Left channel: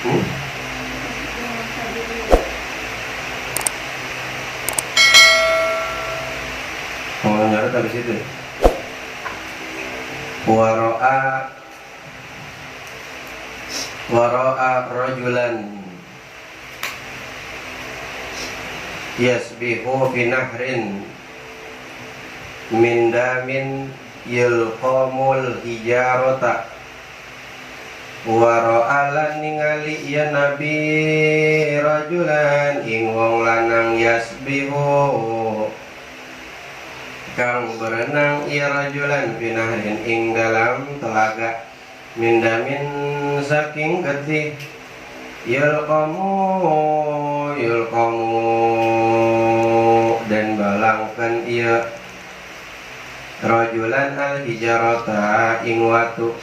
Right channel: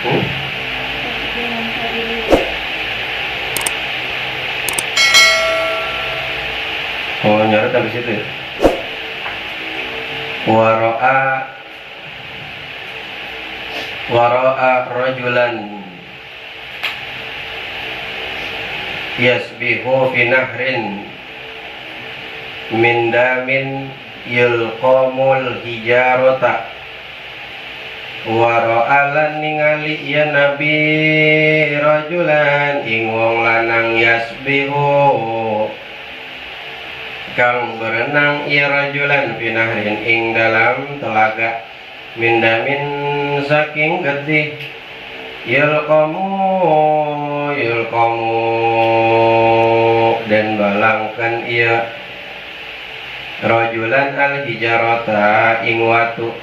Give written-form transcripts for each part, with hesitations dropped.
Hmm? Mau nyorot habis itu ya. Waro'a rajulan yasbihu fi nahrin min damin yulqamul hijarata. Waro'a lan ningali ya nabi rajulan ing wong lanang yasbihu kang berenang ia rajulan fi nahrin ing dalam telaga min damin saking getih yulqamu dan balangkan ia rajulan al hijarata ing watu.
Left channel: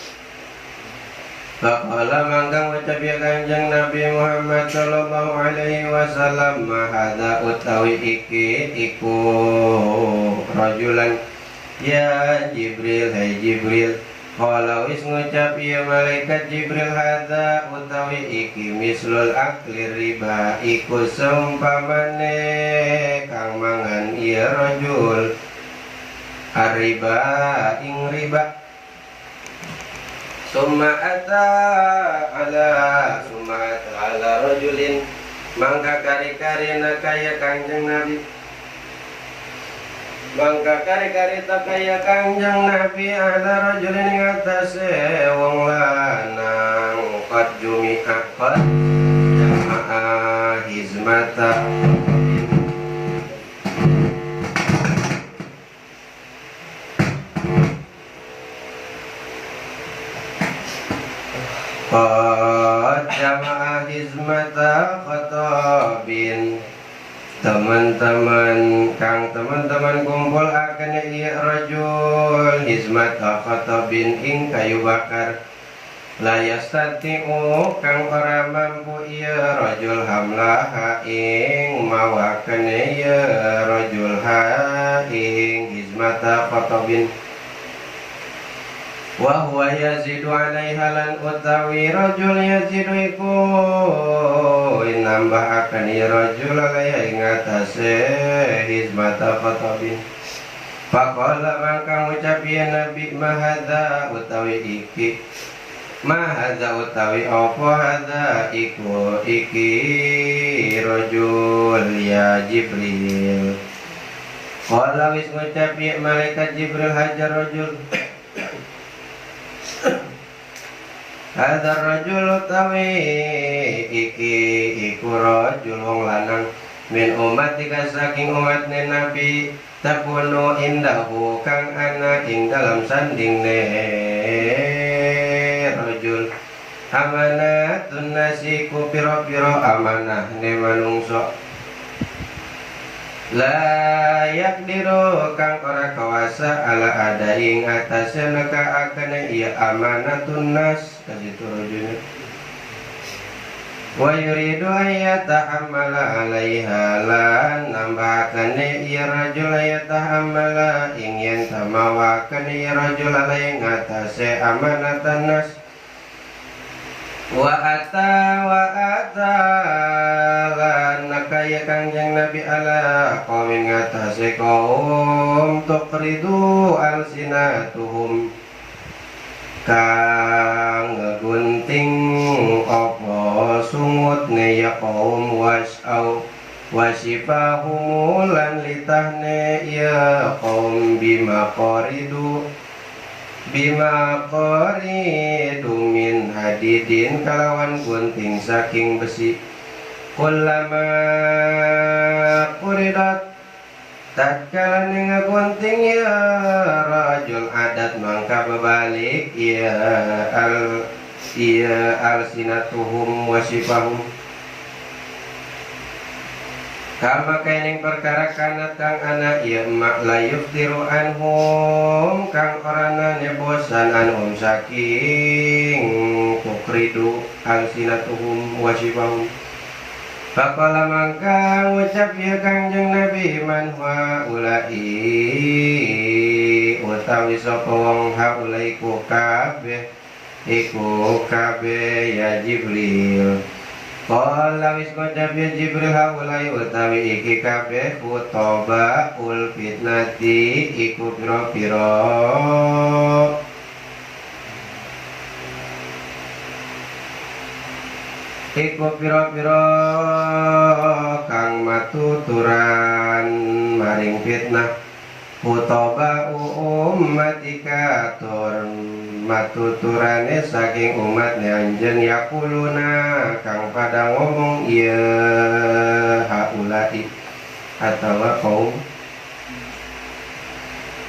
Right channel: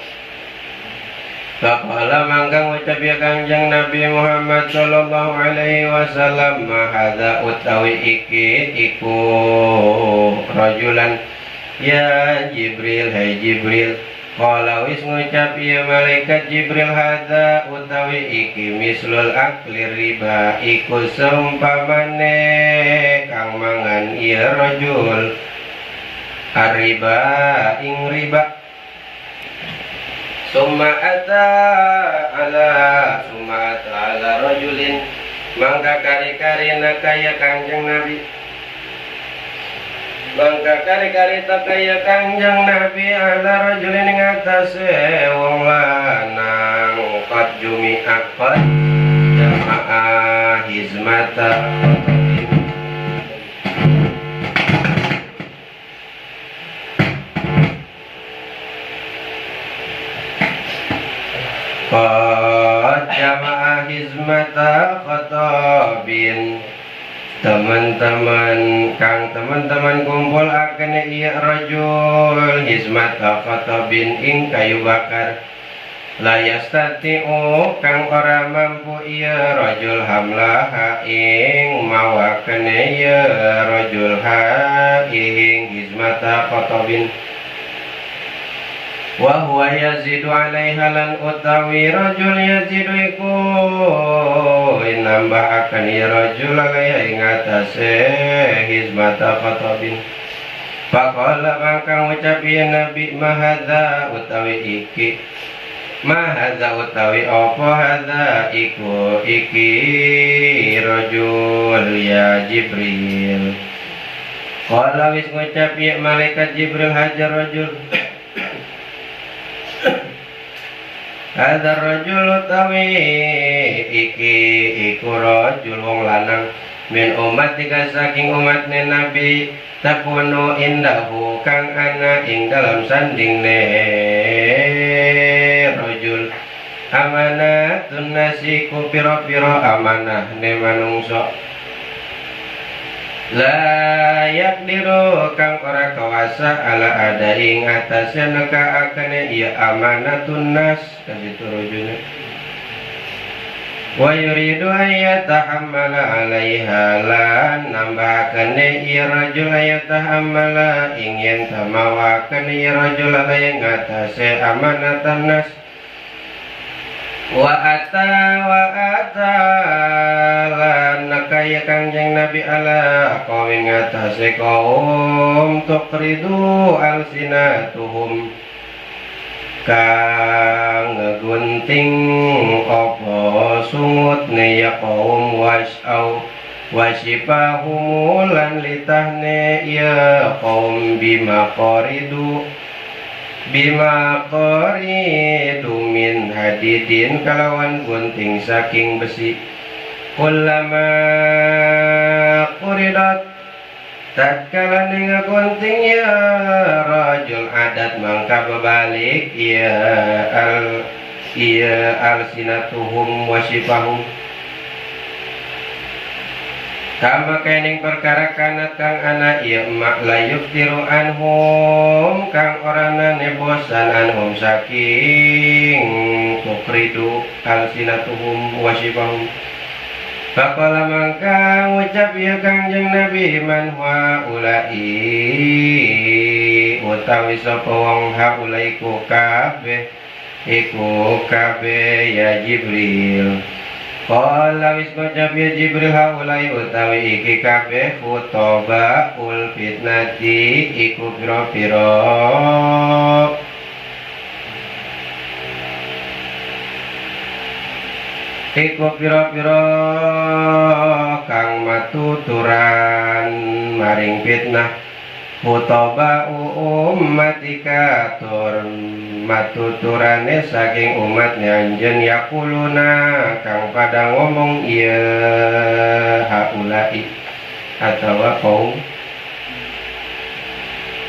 Faqala mangkang ucap ya Kangjeng Nabi Muhammad sallallahu alaihi wasallam, hadza utawi iki iku rajulan ya Jibril, hai Jibril. Qala wis ngucap ya malaikat Jibril, hadza utawi iki mislul akli riba, iku seumpamane kang mangan ya rajul arriba ing riba. Summa ata ala rajulin mangka kari-kari nakaya Kangjeng Nabi, mangka kari-kari takaya Kangjeng Nabi ala rajulin ing atase wong lanang qad jumi'a qad jama'a hizmata jamaah hizmata khatabin, teman-teman kumpul akan iya rajul hizmata khatabin ing kayu bakar. La yastati'u kang ora mampu iya rajul hamlaha ing mawakan iya rajul ha ing hizmata khatabin. Wa huwa yazidu alaiha lan utawi rajul yazidu iku nambah akan ya rajul alaiha ing atase hizmata khatabin. Faqala mangkang ucap ya Nabi, mahadza utawi iki, mahadza utawi apa hadza iku iki rajul ya Jibril. Qala wis ngucap ya malaikat Jibril, hajar rajul hadar rajul utawi iki iku rajul wong lanang min umat tiga saking umatne Nabi, takunu indahu kang ana ing dalam sandingne rajul amanatun nasi ku pira-pira amanah ne manungsa. La yakdiru kang ora kawasa ala ada ing atase neka akane iya amanatun nas kasitu rajulna. Wa yuridu ayatahammala alaiha lan nambahakane iya rajul ayatahammala ingin tamawakan iya rajul alaihi ngatase amanatan nas. Wa ata lan nakaya Kangjeng Nabi ala qawmin ngatase kaum tuqridu alsinatuhum kang ngegunting apa sungutne ya kaum wasifahum lan litahne ya kaum bima qoridu min hadidin kalawan gunting saking besi. Kullama quridat tatkala gunting ya rajul adat mangka berbalik ya alsinatuhum wasifahum kama kening perkara kanat kang anak ya mak layuf tiru anhum kang orana nebosan anhum saking tukridu alsinatuhum wasifahum. Faqala mangka ngucap ya Kangjeng Nabi, man haulai utawi sapa wong haulai ku kabeh iku kabeh ya Jibril. Qala wis ngucap ya Jibril haulai utawi iki kabeh khutaba ul fitnati iku pira-pira kang matuturan maring fitnah khutaba ummatika tur matuturane saking umat anjen yakuluna kang pada ngomong iya haulai atawa kaum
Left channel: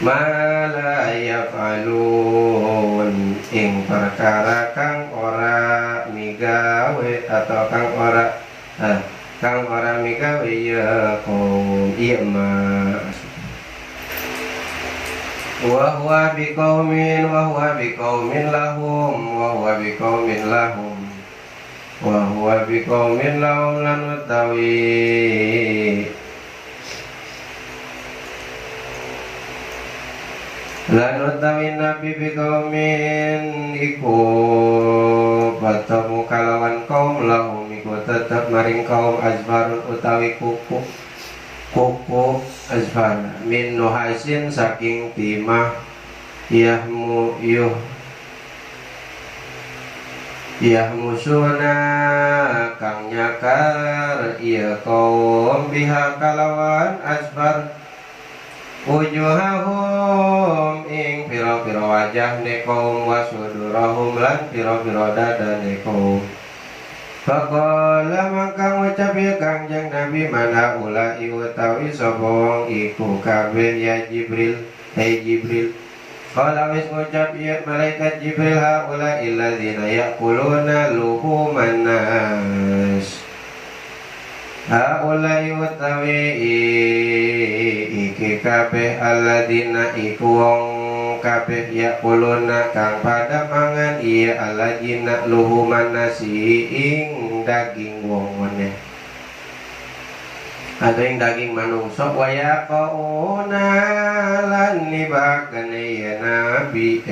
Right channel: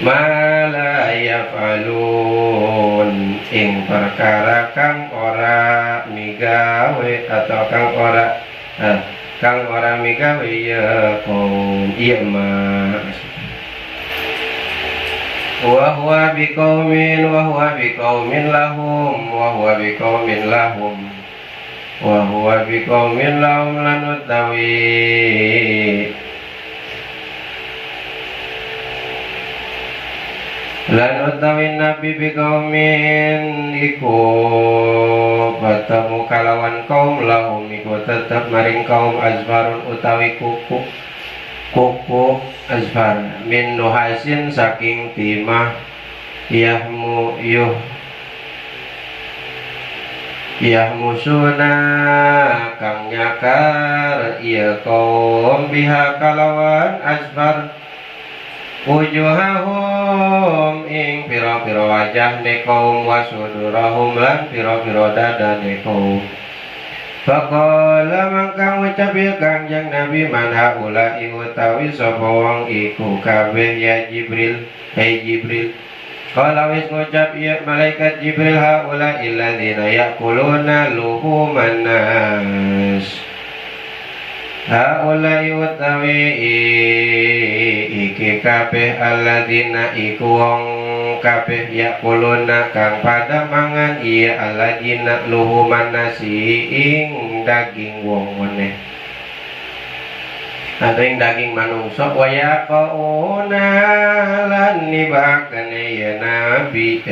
mala yafalun ing perkara kang ora migawe atau kang ora migawe ya kaum iya mas wa huwa biqaumin lahum lan utawi nabi biqaumin iku bertemu kalawan kaum lahum iku tetap maring kaum azbarun utawi kuku azbar min nuhasin saking timah yahmusuna kang nyakar iya kaum biha kalawan azbar wujuhahum ing pira-pira wajah ne kaum wasudurahum lan pira-pira dada ne kaum. Faqala mangkang ngucap ya Kangjeng Nabi man haula'i utawi sapa wong iku kabeh ya Jibril hai Jibril. Qala wis ngucap ya malaikat Jibril haula'i alladzina ya'kuluna luhuman nas. Haula'i utawi iki kabeh alladzina iku wong kabeh yakuluna kang pada mangan iya alladzina luhuman nasi ing daging wong meneh atau ing daging manungsa wa yaqauna lan nibakane ya nabi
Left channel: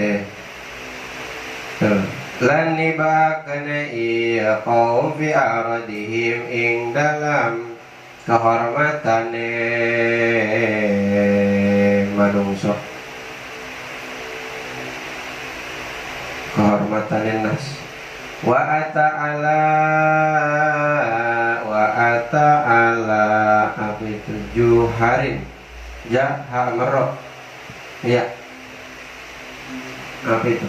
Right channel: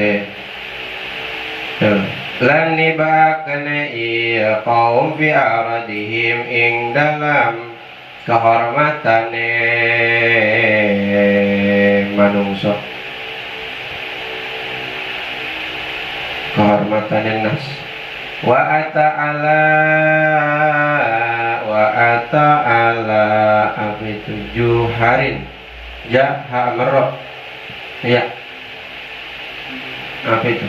lan nibakane iya kaum fi aradihim ing dalam kehormatane manungsa kehormatan nas wa ta'ala apa itu juharin jaha merok ya apa itu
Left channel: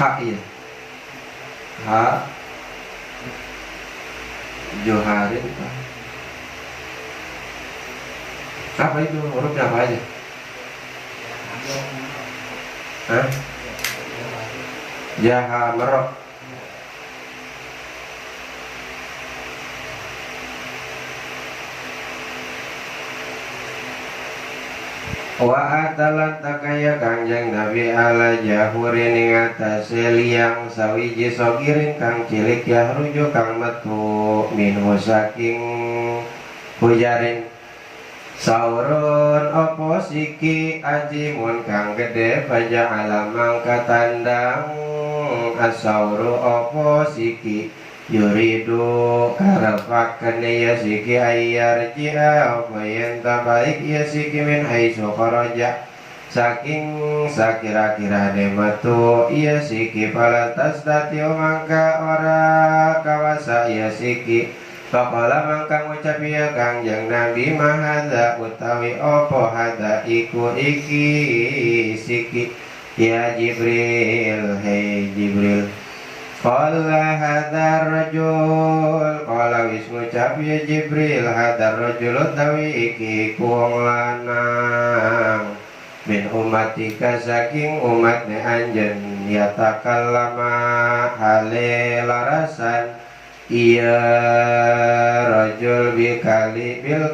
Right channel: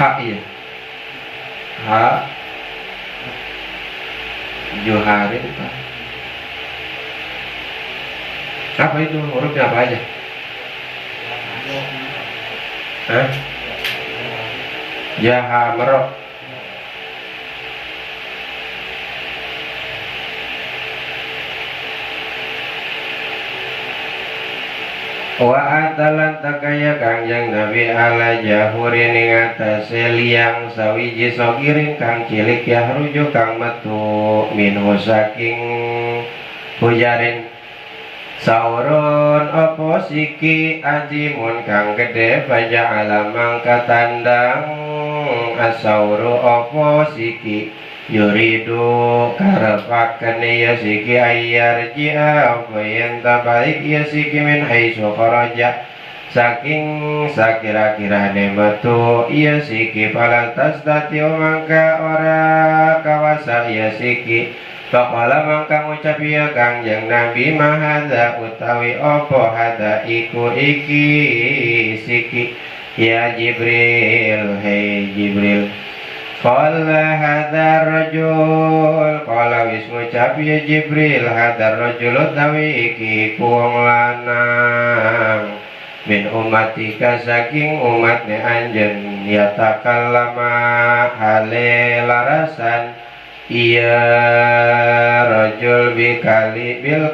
hak ya hak juharin apa itu hurufnya apa aja? Hah? Jaha merok wa atalan takaya Kangjeng Nabi ala jahurin ing atase liang sawiji sogiring kang cilik ya rujuk kang metu minhu saking hujarin saurun opo siki ajimun kang gede baja alamang katandang asauru opo siki yuridu karepaken ya siki ayar jia bayan tabaik ya siki min haisu kharaja saking sakira-kirane metu ya siki palantas dati mangka ora kawasa ya siki. Faqala mangka ngucap ya Kangjeng Nabi mahadza utawi opo hadza iku iki siki ya Jibril hei Jibril. Qala hadza rajul qala wis ngucap ya Jibril hadza rajul utawi iki wong lanang min umatika saking umatne anjen yatakallama hale larasan iya rajul bil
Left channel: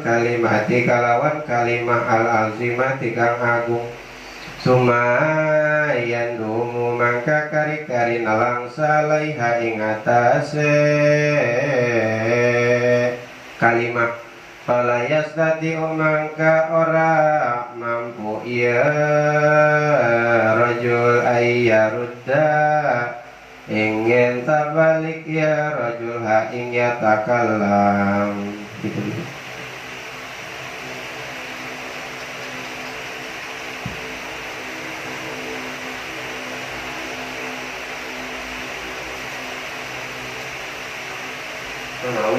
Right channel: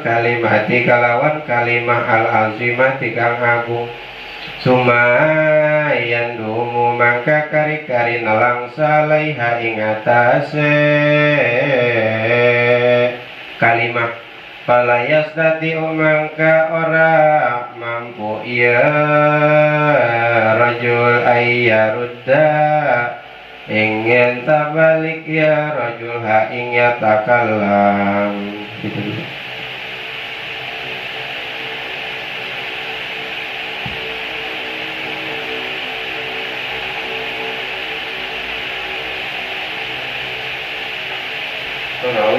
kalimati kalawan kalimah al-azimati kang agung sumayan dumu mangka kari-kari nalang salaiha ing atase kalimah palayas tadi mangka ora mampu iya yarudda ingin tabalik ya rajul ha ing yatakallam gitu.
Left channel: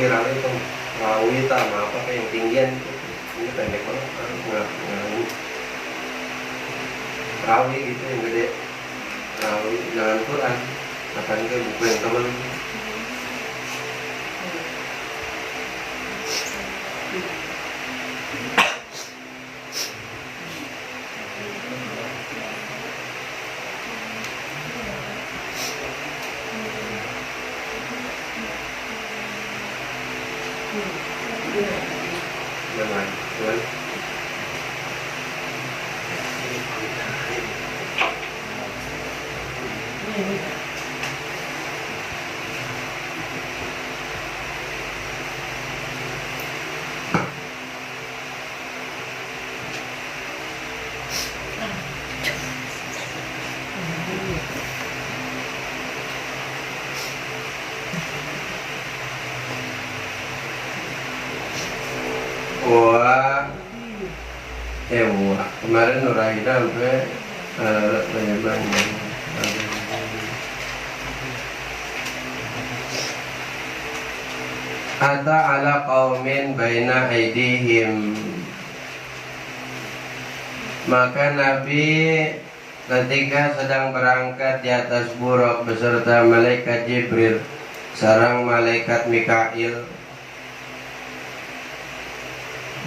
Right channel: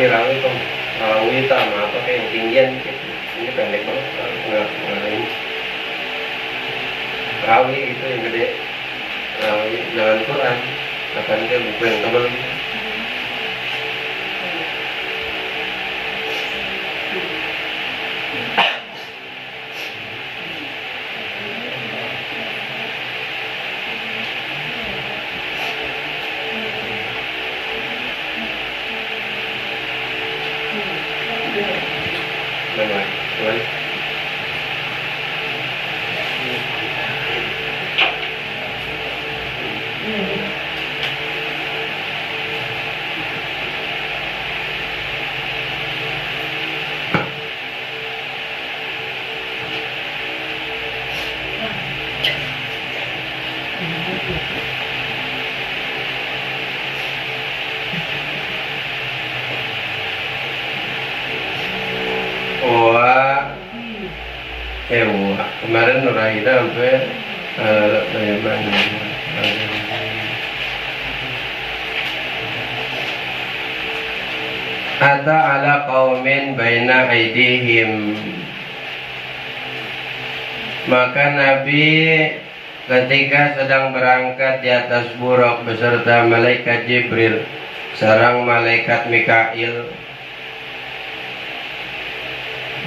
Rawi tuh rawi sama apa kayak yang tinggian gitu. Ini pendek banget nggak rawi gitu yang gede rawi jangan Quran kapan dia buku yang sama lagi mana Tuhan kemarin Nuraida sampai Ata ala qaumin baina aidihim, maka Nabi ketika sedang berangkat di atas buruk beserta malaikat Jibril sareng malaikat Mikail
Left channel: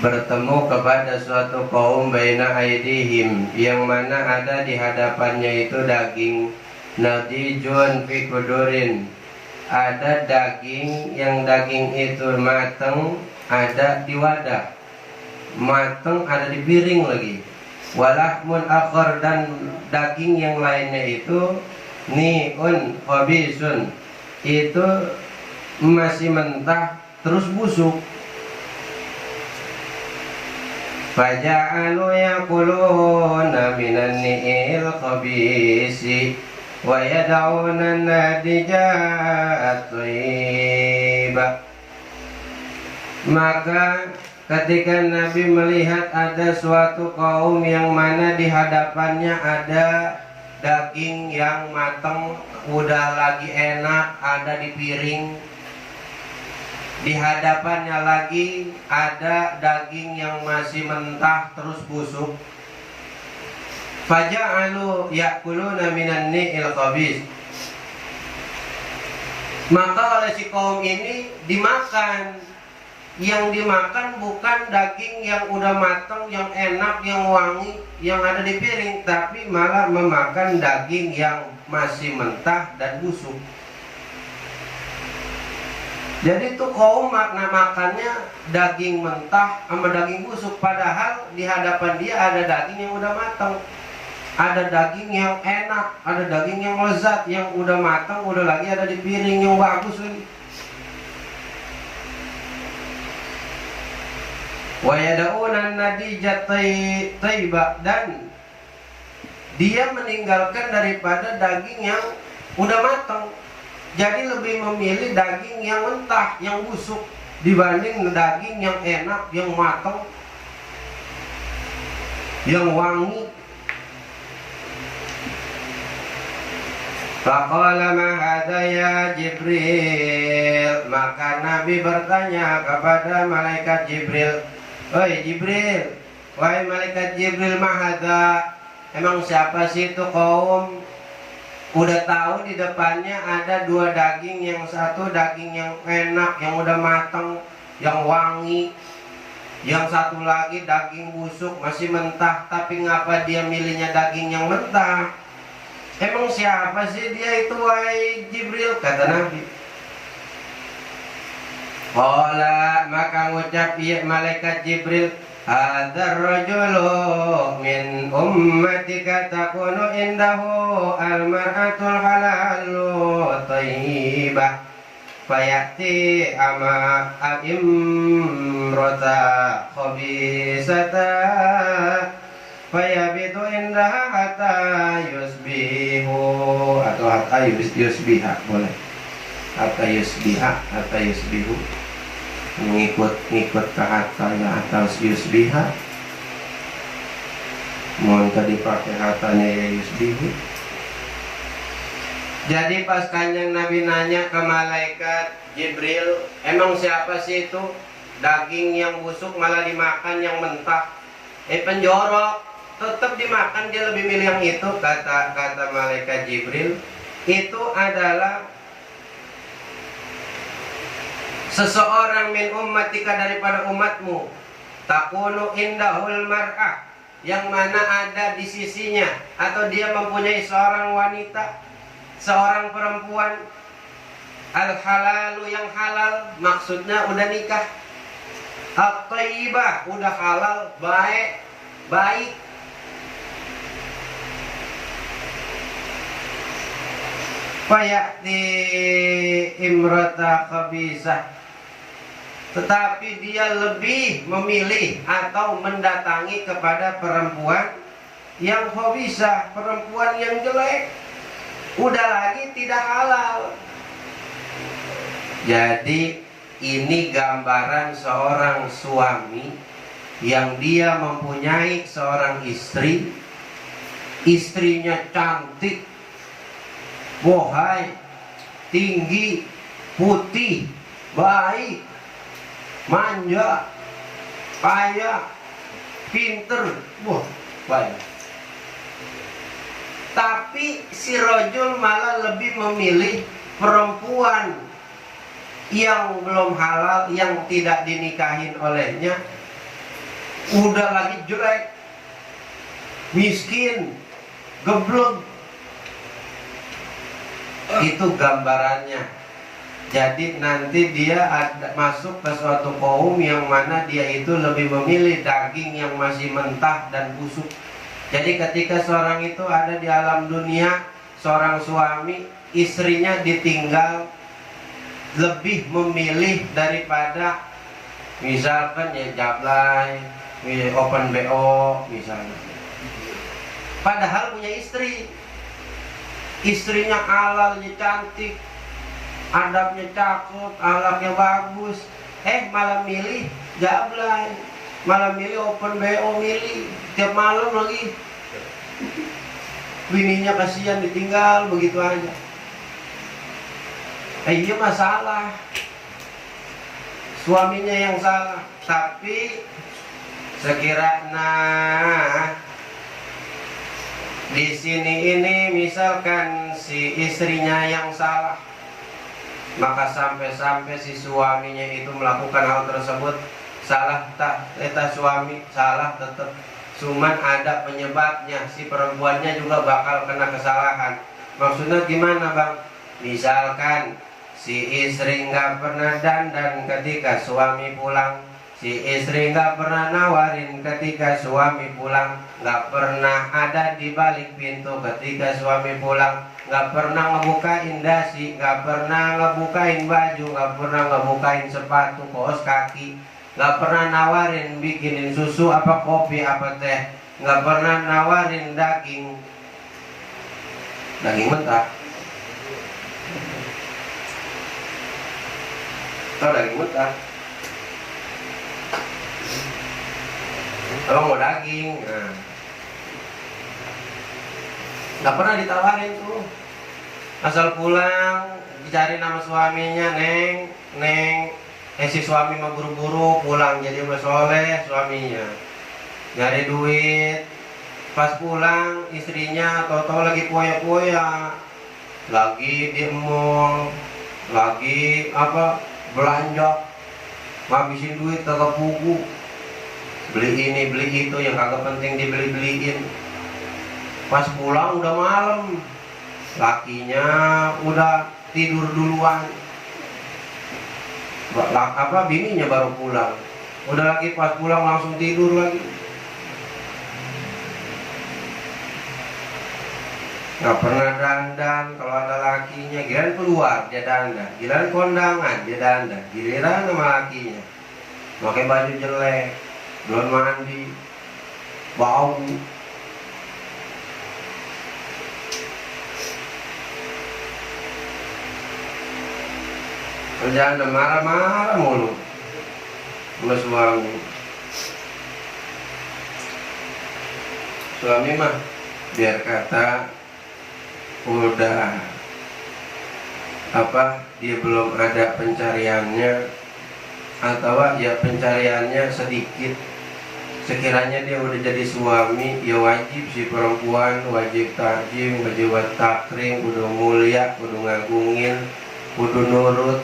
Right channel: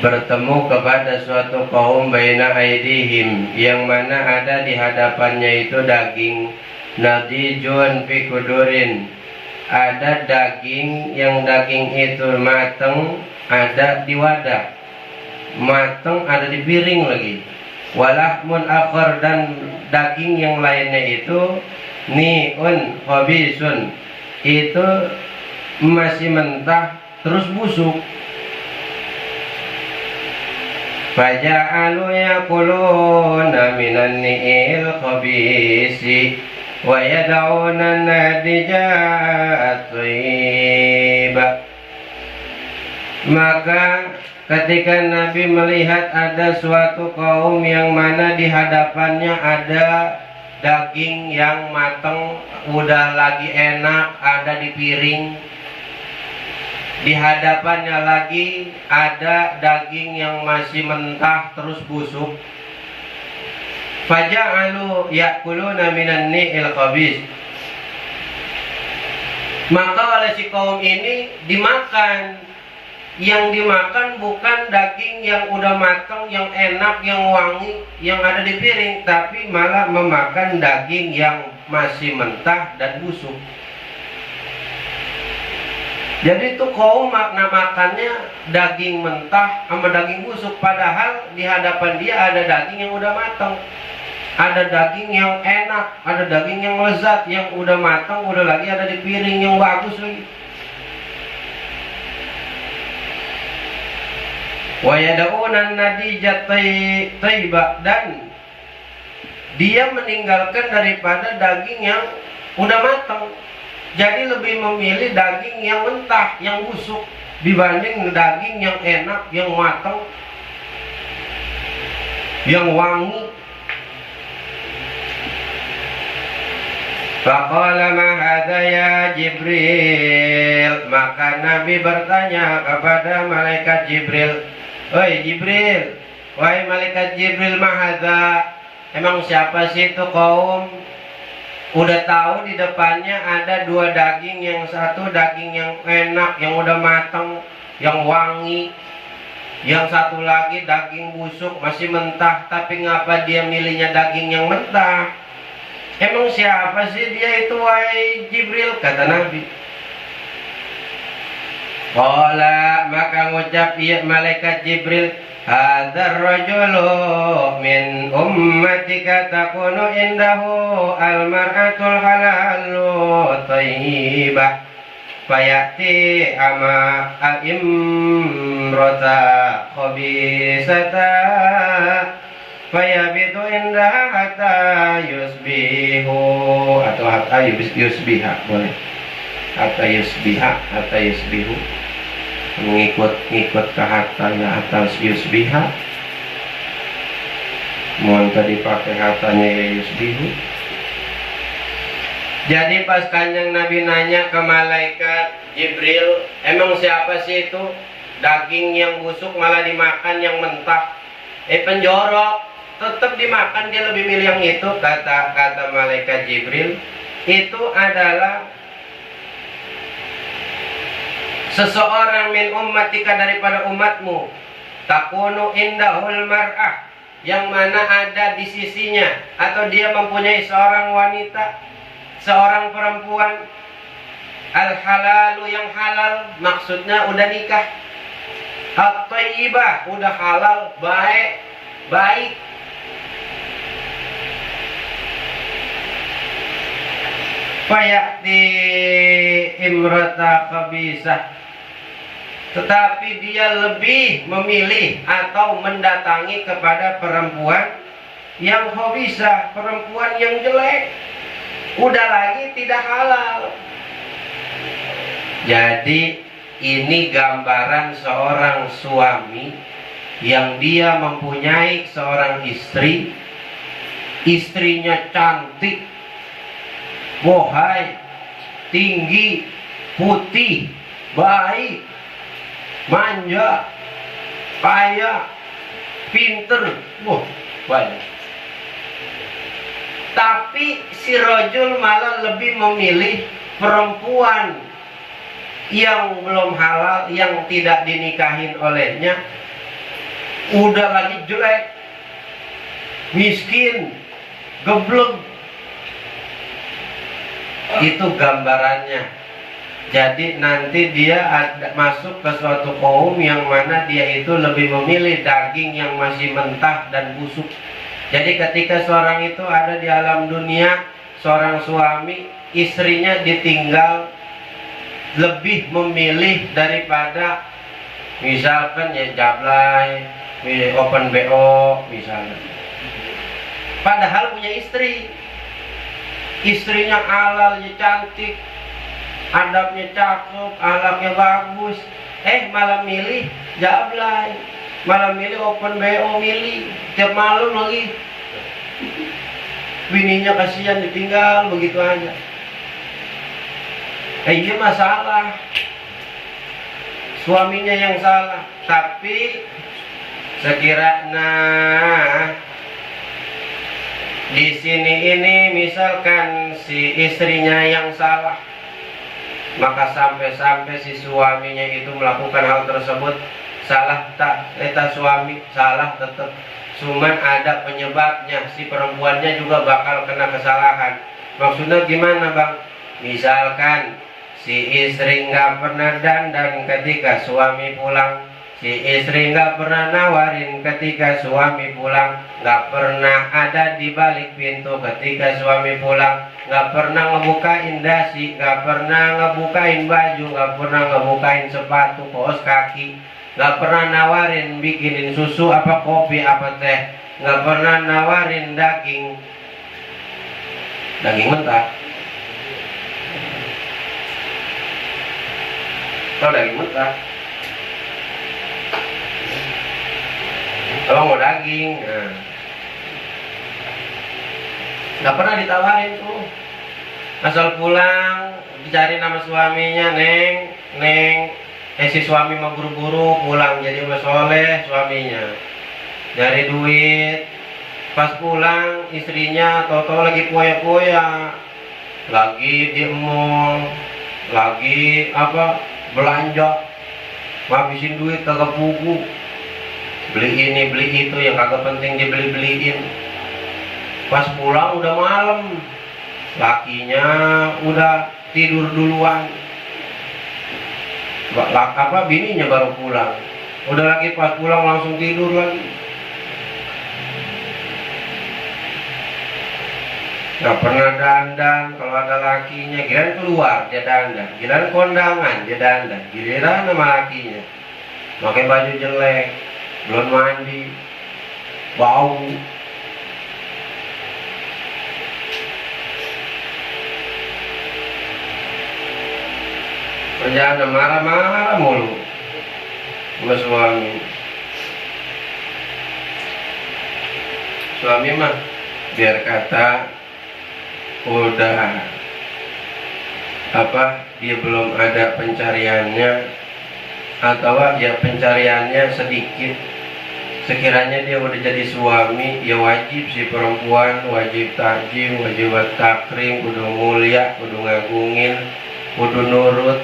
bertemu kepada suatu kaum baina aidihim yang mana ada di hadapannya itu daging nadijun fi kudurin, ada daging yang daging itu mateng ada di wadah, mateng ada di piring lagi, walahmun akhar dan daging yang lainnya itu ni'un khabisun, itu masih mentah terus busuk. Faja'alu yaquluna minan ni'il khabisi wa yad'una nadijat thayyiba. Maka ketika Nabi melihat ada suatu kaum yang mana di hadapannya ada daging yang matang udah lagi enak ada di piring, di hadapannya lagi ada daging yang masih mentah terus busuk. Faja'alu ya'kuluna minan ni'il khabis, maka oleh si kaum ini dimakan. Yang dimakan bukan daging yang udah matang, yang enak, yang wangi, yang ada di piring, tapi malah memakan daging yang masih mentah dan busuk. Jadi itu kaum makna makannya daging mentah sama daging busuk, padahal di hadapan dia ada daging yang udah matang, ada daging yang enak, ada daging yang lezat, yang udah matang, udah lagi ada di piring yang bagus lagi. Wa yad'una nadijat thayyiba, dan dia meninggalkan daripada daging yang udah matang. Jadi lebih memilih daging yang mentah, yang busuk dibanding daging yang enak, yang matang, yang wangi. Faqala ma hadza ya Jibril, maka Nabi bertanya kepada malaikat Jibril, "Oi Jibril, wahai malaikat Jibril, ma hadza, emang siapa sih itu kaum?" Udah tahu di depannya ada dua daging, yang satu daging yang enak, yang udah matang, yang wangi, yang satu lagi daging busuk, masih mentah, tapi ngapa dia milihnya daging yang mentah? Emang siapa sih dia itu wahai Jibril? Kata Nabi. Qala, maka ngucap malaikat Jibril, hadzal rajulu min ummatika takunu indahu almar'atul halalu thayyibah fayati ama imrata khabisata fayabitu indah hatta yusbihu, atau hatta yusbiha boleh, hatta yusbiha, hatta yusbihu, ngikut ke hatanya atau yusbiha. Mohon tadi pakai hatanya ya yusbihu. Jadi pas Kanjeng Nabi nanya ke malaikat Jibril, emang siapa sih itu daging yang busuk malah dimakan yang mentah? Penjorok, tetap dimakan, dia lebih milih yang itu. Kata malaikat Jibril, itu adalah seseorang min ummatika, daripada umatmu, takunu indahul mar'ah, yang mana ada di sisinya atau dia mempunyai seorang wanita, seorang perempuan, al-halalu, yang halal, maksudnya udah nikah, at-thayyibah, udah halal, baik. Fayati imrata khabisah, tetapi dia lebih memilih atau mendatangi kepada perempuan yang khabisah, perempuan yang jelek, udah lagi tidak halal. Jadi ini gambaran seorang suami yang dia mempunyai seorang istri, istrinya cantik, bohai, tinggi, putih, baik, manja, kaya, pinter, banyak. Tapi si rojul malah lebih memilih perempuan yang belum halal, yang tidak dinikahin olehnya, udah lagi jelek, miskin, geblek. Itu gambarannya. Jadi nanti dia masuk ke suatu kaum yang mana dia itu lebih memilih daging yang masih mentah dan busuk. Jadi ketika seorang itu ada di alam dunia, seorang suami, istrinya ditinggal, lebih memilih daripada misalkan ya jablay, open BO misalnya. Padahal punya istri, istrinya halal, cantik, adabnya cakep, ahlaknya bagus, malah milih jablay, malah milih open BO, milih tiap malam lagi. Bininya kasihan ditinggal begitu aja. Iya masalah, suaminya yang salah. Tapi sekiranya di sini ini misalkan si istrinya yang salah, maka sampai-sampai si suaminya itu melakukan hal tersebut, salah tak? Suami salah tetap, cuman ada penyebabnya, si perempuannya juga bakal kena kesalahan. Maksudnya gimana bang? Misalkan si istri nggak pernah dandan ketika suami pulang, si istri nggak pernah nawarin ketika suami pulang, nggak pernah ada di balik pintu ketika suami pulang, nggak pernah ngebukain dasi, nggak pernah ngebukain baju, nggak pernah ngebukain sepatu, kaos kaki, nggak pernah nawarin bikinin susu apa kopi apa teh, nggak pernah nawarin daging mentah. Kalau daging mentah, kalau mau daging, nggak pernah ditawarin tuh. Asal pulang dicari nama suaminya, neng, si suami mau buru-buru pulang jadi soleh suaminya, nyari duit. Pas pulang istrinya tau-tau lagi poya-poya, lagi di mall, lagi belanja, ngabisin duit kagak pugu, beli ini beli itu yang kagak penting dibeli-beliin. Pas pulang udah malam, lakinya udah tidur duluan, bininya baru pulang, udah lagi pas pulang langsung tidur lagi. Nggak pernah dandan, kalau ada lakinya giliran keluar dia dandan, giliran kondangan dia dandan, giliran sama lakinya pakai baju jelek, belum mandi, bau, kerjaan marah-marah mulu sama suami mah biar kata udah dia belum ada pencariannya, atau ya pencariannya sedikit, sekiranya dia udah jadi suami ya wajib si perempuan wajib tajim, wajib takrim, kudu mulia, kudu ngagungin, kudu nurut.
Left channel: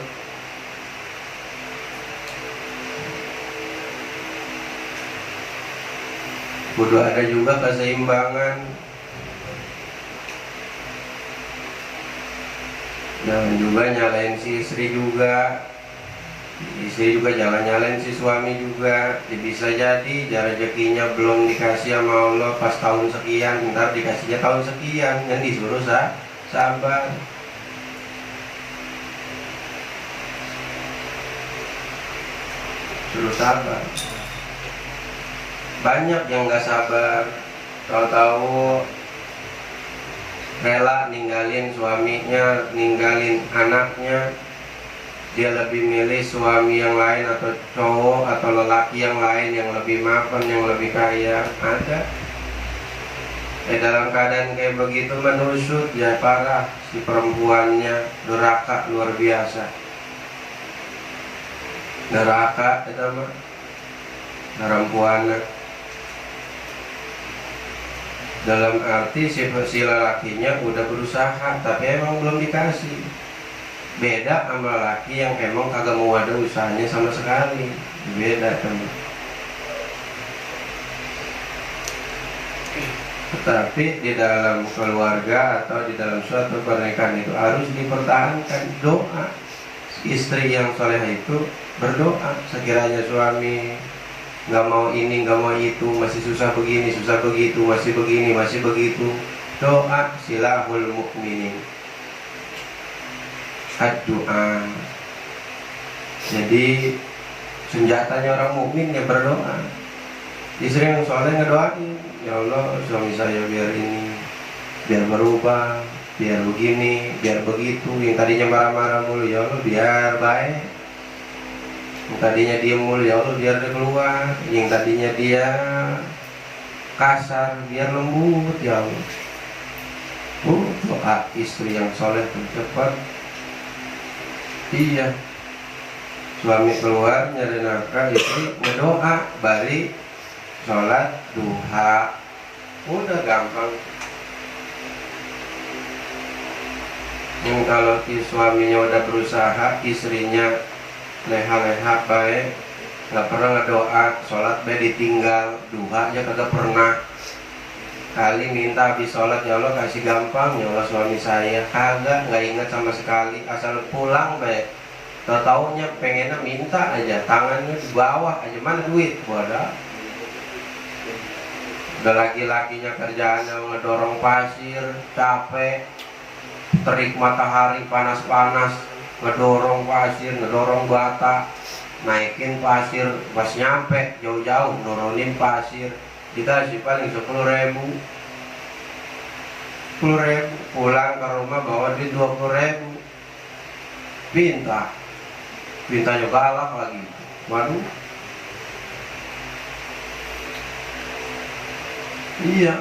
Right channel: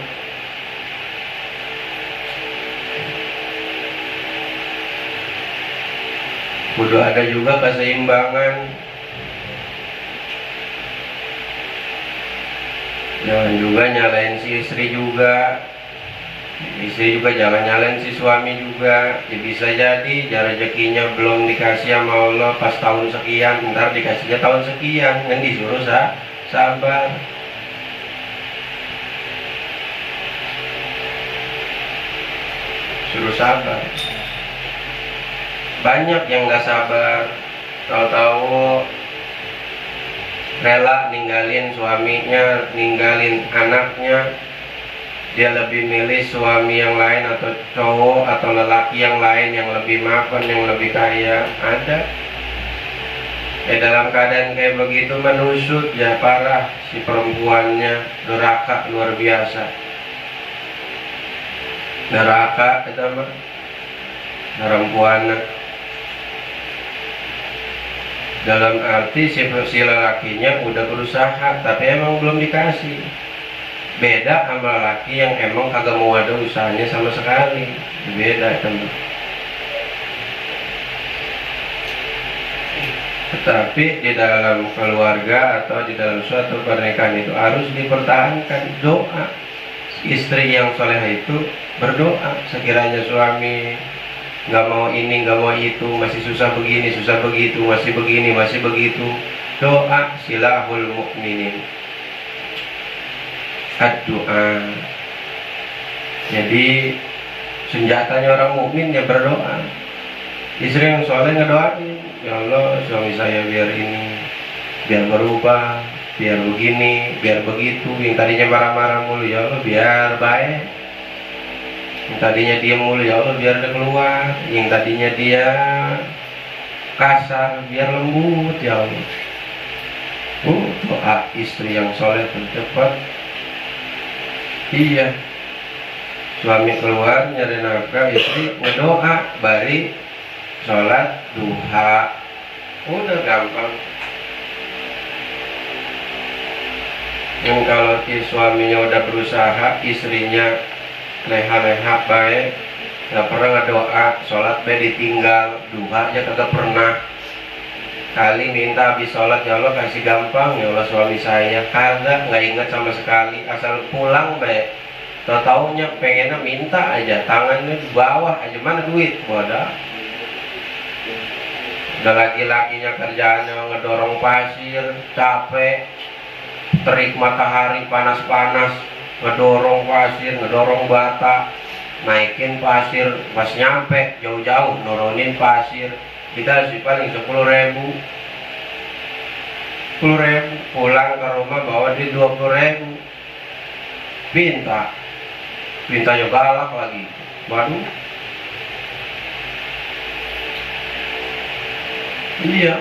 Kudu ada juga keseimbangan. Jangan juga nyalain si istri juga. Istri juga jangan nyalain si suami juga. Ya bisa jadi rezekinya belum dikasih sama Allah pas tahun sekian, ntar dikasihnya tahun sekian, kan disuruh sabar. Suruh sabar. Banyak yang gak sabar, tahu-tahu rela ninggalin suaminya, ninggalin anaknya. Dia lebih milih suami yang lain atau cowok atau lelaki yang lain yang lebih mapan, yang lebih kaya. Ada. Dalam keadaan kayak begitu menusut ya parah si perempuannya, neraka luar biasa. Neraka itu mah perempuan. Dalam arti si lelakinya udah berusaha tapi emang belum dikasih. Beda sama lelaki yang emang kagak mau ada usahanya sama sekali. Beda teman. Tetapi di dalam keluarga atau di dalam suatu pernikahan itu harus dipertahankan doa. Istri yang soleh itu berdoa, sekiranya suami nggak mau ini, nggak mau itu, masih susah begini, susah begitu, masih begini, masih begitu, doa silahul mukminin. Doa. Jadi senjatanya orang mukmin ya berdoa. Istri yang soleh ngedoain, ya Allah suami saya biar ini, biar berubah, biar begini, biar begitu. Yang tadinya marah-marah mulu, ya Allah biar baik. Yang tadinya dia mulu, ya Allah biar dia keluar. Yang tadinya dia kasar biar lembut, ya Allah. Doa istri yang soleh tercepat. Iya, suami keluar nyari nafkah, istri ngedoa, bari sholat duha, udah gampang. Yang kalau si suaminya udah berusaha, istrinya leha-leha baik, nggak pernah ngedoa, sholat be ditinggal, duha aja kagak pernah. Kali minta habis sholat, ya Allah kasih gampang, ya Allah suami saya kagak, nggak ingat sama sekali, asal pulang baik. Taunya pengennya minta aja, tangannya di bawah aja, mana duit, wadah. Udah laki-lakinya kerjaannya ngedorong pasir, capek, terik matahari panas-panas, ngedorong pasir, ngedorong bata, naikin pasir, pas nyampe jauh-jauh nurunin pasir, dikasih paling 10.000, pulang ke rumah bawa di 20.000, pintanya galak lagi, waduh. Iya,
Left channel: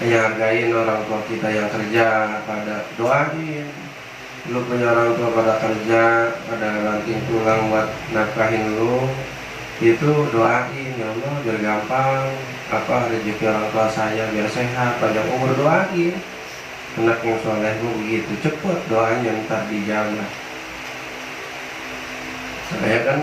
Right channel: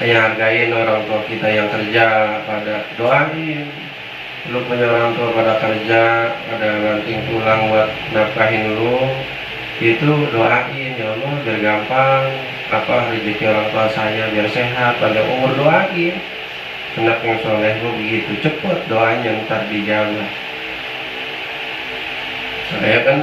hargain orang tua kita yang kerja, pada doain. Lu punya orang tua pada kerja, ada banting tulang buat nafkahin lu, itu doain, ya Allah biar gampang rezeki orang tua saya, biar sehat, panjang umur, doain. Anak yang soleh lu begitu cepet doanya ntar dijawab. Saya kan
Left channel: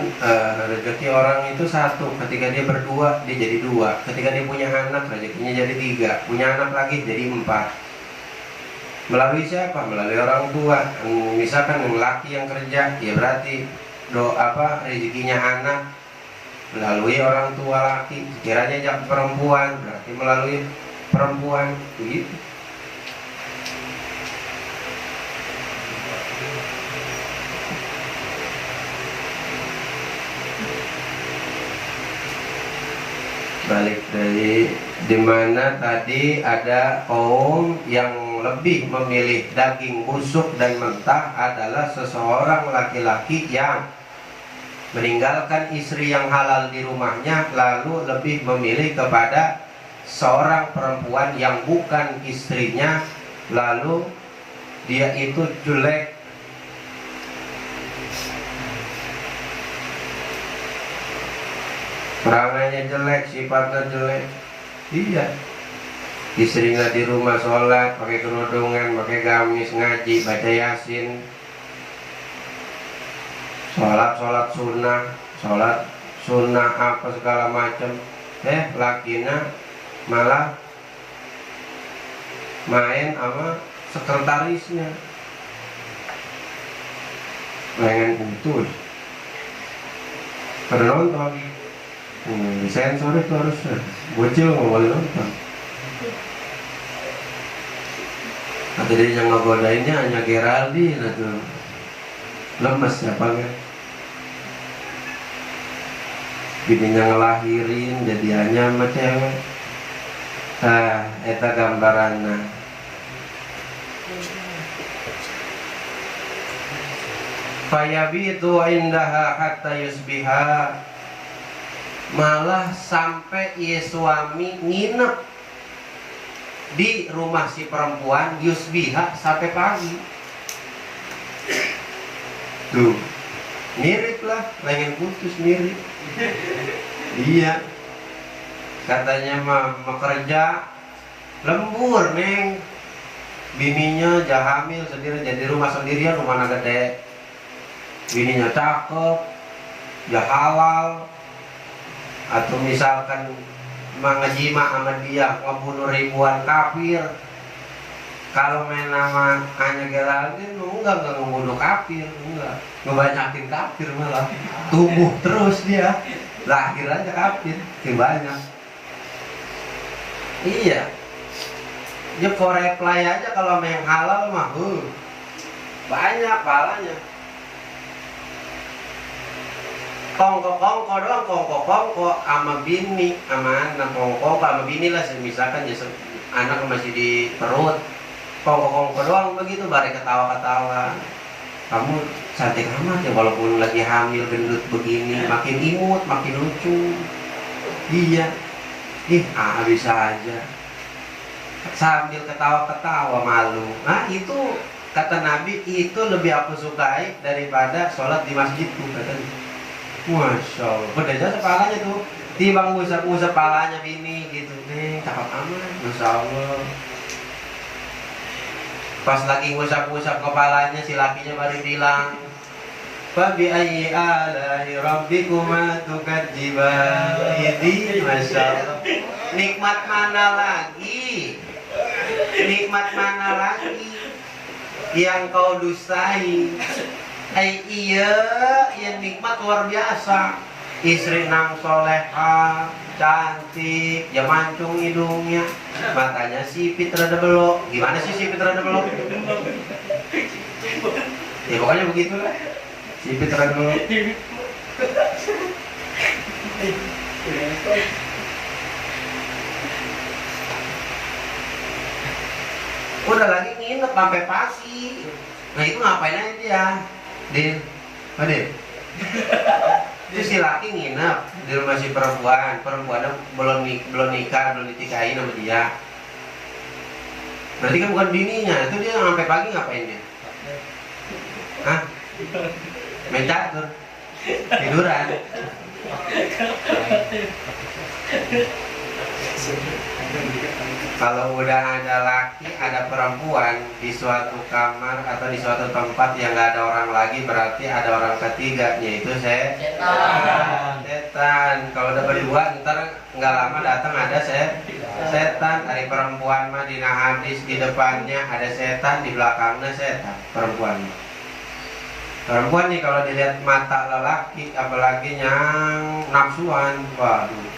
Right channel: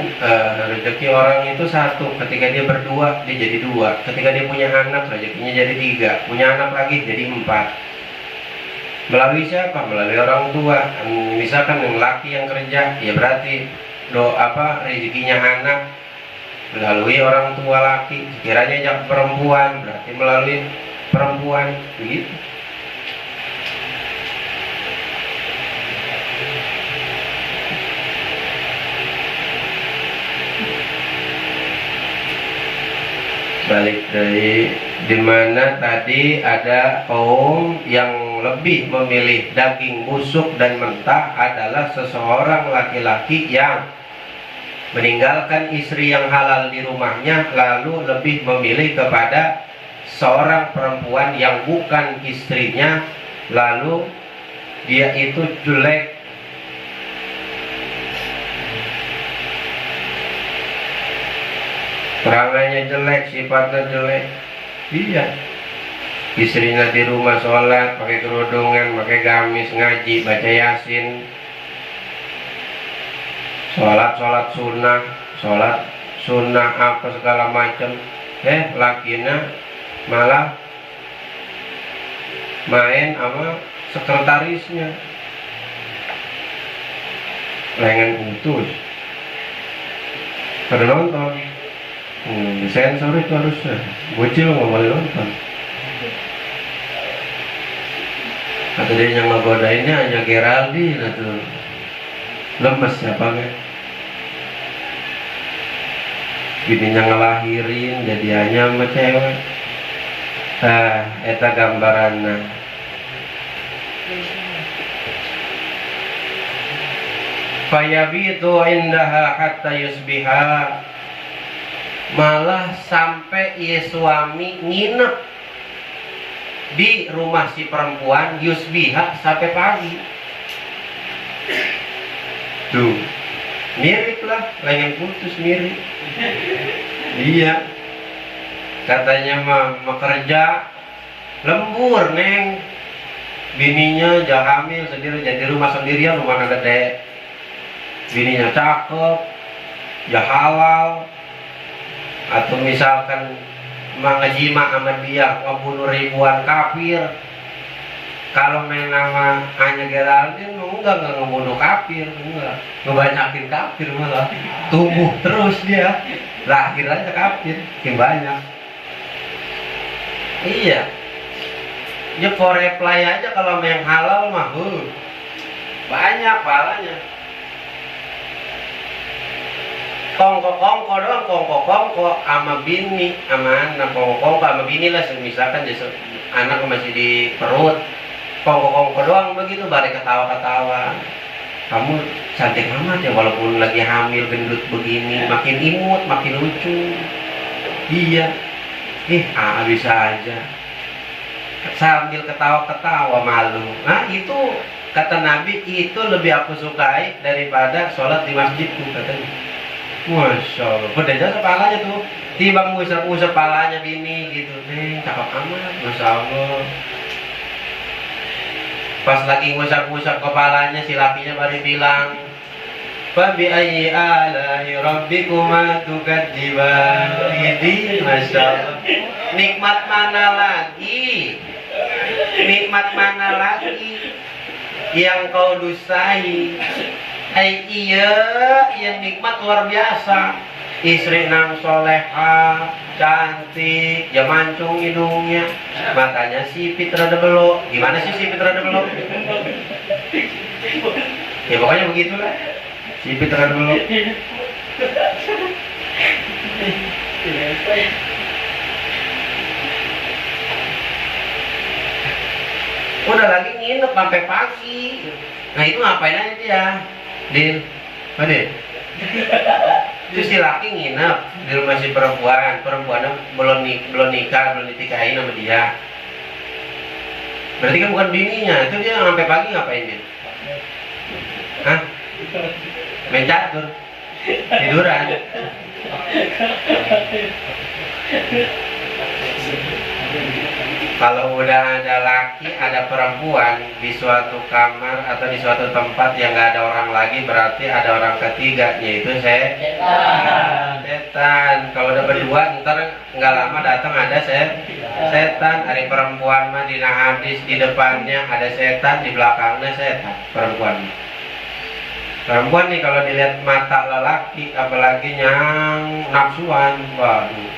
rezeki orang itu satu, ketika dia berdua dia jadi 2, ketika dia punya anak rezekinya jadi 3, punya anak lagi jadi 4. Melalui siapa? Melalui orang tua. Misalkan yang laki yang kerja, ya berarti rezekinya anak melalui orang tua laki. Sekiranya jak perempuan, berarti melalui perempuan, begitu. Balik dari dimana tadi ada kaum yang yang lebih memilih daging busuk dan mentah adalah seseorang laki-laki yang meninggalkan istri yang halal di rumahnya, lalu lebih memilih kepada seorang perempuan yang bukan istrinya, lalu dia itu jelek, perangainya jelek, sifatnya jelek. Iya, istrinya di rumah sholat, pakai kerudungan, pakai gamis, ngaji, baca yasin, sholat sunnah apa segala macam. Lakinya malah main sama sekretarisnya, lengan putus. Pada nonton, disensor itu harusnya, bocil nggak boleh nonton. Atau dia yang ngegodainnya hanya Geraldine atau lemes siapa kan? Bininya ngelahirin jadiannya sama cewek. Eta gambaranna. Fayabitu indaha hatta yusbiha, malah sampai ia suami nginep di rumah si perempuan yusbiha sampai pagi. Tuh, mirip lah, lengan putus mirip. Iya, katanya mau kerja lembur neng, bininya jahamil sendiri, jadi rumah sendirian, rumah gede, bininya cakep, ya halal, atau misalkan mengejima sama dia ngebunuh ribuan kafir. Kalau main nama hanya Geraldine enggak ngebunuh kafir, enggak ngebanyakin kafir, malah tumbuh terus dia, lahir aja kafir makin banyak. Iya, dia for reply aja kalau main halal mah banyak pahalanya. Kongko doang, kongko sama bini, sama anak, kongko sama bini lah, misalkan anak masih di perut, kongko doang begitu, bare ketawa-ketawa. Kamu cantik amat ya, walaupun lagi hamil gendut begini, makin imut, makin lucu. Iya, bisa aja sambil ketawa-ketawa malu. Nah itu kata Nabi, itu lebih aku sukai daripada sholat di masjid tuh katanya. Masya Allah, beda kepalanya tuh, timbang ngusap-ngusap palanya bini gitu, cakep amat, Masya Allah. Pas lagi ngusap-ngusap kepalanya, si lakinya baru bilang, Fabi ayyi ala'i rabbikuma tukadziban. Ini Masya Allah, nikmat mana lagi, nikmat mana lagi yang kau dustai? Iya nikmat luar biasa. Istri nang soleha, cantik, ya mancung hidungnya, matanya sipit rada belok. Gimana sih sipit rada belok? Ya pokoknya begitulah, sipit rada belok. Udah lagi nginep sampai pagi. Nah itu ngapain aja dia? Itu si laki nginep di rumah si perempuannya belum nikah, belum ditikahin sama dia. Berarti kan bukan bininya, itu dia sampai pagi ngapain dia? Hah? Main catur, tiduran. Kalau udah ada laki, ada perempuan di suatu kamar atau di suatu tempat yang nggak ada orang lagi, berarti ada orang ketiga, yaitu setan. Kalau udah berdua, ntar nggak lama datang ada setan. Ada perempuan mah di hadis, di depannya ada setan, di belakangnya setan. Perempuan nih kalau dilihat mata lelaki, apalagi yang nafsuan, waduh.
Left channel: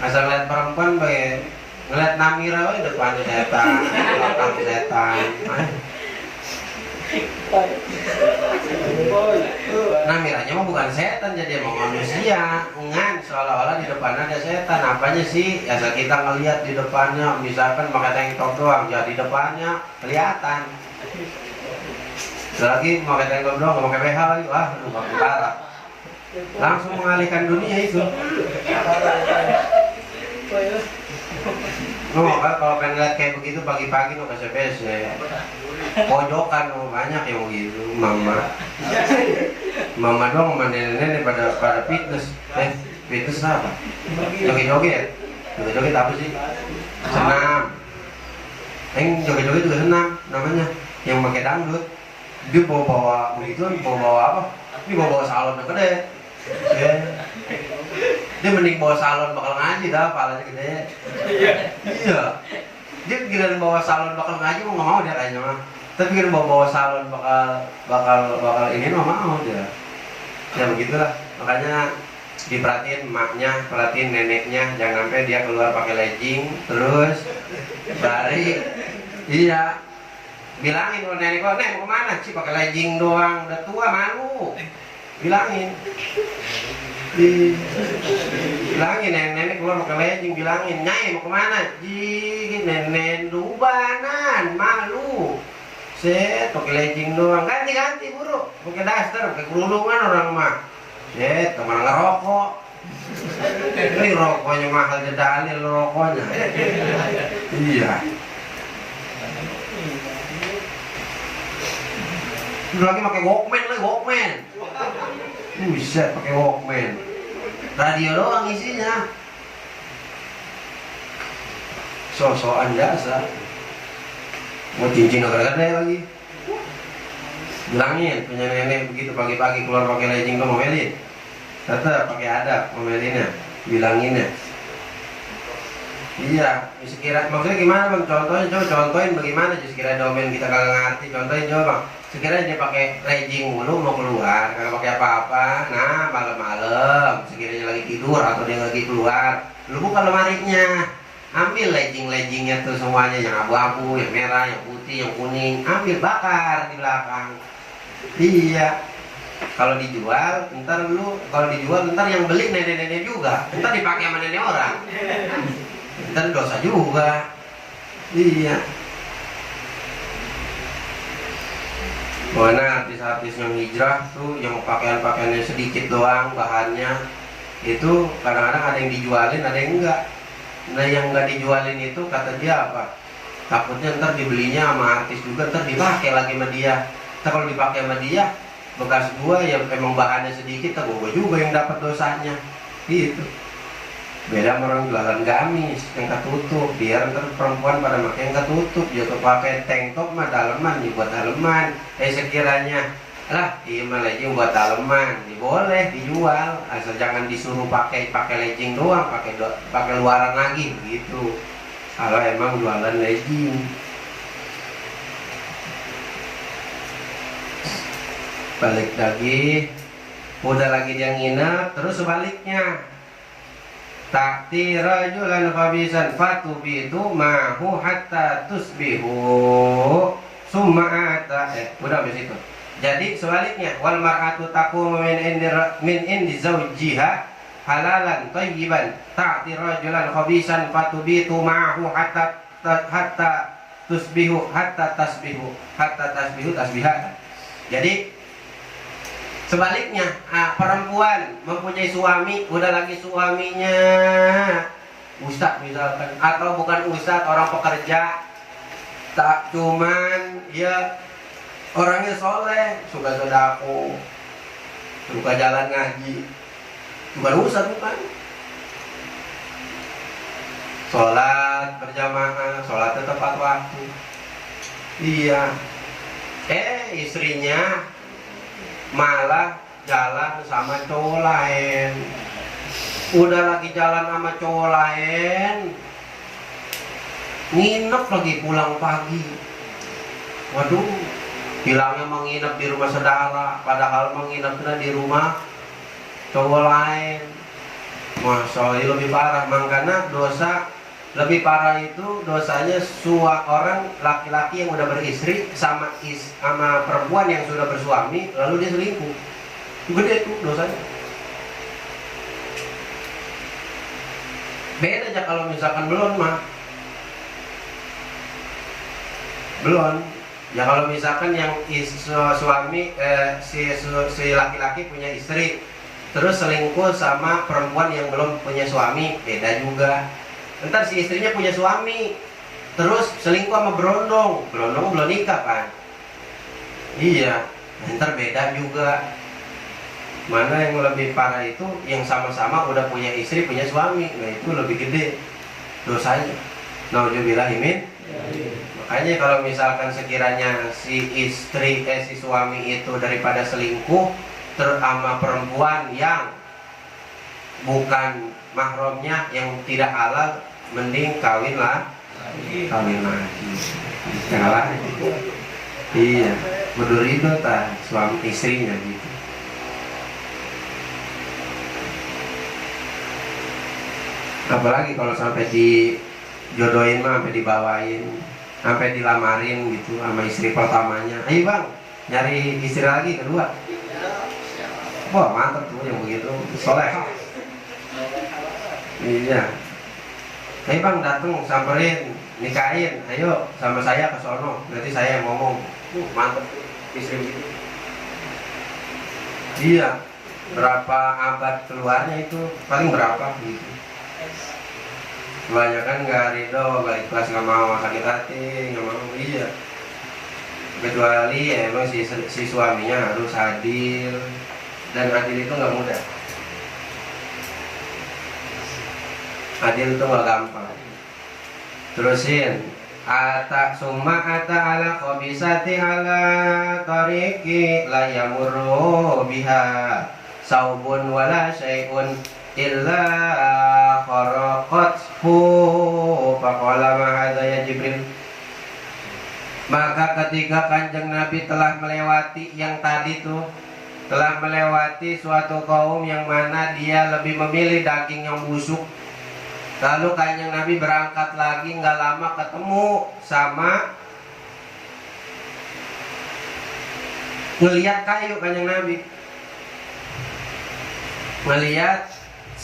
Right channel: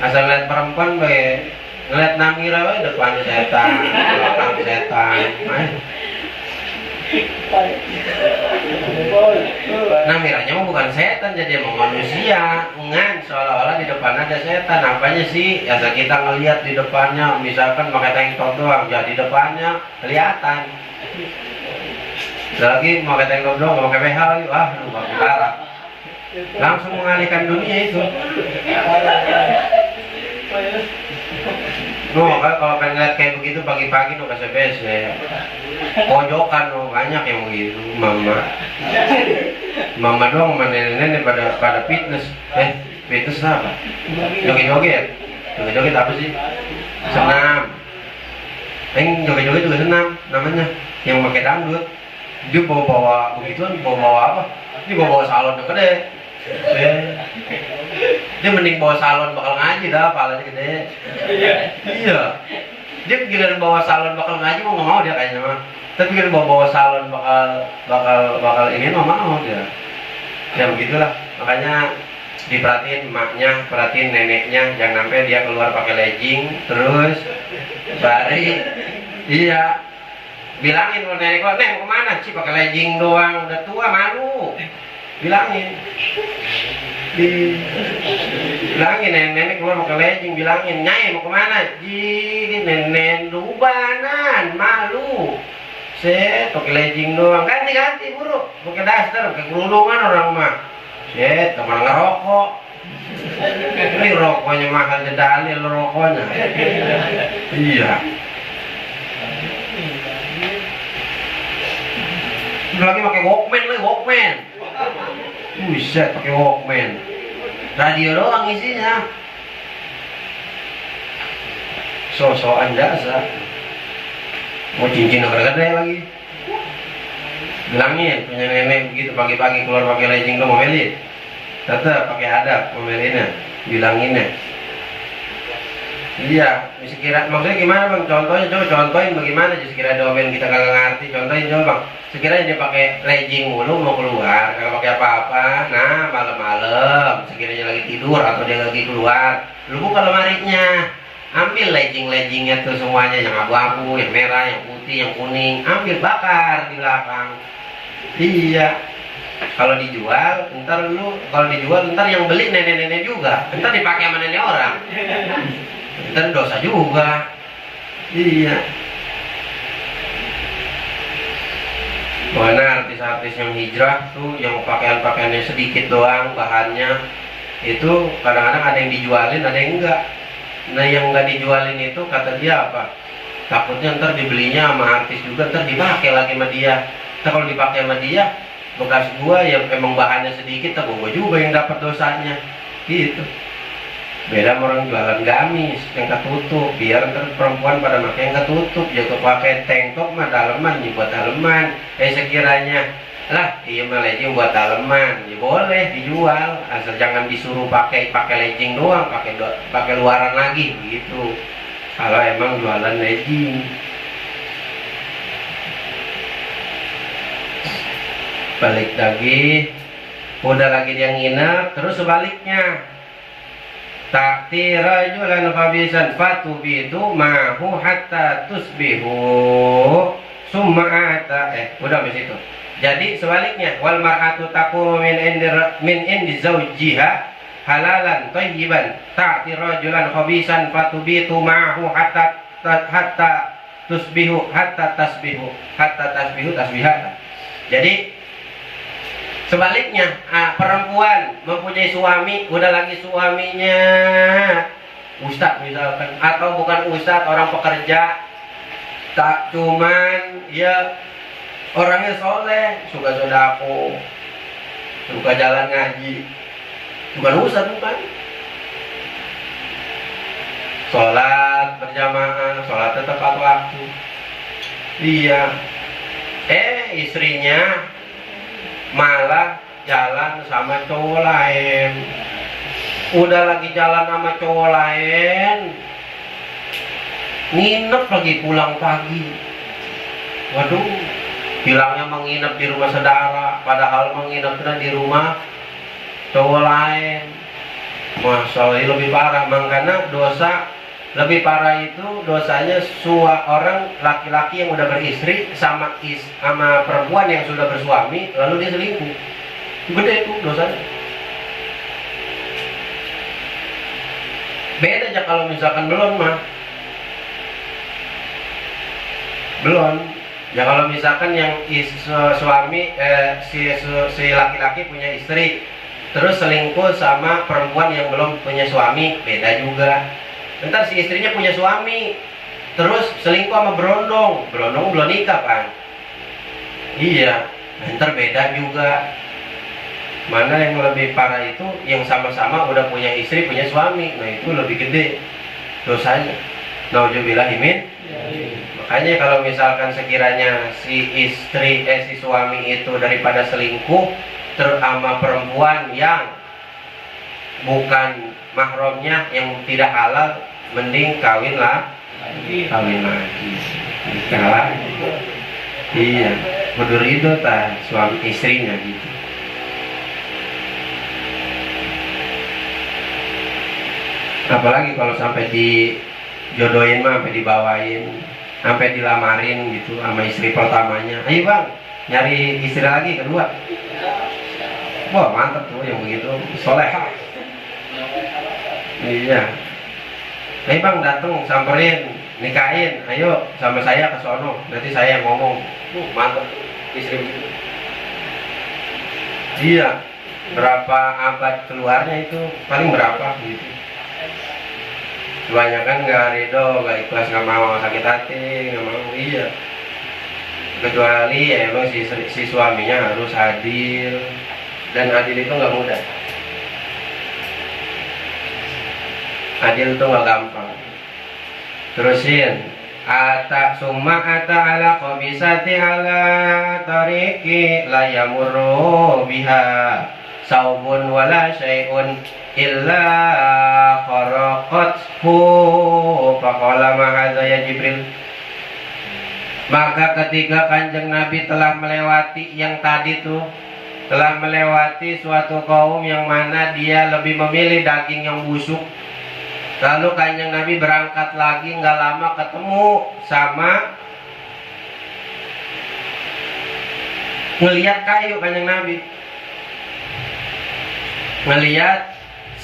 Asal lihat perempuan baik. Ngeliat Namira depannya setan, belakang setan. Nah miranya mah bukan setan, jadi emang manusia. Ngan seolah-olah di depan ada setan. Apanya sih? Ya kita ngelihat di depannya, misalkan pakai tank top doang, ya di depannya kelihatan. Lagi pakai tank top doang, pakai BH lagi, wah itu parah. Langsung mengalihkan dunia itu. Oh, kalau pengen lihat kayak begitu pagi-pagi no KCBS ya. Pojokan no, banyak yang begitu. Mama doang sama nenek-nenek pada fitness. Fitness apa? Joget-joget. Joget-joget apa sih? Senam. Joget-joget juga senam namanya. Yang pakai dangdut. Dia bawa begitu, bawa apa? Ini bawa salon yang gede. Dia mending bawa salon bakal ngaji dah, palanya gede. Iya. Dia giliran bawa salon bakal ngaji mau nggak mau dia kayaknya mah. Tapi giliran bawa salon bakal ini mah mau dia. Ya begitulah. Makanya diperhatiin emaknya, perhatiin neneknya, jangan sampai dia keluar pakai legging terus dari iya. Bilangin kalau nenek gua, "Nek, mau kemana sih pakai legging doang, udah tua malu." Bilangin. Bilangin nenek keluar pakai legging, bilangin, "Nyai mau kemana?" Nenek dubanan, malu. Set, pakai legging doang, ganti buruk, pakai daster, pakai kerudungan orang mah. Set, kemana ngerokok? Ini rokoknya mahal jedalil rokoknya. Iya. Lagi pakai Walkman. Buset, pakai Walkman. Radio doang isinya. So-soan jasa. Mau cincin gede lagi. Bilangin punya nenek begitu pagi-pagi keluar pakai legging tuh ngomelin. Tetap pakai adab ngomelinnya, bilanginnya. Iya, sekira maksudnya gimana bang? Contohnya coba contohin bagaimana sekira domain kita kagak ngerti. Contohin coba bang. Sekiranya dia pakai legging mulu mau keluar, kagak pakai apa-apa. Nah malam-malam, sekiranya lagi tidur atau dia lagi keluar, lu buka lemarinya, ambil leggingnya tuh semuanya, yang abu-abu, yang merah, yang putih, yang kuning, ambil bakar di belakang. Iya. Kalau dijual, ntar yang beli nenek-nenek juga, ntar dipakai sama nenek orang. Ntar dosa juga. Iya. Mana artis-artis yang hijrah tuh yang pakaian-pakaiannya sedikit doang bahannya itu kadang-kadang ada yang dijualin ada yang enggak. Nah yang enggak dijualin itu kata dia apa? Takutnya ntar dibelinya sama artis juga ntar dipakai lagi sama dia. Ntar kalau dipakai sama dia bekas gua yang emang bahannya sedikit, tak gua juga yang dapat dosanya. Gitu. Beda sama orang jualan gamis yang ketutup, biar ntar perempuan pada pakai yang ketutup, juga pakai tank top mah daleman, ya buat daleman. Sekiranya lah iya mah legging buat daleman, ya boleh dijual, asal jangan disuruh pakai legging doang, pakai luaran lagi gitu. Kalau emang jualan legging. Balik lagi, udah lagi dia nginep, terus sebaliknya. Ta'ti rajulan khabisan fatubitu mahu hatta tusbihu summa ata udah habis itu. Jadi sebaliknya wal mar'atu taqumu min indi zawjiha halalan thayyiban ta'ti rajulan khabisan fatubitu mahu hatta tasbihu tasbihata. Jadi sebaliknya, perempuan mempunyai suami, udah lagi suaminya ustadz misalkan, atau bukan ustadz, orang pekerja, tak cuman ya orangnya soleh, suka sodako, suka jalan ngaji, bukan ustadz bukan, sholat berjamaah, sholat tepat waktu, iya, istrinya malah jalan sama cowok lain. Udah lagi jalan sama cowok lain, nginep lagi pulang pagi. Waduh, bilangnya menginap di rumah saudara, padahal menginapnya di rumah cowok lain. Masya Allah, lebih parah, makanya dosa Lebih parah itu dosanya orang laki-laki yang udah beristri sama perempuan yang sudah bersuami lalu dia selingkuh. Gede itu dosanya. Beda aja kalau misalkan belum mah. Belum. Ya kalau misalkan yang suami si laki-laki punya istri terus selingkuh sama perempuan yang belum punya suami, beda juga. Ntar si istrinya punya suami terus selingkuh sama berondong belum nikah kan. Iya, ntar beda juga. Mana yang lebih parah itu yang sama-sama udah punya istri punya suami, nah itu lebih gede dosanya. Nauzubillahimin. Makanya kalau misalkan sekiranya si suami itu daripada selingkuh terus sama perempuan yang bukan mahramnya yang tidak halal, mending kawin lagi. Kalah. Iya, kudu ridho tah suami istrinya gitu. Apalagi kalau sampai dijodohin mah, sampai dibawain, sampai dilamarin gitu sama istri pertamanya. Ayo bang, nyari istri lagi kedua. Wah mantap tuh yang begitu, soleha. Iya. Ayo bang dateng, samperin, nikahin, ayo sama saya ke sono, nanti saya yang ngomong. Mantap tuh istri begitu. Iya. Berapa abad keluarnya itu, paling berapa gitu. Kebanyakan nggak ridho, nggak ikhlas, nggak mau, sakit hati, nggak mau. Iya. Kecuali ya emang si suaminya harus hadir, dan adil itu nggak mudah. Adil itu nggak gampang. Terusin. Summa ala khabisati ala tariqi la yamurru biha saubun wala syai'un illa kharaqathu faqala ma'adha ya Jibril. Maka ketika Kanjeng Nabi telah melewati yang tadi tuh, telah melewati suatu kaum yang mana dia lebih memilih daging yang busuk, lalu Kanjeng Nabi berangkat lagi, nggak lama ketemu sama ngelihat kayu. Kanjeng Nabi melihat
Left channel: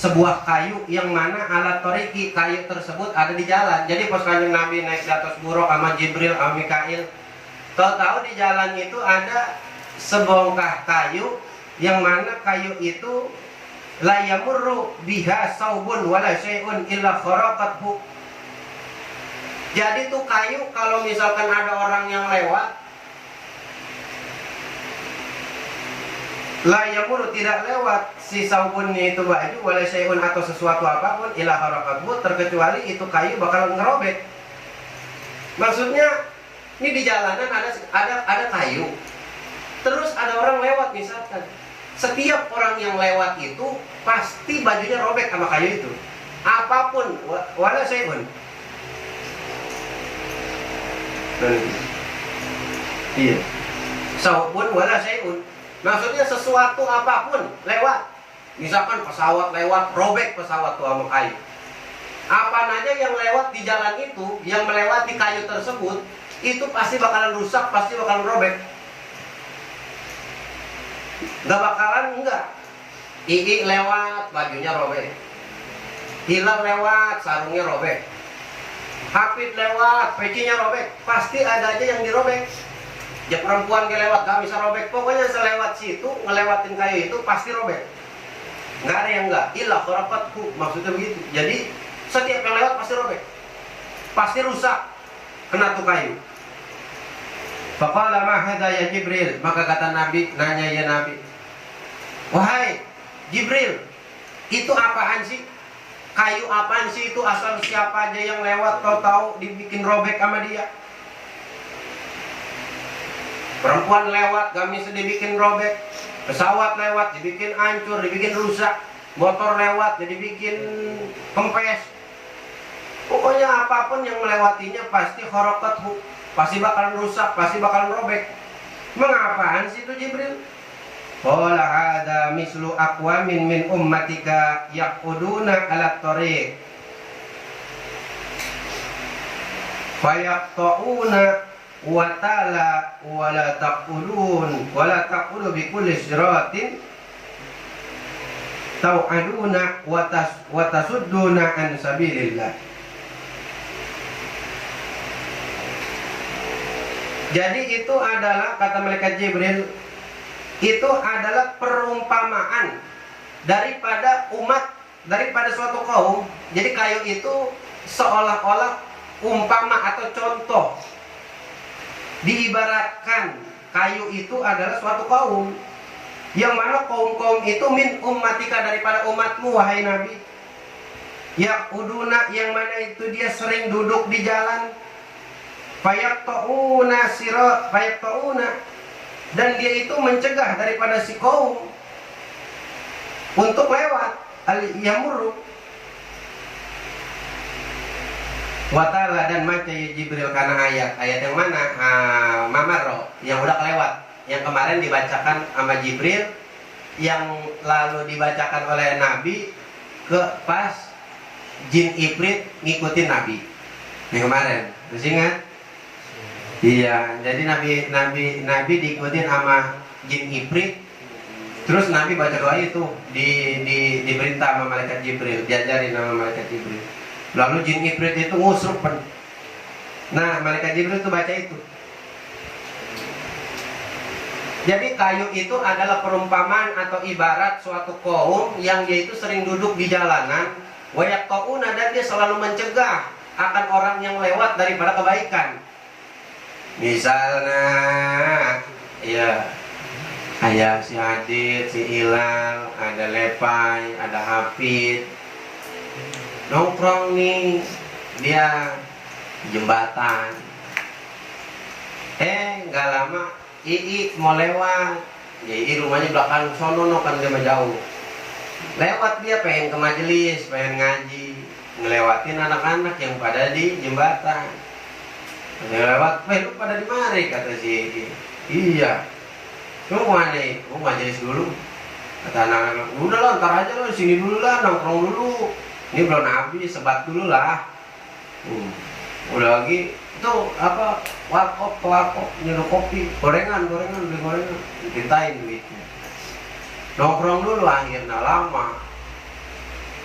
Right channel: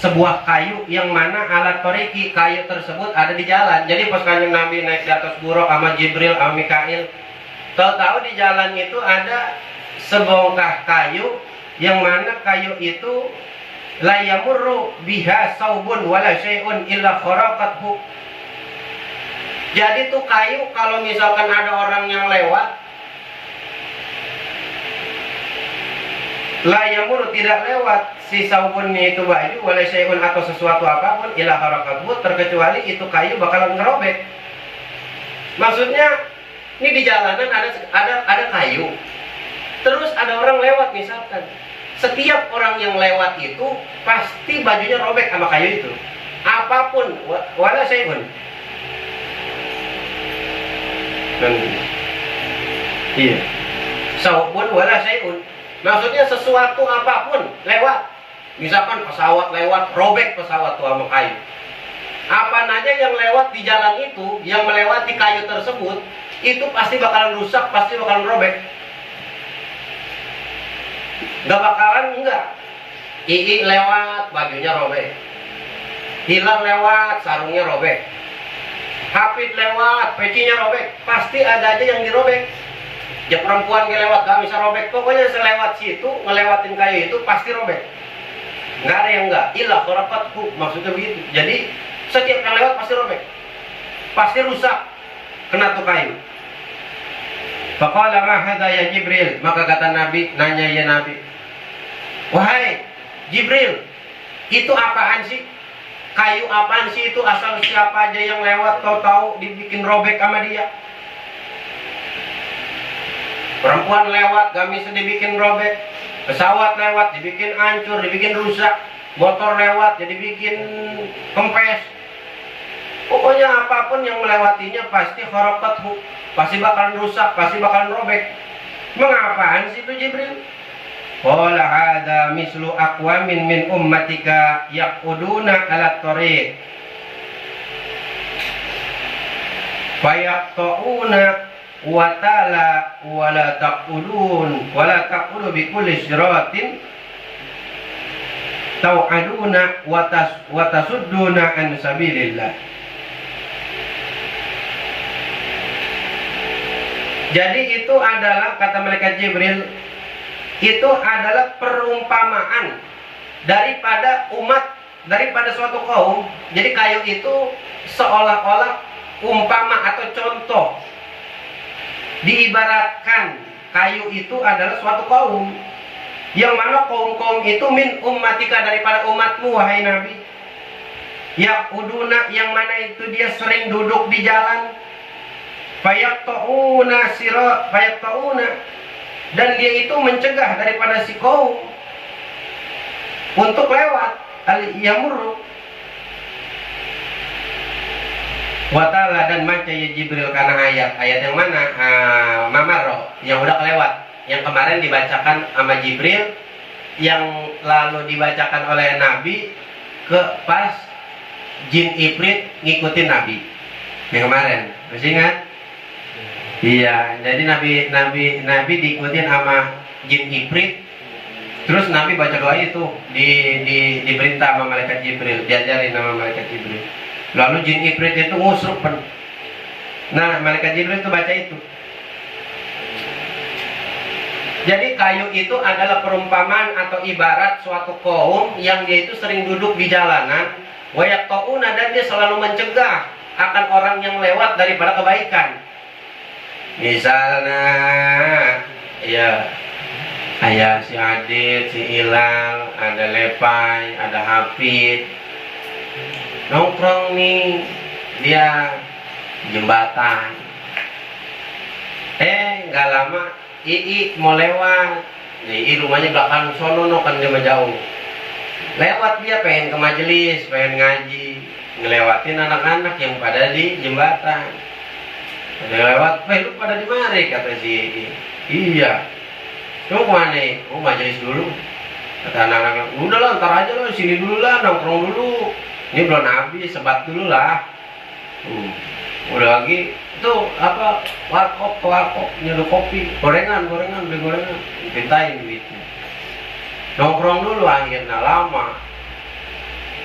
sebuah kayu yang mana alat toriki, kayu tersebut ada di jalan. Jadi pas Kanjeng Nabi naik di atas buruk sama Jibril sama Mikail, tahu-tahu di jalan itu ada sebongkah kayu yang mana kayu itu la yamurru biha saubun wala syai'un illa kharaqathu. Jadi tuh kayu kalau misalkan ada orang yang lewat, la yamurru tidak lewat si saubunnya itu baju wala syai'un atau sesuatu apapun illa kharaqathu, terkecuali itu kayu bakalan ngerobek. Maksudnya ini di jalanan ada kayu, terus ada orang lewat misalkan. Setiap orang yang lewat itu pasti bajunya robek sama kayu itu. Apapun, wala syai'un. Iya. Saubun wala syai'un. Maksudnya sesuatu apapun lewat. Misalkan pesawat lewat, robek pesawat tuh sama kayu. Apa aja yang lewat di jalan itu, yang melewati kayu tersebut, itu pasti bakalan rusak, pasti bakalan robek. Gak bakalan enggak. Ii lewat, bajunya robek. Hilal lewat, sarungnya robek. Hafid lewat, pecinya robek. Pasti ada aja yang dirobek. Ya perempuan ngelewat gak bisa robek. Pokoknya selewat situ, ngelewatin kayu itu pasti robek. Nggak ada yang enggak. Ilah kharaqathu, maksudnya begitu. Jadi setiap yang lewat pasti robek, pasti rusak, kena tuh kayu. Faqala ma hadza ya Jibril. Maka kata Nabi, nanya ya Nabi, wahai Jibril, itu apaan sih? Kayu apaan sih itu? Asal siapa aja yang lewat tahu-tahu dibikin robek sama dia. Perempuan lewat gamis dibikin robek, pesawat lewat dibikin hancur, dibikin rusak, motor lewat jadi bikin kempes. Pokoknya apapun yang melewatinya pasti kharaqathu, pasti bakalan rusak, pasti bakalan robek. Mengapaan sih itu Jibril? Qala hadza mislu aqwamin min ummatika yaquduna ala tariq fayaqta'una wa ta'ala wala taqulu bi kulli siratin tau'aduna wa tasudduna an sabilillah. Jadi itu adalah, kata malaikat Jibril, itu adalah perumpamaan daripada suatu kaum. Jadi kayu itu seolah-olah umpama atau contoh. Diibaratkan kayu itu adalah suatu kaum, yang mana kaum-kaum itu min ummatika, daripada umatmu wahai Nabi. Yaquduna, yang mana itu dia sering duduk di jalan. Fayaqta'una dan dia itu mencegah daripada si kaum untuk lewat al-yamurru wa ta'ala. Dan baca ya Jibril karena ayat yang mana? Mamarro, yang udah kelewat, yang kemarin dibacakan sama Jibril, yang lalu dibacakan oleh Nabi ke pas jin Ifrit ngikutin Nabi yang kemarin, masih ingat? Iya, jadi Nabi diikutin sama jin Ifrit. Terus Nabi baca doa itu diperintah sama malaikat Jibril, diajarin sama malaikat Jibril. Lalu jin Ifrit itu ngusrup. Nah, malaikat Jibril itu baca itu. Jadi kayu itu adalah perumpamaan atau ibarat suatu kaum yang dia itu sering duduk di jalanan, wa yaqta'una, dan dia selalu mencegah akan orang yang lewat daripada kebaikan. Misalnya, ya, ayah si Adit, si Ilal, ada Lepai, ada Hafid, nongkrong nih, dia jembatan. Nggak lama, Ii mau lewat, Ii rumahnya belakang sono, kan dia jauh. Lewat dia pengen ke majelis, pengen ngaji, ngelewatin anak-anak yang pada di jembatan. Ada lewat, lu pada di mana? Kata si iya. Lu kemana? Oh, majelis dulu. Kata anak-anak, udah lah, ntar aja lo sini dulu lah, nongkrong dulu. Ini belum habis, sebat dulu lah. Udah lagi, itu apa? Warkop, nyuruh kopi, gorengan, beli gorengan, ditintain duitnya. Nongkrong dulu, akhirnya lama.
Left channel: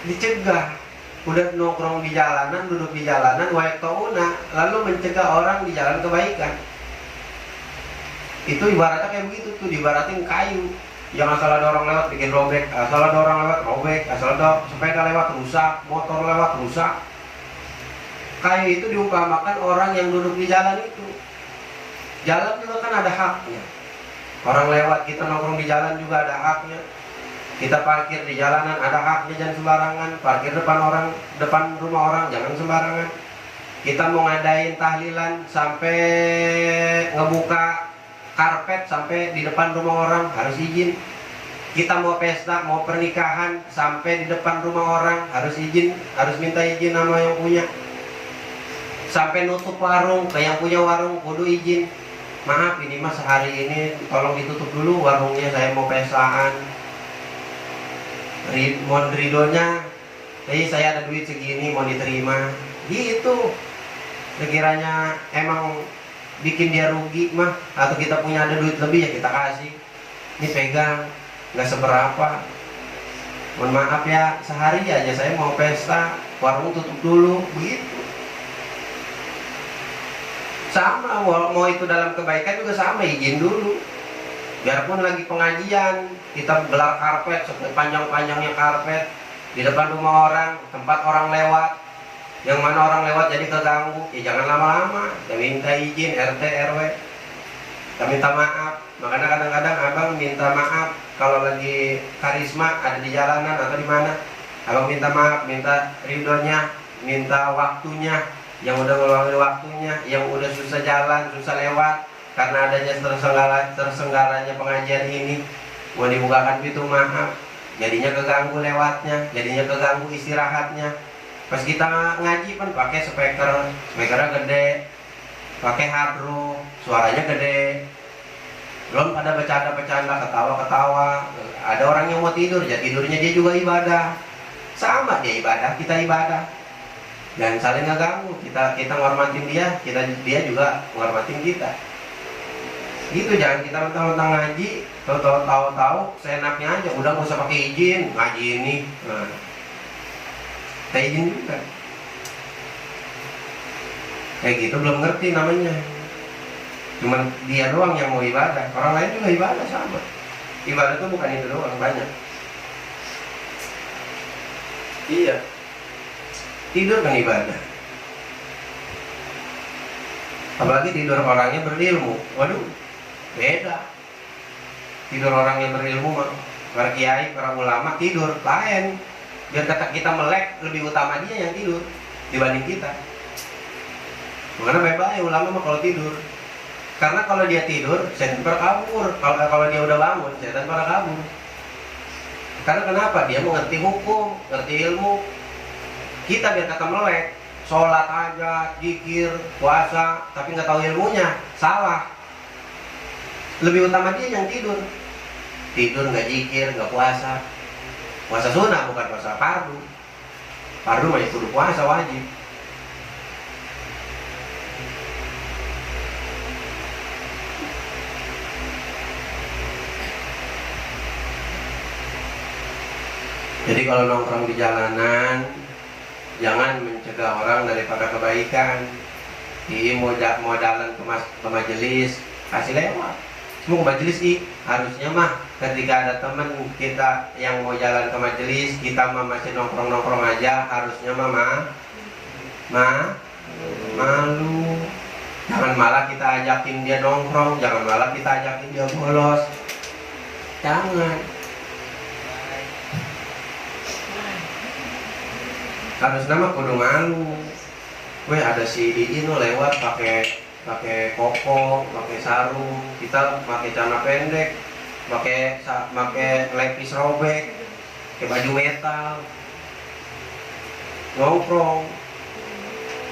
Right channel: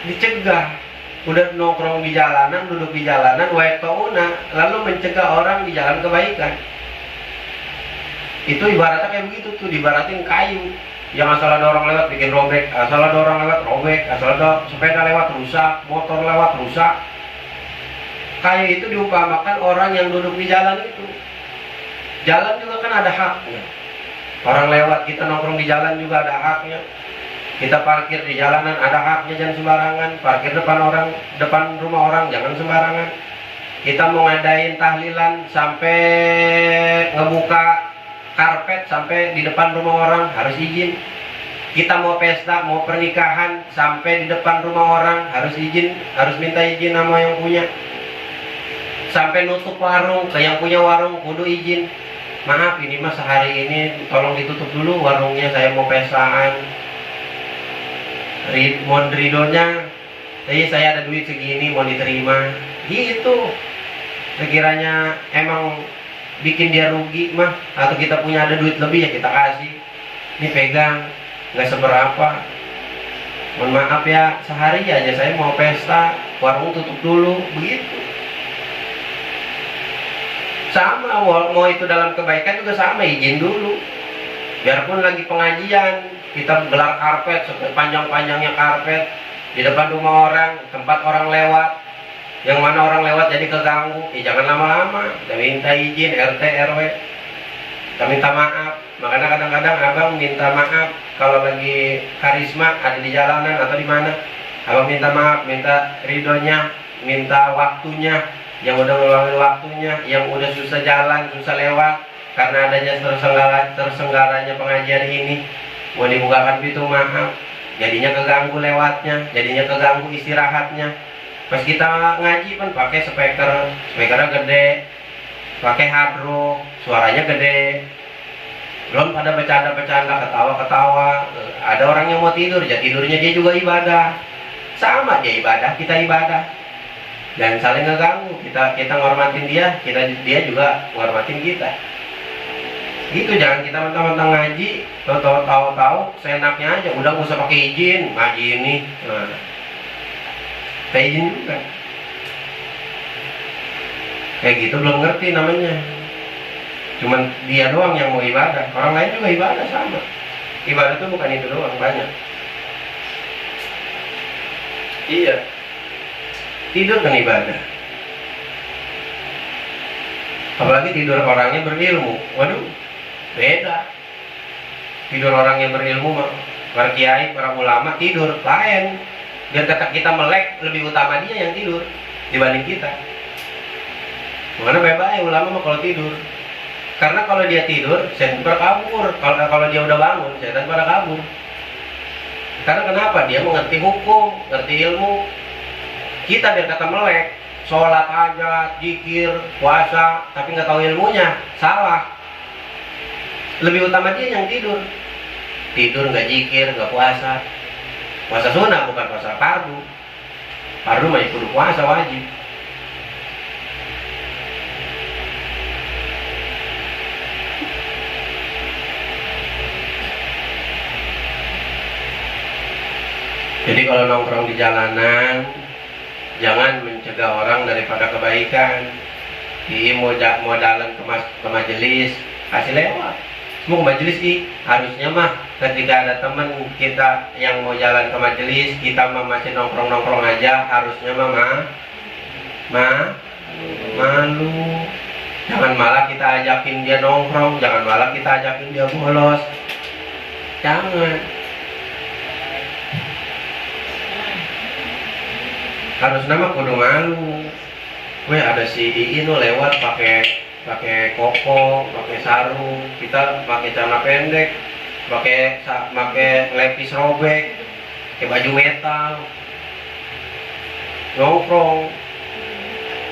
Dicegah. Udah nongkrong di jalanan, duduk di jalanan, wa'yaqta'una, lalu mencegah orang di jalan kebaikan. Itu ibaratnya kayak begitu tuh, dibaratin kayu. Yang asal ada orang lewat bikin robek, asal ada orang lewat robek, asal ada sepeda lewat rusak, motor lewat rusak. Kayu itu diumpamakan orang yang duduk di jalan itu. Jalan juga kan ada haknya. Orang lewat, kita nongkrong di jalan juga ada haknya. Kita parkir di jalanan ada haknya, jangan sembarangan. Parkir depan rumah orang jangan sembarangan. Kita mau ngadain tahlilan sampai ngebuka karpet sampai di depan rumah orang harus izin. Kita mau pesta, mau pernikahan sampai di depan rumah orang harus izin, harus minta izin sama yang punya. Sampai nutup warung, ke yang punya warung kudu izin. Maaf, ini mas sehari ini tolong ditutup dulu warungnya, saya mau pestaan. Mohon ridonya, jadi saya ada duit segini mau diterima. Gitu. Sekiranya emang bikin dia rugi mah, atau kita punya ada duit lebih ya kita kasih. Ini pegang, nggak seberapa. Mohon maaf ya, sehari aja saya mau pesta, warung tutup dulu, begitu. Sama, mau itu dalam kebaikan juga sama, izin dulu. Biarpun lagi pengajian, kita gelar karpet, sepanjang-panjangnya karpet di depan rumah orang, tempat orang lewat, yang mana orang lewat jadi keganggu, ya jangan lama-lama. Kita minta izin RT RW, kita minta maaf. Makanya kadang-kadang abang minta maaf kalau lagi karisma ada di jalanan atau di mana, abang minta maaf, minta ridhonya, minta waktunya, yang udah ngeluangin waktunya, yang udah susah jalan, susah lewat karena adanya terselenggaranya pengajian ini, mau dibukakan pintu maaf, jadinya keganggu lewatnya, jadinya keganggu istirahatnya. Pas kita ngaji pun pakai spekernya gede, pakai hadro, suaranya gede, belum pada bercanda-bercanda, ketawa-ketawa. Ada orang yang mau tidur, ya tidurnya dia juga ibadah. Sama dia ibadah, kita ibadah. dan saling ngeganggu. Kita ngormatin dia, dia juga ngormatin kita. Gitu, jangan kita mentang-mentang ngaji, tahu-tahu seenaknya aja, udah nggak usah pakai izin ngaji ini. Nah, kita izin juga. Kayak gitu belum ngerti namanya. Cuman dia doang yang mau ibadah, orang lain juga ibadah sama. Ibadah itu bukan itu doang, banyak. Iya, tidur kan ibadah. Apalagi tidur orangnya berilmu. Waduh, beda. Tidur orang yang berilmu, para kiai, para ulama tidur lain. Biar kata kita melek, lebih utama dia yang tidur dibanding kita. Karena bebas ulama mah kalau tidur. Karena kalau dia tidur, setan pada kabur. Kalau dia udah bangun, setan pada kabur. Karena kenapa? Dia mengerti hukum, ngerti ilmu. Kita biar kata melek, sholat hajat, zikir, puasa, tapi nggak tahu ilmunya, salah. Lebih utama dia yang tidur. Tidur nggak zikir, nggak puasa. Puasa sunnah bukan puasa fardu. Fardu mah kudu puasa wajib. Jadi kalau nongkrong di jalanan, jangan mencegah orang daripada kebaikan. Mau jalan ke majelis, kasih lewat. Mau ke majelis harusnya mah ketika ada teman kita yang mau jalan ke majelis, kita mah masih nongkrong aja, harusnya mah malu. Jangan malah kita ajakin dia nongkrong, jangan malah kita ajakin dia bolos. Jangan. Harus nama kudu malu. Weh, ada si Iino lewat pakai koko, pakai sarung, kita pakai celana pendek, pakai lepis robek, pakai baju metal, nongkrong.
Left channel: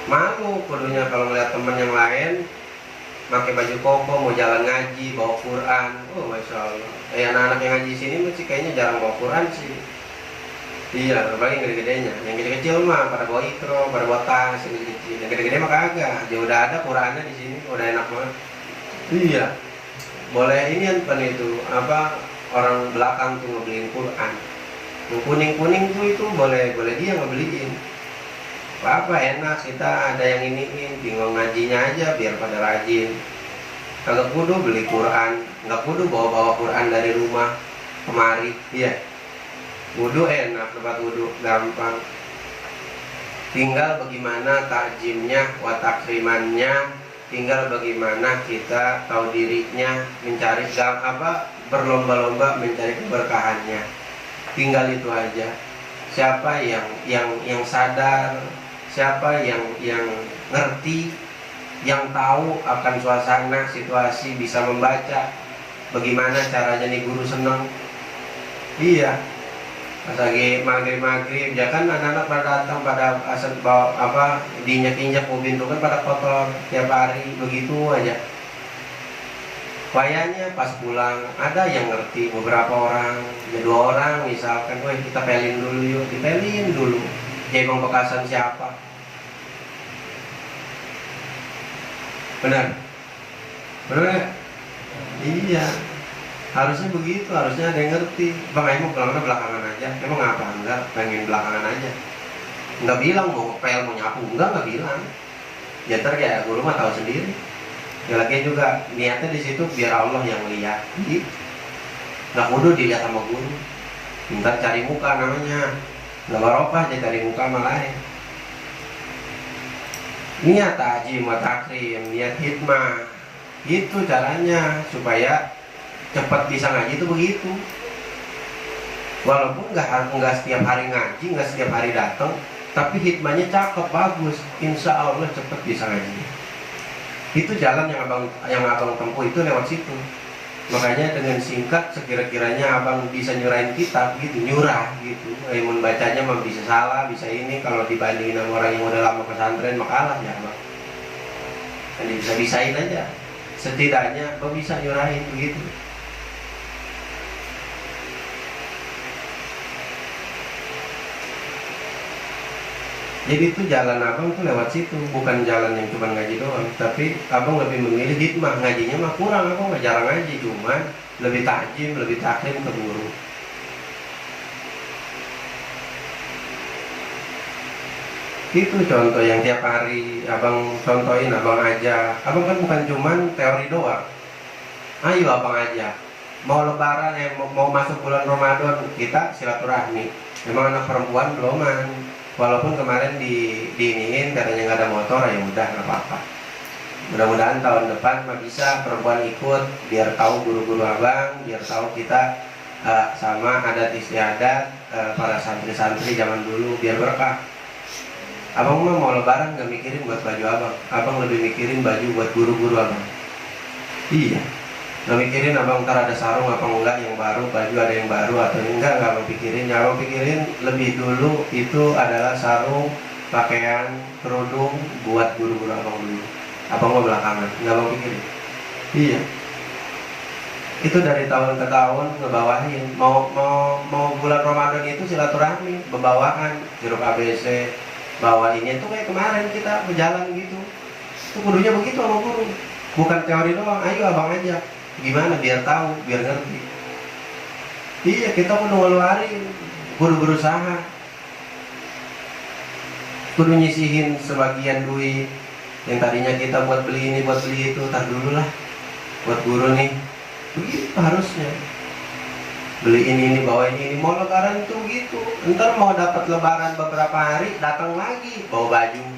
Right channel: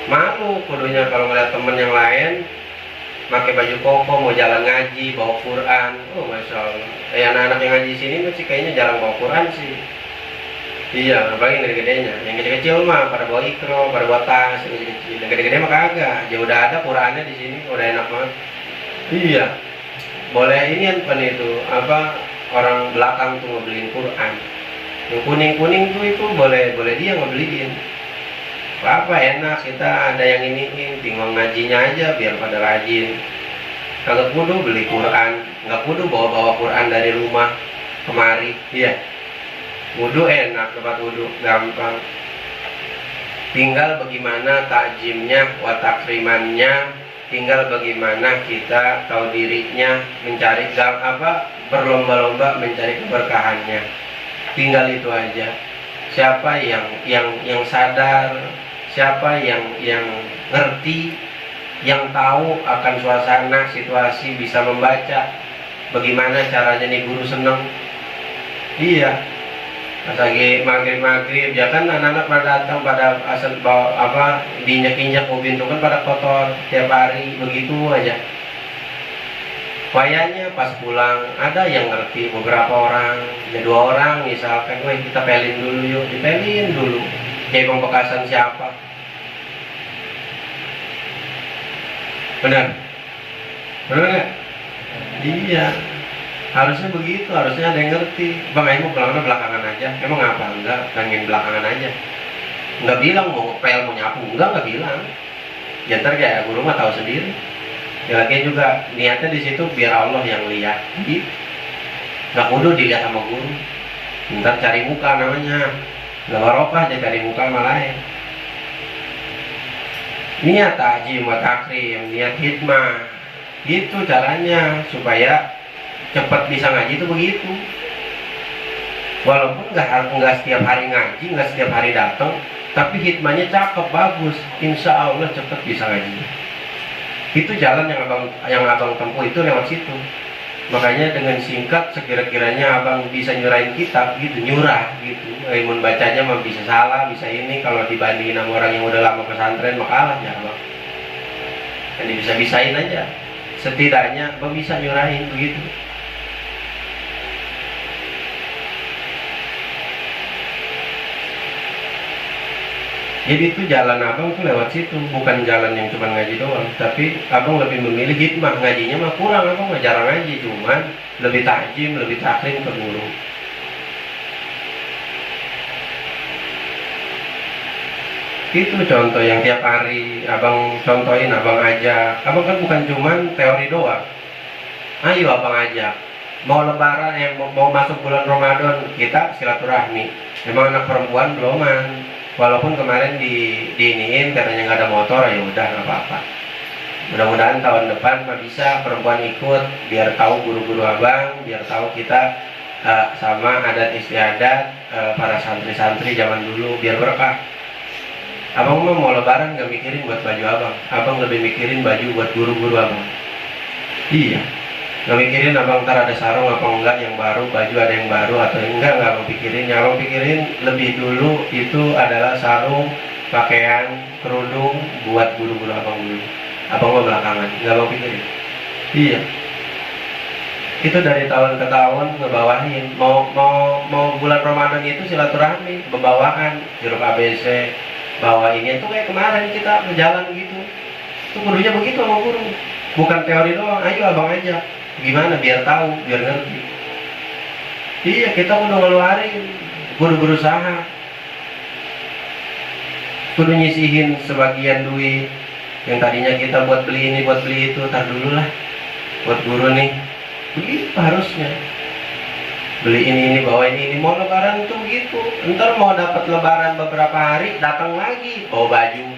Malu kudunya kalau ngeliat temen yang lain pakai baju koko mau jalan ngaji, bawa Quran. Oh, masya Allah. Anak-anak yang ngaji di sini masih kayaknya jarang bawa Quran sih. Iya, apalagi yang gede-gedenya. Yang kecil-kecil mah pada bawa ikro, pada bawa tas, yang kecil-kecil. Yang gede-gede mah kagak. Ya udah ada Qurannya di sini, udah enak banget. Iya. Boleh ini apa itu? Apa orang belakang tuh ngebeliin Quran. Yang kuning-kuning tuh itu boleh dia ngebeliin. Apa enak, kita ada yang ini bingung ngajinya aja biar pada rajin. Kagak kudu beli Quran, nggak kudu bawa Quran dari rumah kemari. Iya. Wudu enak, tempat wudu gampang. Tinggal bagaimana takjimnya, watakrimannya. Tinggal bagaimana kita tahu dirinya, mencari berlomba-lomba mencari keberkahannya. Tinggal itu aja. Siapa yang sadar, siapa yang ngerti, yang tahu akan suasana, situasi, bisa membaca bagaimana caranya nih guru seneng. Iya. Pas lagi maghrib ya kan anak-anak pada datang pada asal bawa diinjak-injak mau pintu kan pada kotor tiap hari begitu aja. Wayanya pas pulang ada yang ngerti beberapa orang, ada 2 orang misalkan, woi kita pelin dulu yuk, dipelin dulu. Kayak Bang Bekasan siapa? Benar? Benar nggak? Iya. Harusnya begitu, harusnya ada yang ngerti. Bang Aim mau pulang belakangan aja. Emang apa? Enggak, pengen belakangan aja. Enggak bilang mau ngepel, mau nyapu. Enggak bilang. Ya ntar kayak guru mah tahu sendiri. Ya lagi juga niatnya di situ biar Allah yang lihat. Gitu. Enggak kudu dilihat sama guru. Ntar cari muka namanya. Enggak barokah aja cari muka malah lain. Niat takjim wa takrim, niat hikmah. Gitu caranya supaya cepat bisa ngaji itu begitu. Walaupun nggak setiap hari ngaji, nggak setiap hari datang, tapi hikmahnya cakep bagus, insya Allah cepat bisa ngaji. Itu jalan yang abang tempuh itu lewat situ. Makanya dengan singkat sekira-kiranya abang bisa nyurahin kitab gitu, nyurah gitu. Ilmu bacanya mah bisa salah, bisa ini. Kalau dibandingin sama orang yang udah lama pesantren mah kalah ya abang. Jadi bisa-bisain aja. Setidaknya abang bisa nyurahin begitu. Jadi itu jalan abang tuh lewat situ, bukan jalan yang cuma ngaji doang. Tapi abang lebih memilih hikmah, ngajinya mah kurang, abang mah jarang ngaji, cuman lebih takjim, lebih taklim ke guru. Itu contoh yang tiap hari abang contohin, abang ajak. Abang kan bukan cuman teori doang. Ayo abang ajak. Mau lebaran, mau masuk bulan Ramadan, kita silaturahmi. Emang anak perempuan beloman. Walaupun kemarin diiniin katanya nggak ada motor, ya udah nggak apa-apa. Mudah-mudahan tahun depan mah bisa perempuan ikut, biar tahu guru-guru abang, biar tahu kita sama adat istiadat para santri-santri zaman dulu, biar berkah. Abang mah mau lebaran nggak mikirin buat baju abang lebih mikirin baju buat guru-guru abang. Iya, nggak mikirin abang ntar ada sarung apa enggak yang baru, baju ada yang baru atau enggak abang pikirin. Yang abang pikirin lebih dulu itu adalah sarung, pakaian, kerudung buat guru-guru abang dulu. Abang mah belakangan, nggak abang pikirin. Iya, itu dari tahun ke tahun ngebawahin. Mau bulan Ramadan itu silaturahmi, pembawaan jeruk ABC. Bawa ini tuh kayak kemarin kita berjalan gitu, itu kudunya begitu sama guru, bukan teori doang. Ayo abang aja, gimana biar tahu, biar ngerti. Iya, kita kudu ngeluarin, kudu berusaha, kudu nyisihin sebagian duit yang tadinya kita buat beli ini, buat beli itu, tar dulu lah buat guru nih. Begitu harusnya. Beli ini bawa ini mau lebaran tuh gitu. Ntar mau dapat lebaran beberapa hari, datang lagi bawa baju.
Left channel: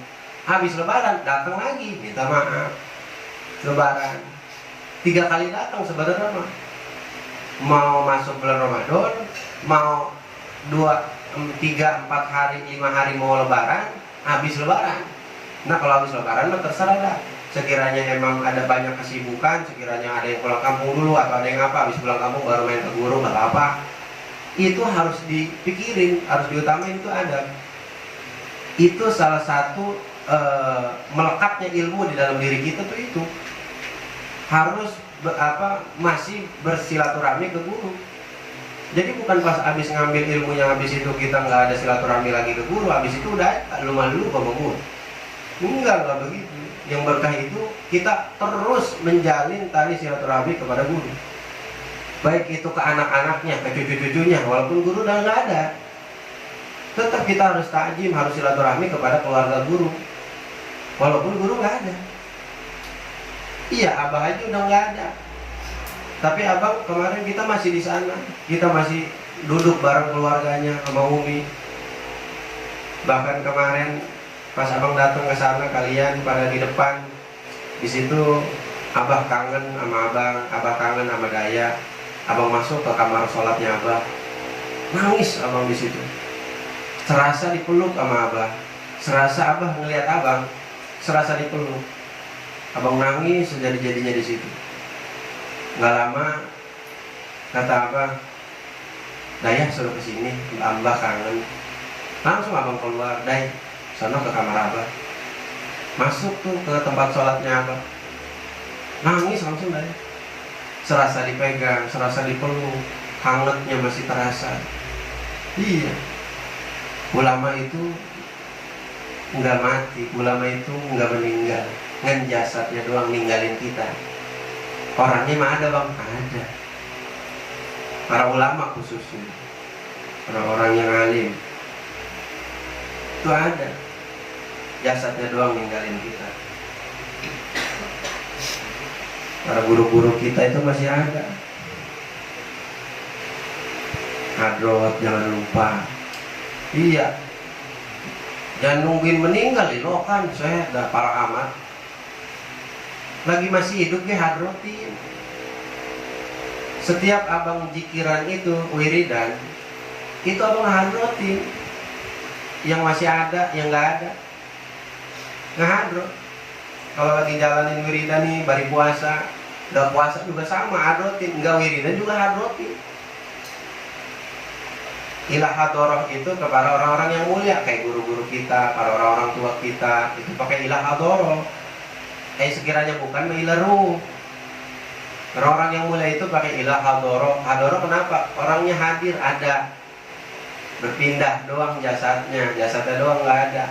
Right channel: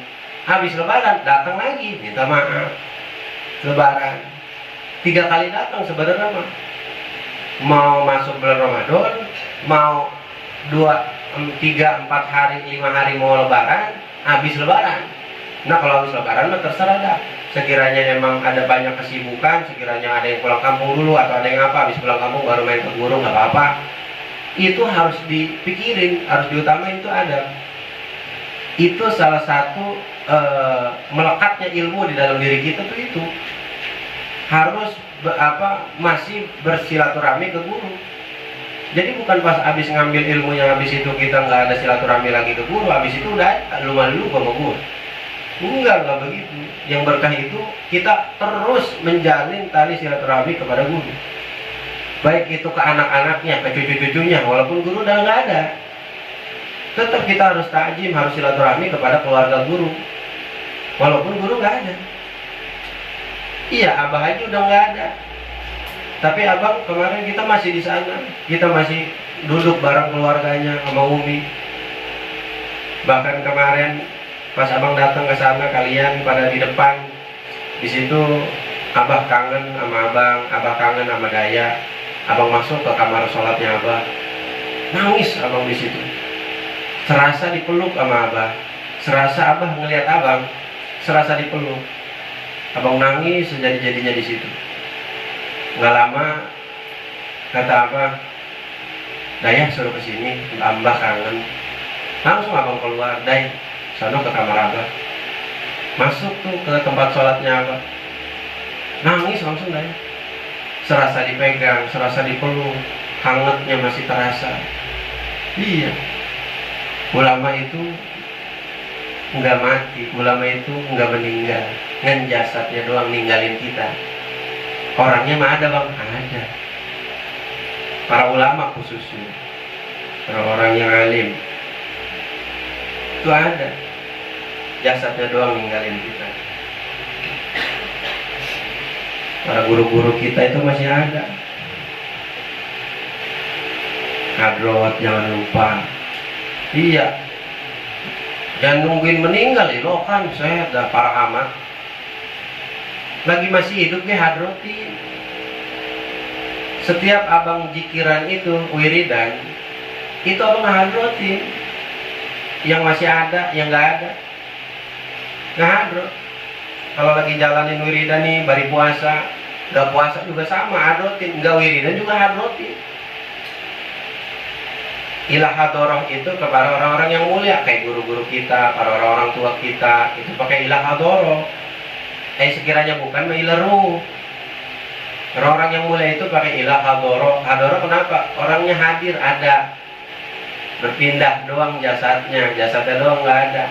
Habis lebaran datang lagi minta maaf. Lebaran 3 kali datang sebenarnya mah. Mau masuk bulan Ramadan, mau 2, 3, 4 hari, 5 hari mau lebaran, habis lebaran. Nah kalau habis lebaran mah terserah dah. Sekiranya emang ada banyak kesibukan, sekiranya ada yang pulang kampung dulu atau ada yang apa, habis pulang kampung baru main ke guru, nggak apa-apa. Itu harus dipikirin, harus diutamain, itu ada. Itu salah satu melekatnya ilmu di dalam diri kita tuh itu. Harus masih bersilaturahmi ke guru. Jadi bukan pas habis ngambil ilmunya, habis itu kita nggak ada silaturahmi lagi ke guru, habis itu udah lu malu sama guru. Enggak begitu. Yang berkah itu kita terus menjalin tali silaturahmi kepada guru, baik itu ke anak-anaknya, ke cucu-cucunya. Walaupun guru udah nggak ada, tetap kita harus takjim, harus silaturahmi kepada keluarga guru, walaupun guru nggak ada. Iya, abah aja udah nggak ada, tapi abang kemarin kita masih di sana, kita masih duduk bareng keluarganya sama Umi. Bahkan kemarin pas abang datang ke sana, kalian pada di depan. Di situ abah kangen sama abah kangen sama Daya. Abang masuk ke kamar sholatnya abah, nangis abang di situ. Serasa dipeluk sama abah, serasa abah ngelihat abang, serasa dipeluk. Abang nangis sejadi-jadinya di situ. Nggak lama kata abah, Daya suruh kesini, abah kangen. Langsung abang keluar, Daya sana ke kamar abah. Masuk tuh ke tempat sholatnya abah, nangis langsung Daya. Serasa dipegang, serasa dipeluk, hangatnya masih terasa. Iya, ulama itu nggak mati, ulama itu nggak meninggal, ngan jasadnya doang ninggalin kita. Orangnya mah ada bang, ada. Para ulama khususnya, orang-orang yang alim itu ada. Jasadnya doang ninggalin kita. Para guru-guru kita itu masih ada. Hadrot jangan lupa. Iya, jangan nungguin meninggal loh, kan saya udah parah amat. Lagi masih hidup ya hadrotin. Setiap abang jikiran itu wiridan, itu abang hadrotin. Yang masih ada, yang nggak ada, nggak hadrot. Kalau lagi jalanin wiridan nih, bari puasa, nggak puasa juga sama hadrotin, nggak wiridan juga hadrotin. Ilah hadoroh itu kepada orang-orang yang mulia, kayak guru-guru kita, para orang-orang tua kita, itu pakai ilah hadoroh. Sekiranya bukan ilah ruh. Orang-orang yang mulia itu pakai ilah hadoroh. Hadoroh kenapa? Orangnya hadir, ada. Berpindah doang jasadnya doang nggak ada.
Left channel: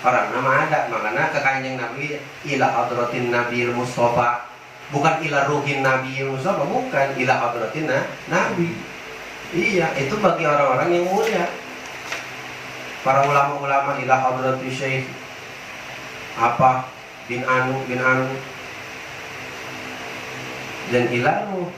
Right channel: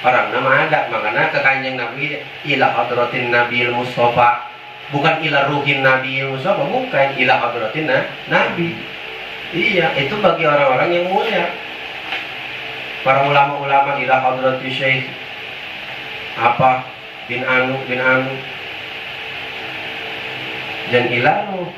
orang nama ada, makanya ke Kanjeng Nabi ila hadratin Nabil Mustafa, bukan ila ruhin Nabi Mustafa, bukan ila hadratin Nabi. Iya, itu bagi orang-orang yang mulia. Para ulama-ulama ila hadrati Syekh apa bin Anu dan ilanu.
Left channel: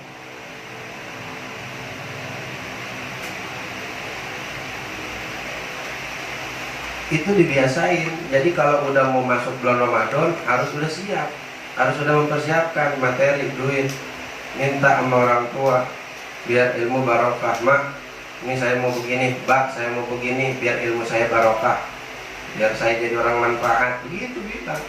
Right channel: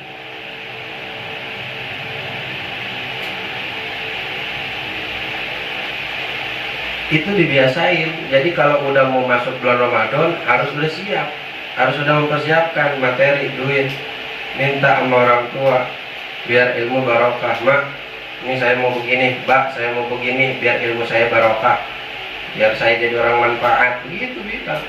Itu dibiasain. Jadi kalau udah mau masuk bulan Ramadan harus sudah siap, harus sudah mempersiapkan materi, duit, minta sama orang tua biar ilmu barokah. Mak, ini saya mau begini, Bak, saya mau begini biar ilmu saya barokah, biar saya jadi orang manfaat. Begitu bisa.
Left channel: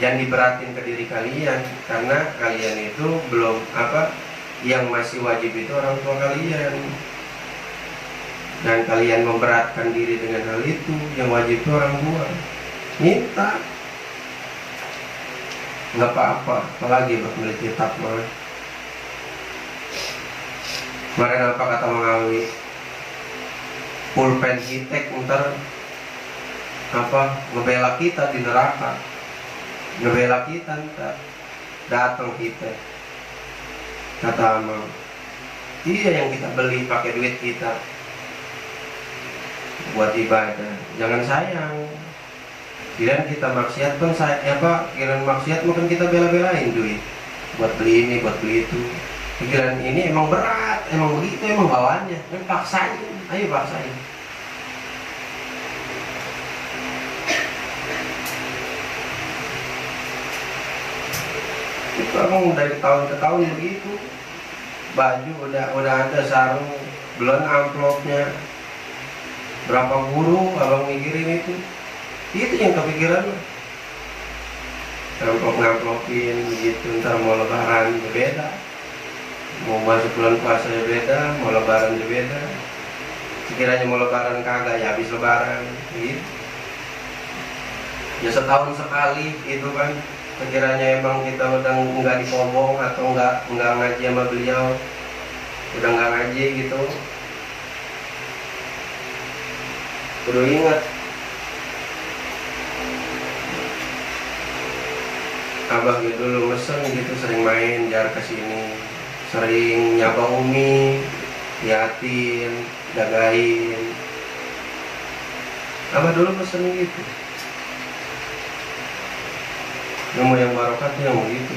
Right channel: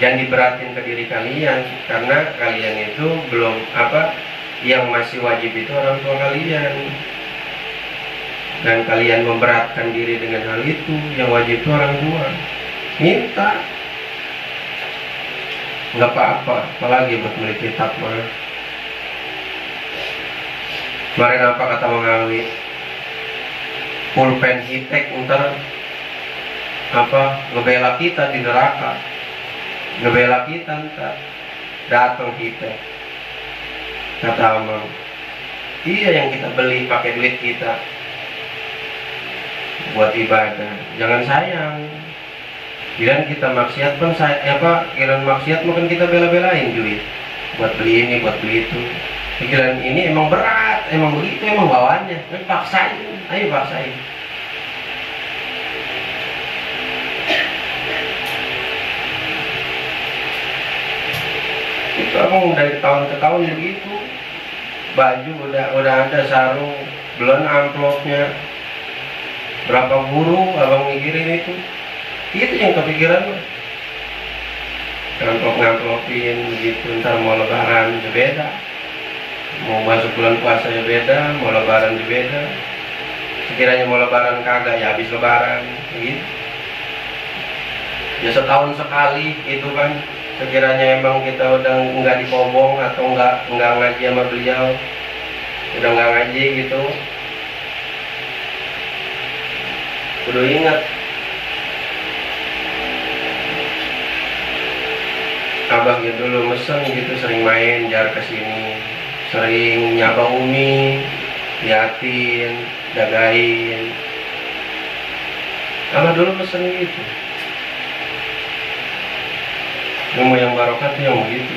Jangan diberatin ke diri kalian, karena kalian itu belum apa, yang masih wajib itu orang tua kalian. Dan kalian memberatkan diri dengan hal itu, yang wajib itu orang tua. Minta, nggak apa-apa, apalagi buat beli kitab mah. Kemarin apa kata Mengawi, pulpen hitek ntar apa ngebela kita di neraka, ngebela kita ntar datang hitek. Kata Amang, iya yang kita beli pakai duit kita buat ibadah, jangan sayang. Kirain kita maksiat pun kirain maksiat mungkin kita bela-belain duit buat beli ini, buat beli itu. Pikiran ini emang berat, emang begitu, emang bawaannya. Paksain, ayo paksain. Itu emang dari tahun ke tahun begitu. Baju udah ada, sarung, belum amplopnya. Berapa guru abang ngirim itu yang kepikiran mah. Ngamplopin begitu, ntar mau lebaran beda, mau masuk bulan puasa beda, mau lebaran beda. Sekiranya mau lebaran kagak ya habis lebaran gitu. Ya setahun sekali itu kan. Sekiranya emang kita udah nggak dikobong atau nggak ngaji sama beliau, udah nggak ngaji gitu, kudu ingat abah gitu dulu mesen gitu, sering main jar kesini, sering nyapa Umi, liatin, jagain. Abah dulu mesen gitu. Ilmu yang barokah tuh yang begitu,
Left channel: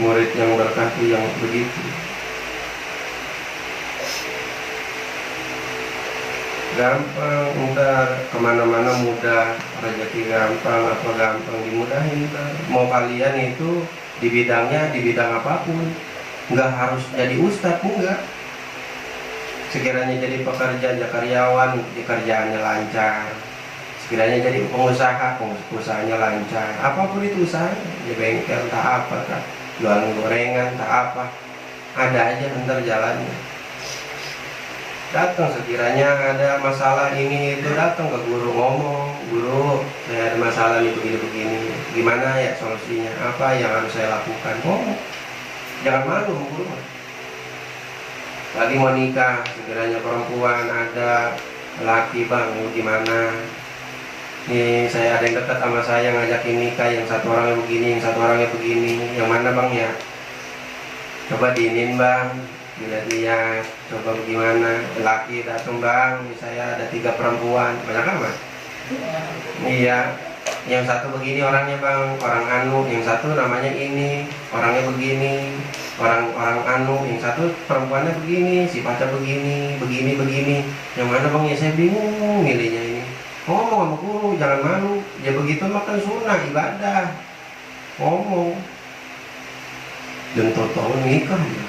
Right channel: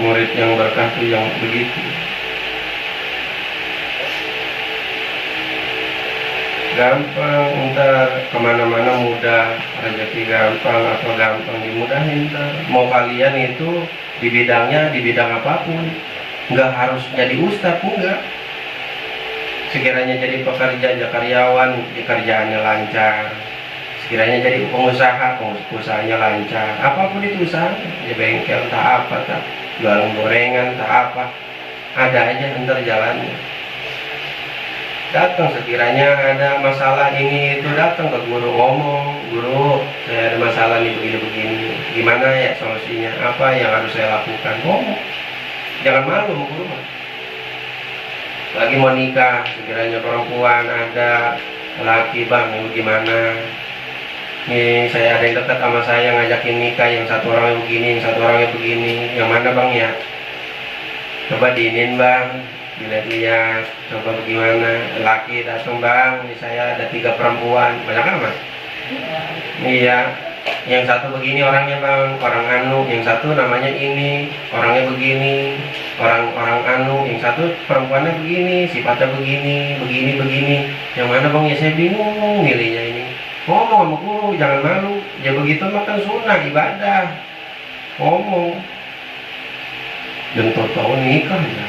murid yang berkah tuh yang begitu. Gampang, ntar kemana-mana mudah, rezeki gampang atau gampang dimudahin ntar. Mau kalian itu di bidang apapun, nggak harus jadi ustadz, enggak. Sekiranya jadi pekerja, jadi karyawan, kerjaannya lancar. Sekiranya jadi pengusaha, usahanya lancar. Apapun itu usahanya, di bengkel, tak apa, tak jualan gorengan, tak apa, ada aja ntar jalannya. Datang sekiranya ada masalah ini itu, datang ke guru, ngomong, guru saya ada masalah nih begini, gimana ya solusinya, apa yang harus saya lakukan, ngomong. Jangan malu sama guru. Lagi mau nikah, sekiranya perempuan ada, laki bang gimana, nih saya ada yang dekat sama saya ngajakin nikah, yang satu orangnya begini, yang satu orangnya begini, yang mana bang ya, coba diinin bang, dilihat, coba bagaimana. Laki datang bang, ini saya ada 3 perempuan, banyak amat. Iya, yang satu begini orangnya bang, orang anu, yang satu namanya ini, orangnya begini, orang anu, yang satu perempuannya begini, sifatnya begini, yang mana bang ya, saya bingung milihnya ini. Ngomong sama guru, jangan malu, ya begitu makan sunnah ibadah, ngomong. Dan tahu nikah ya,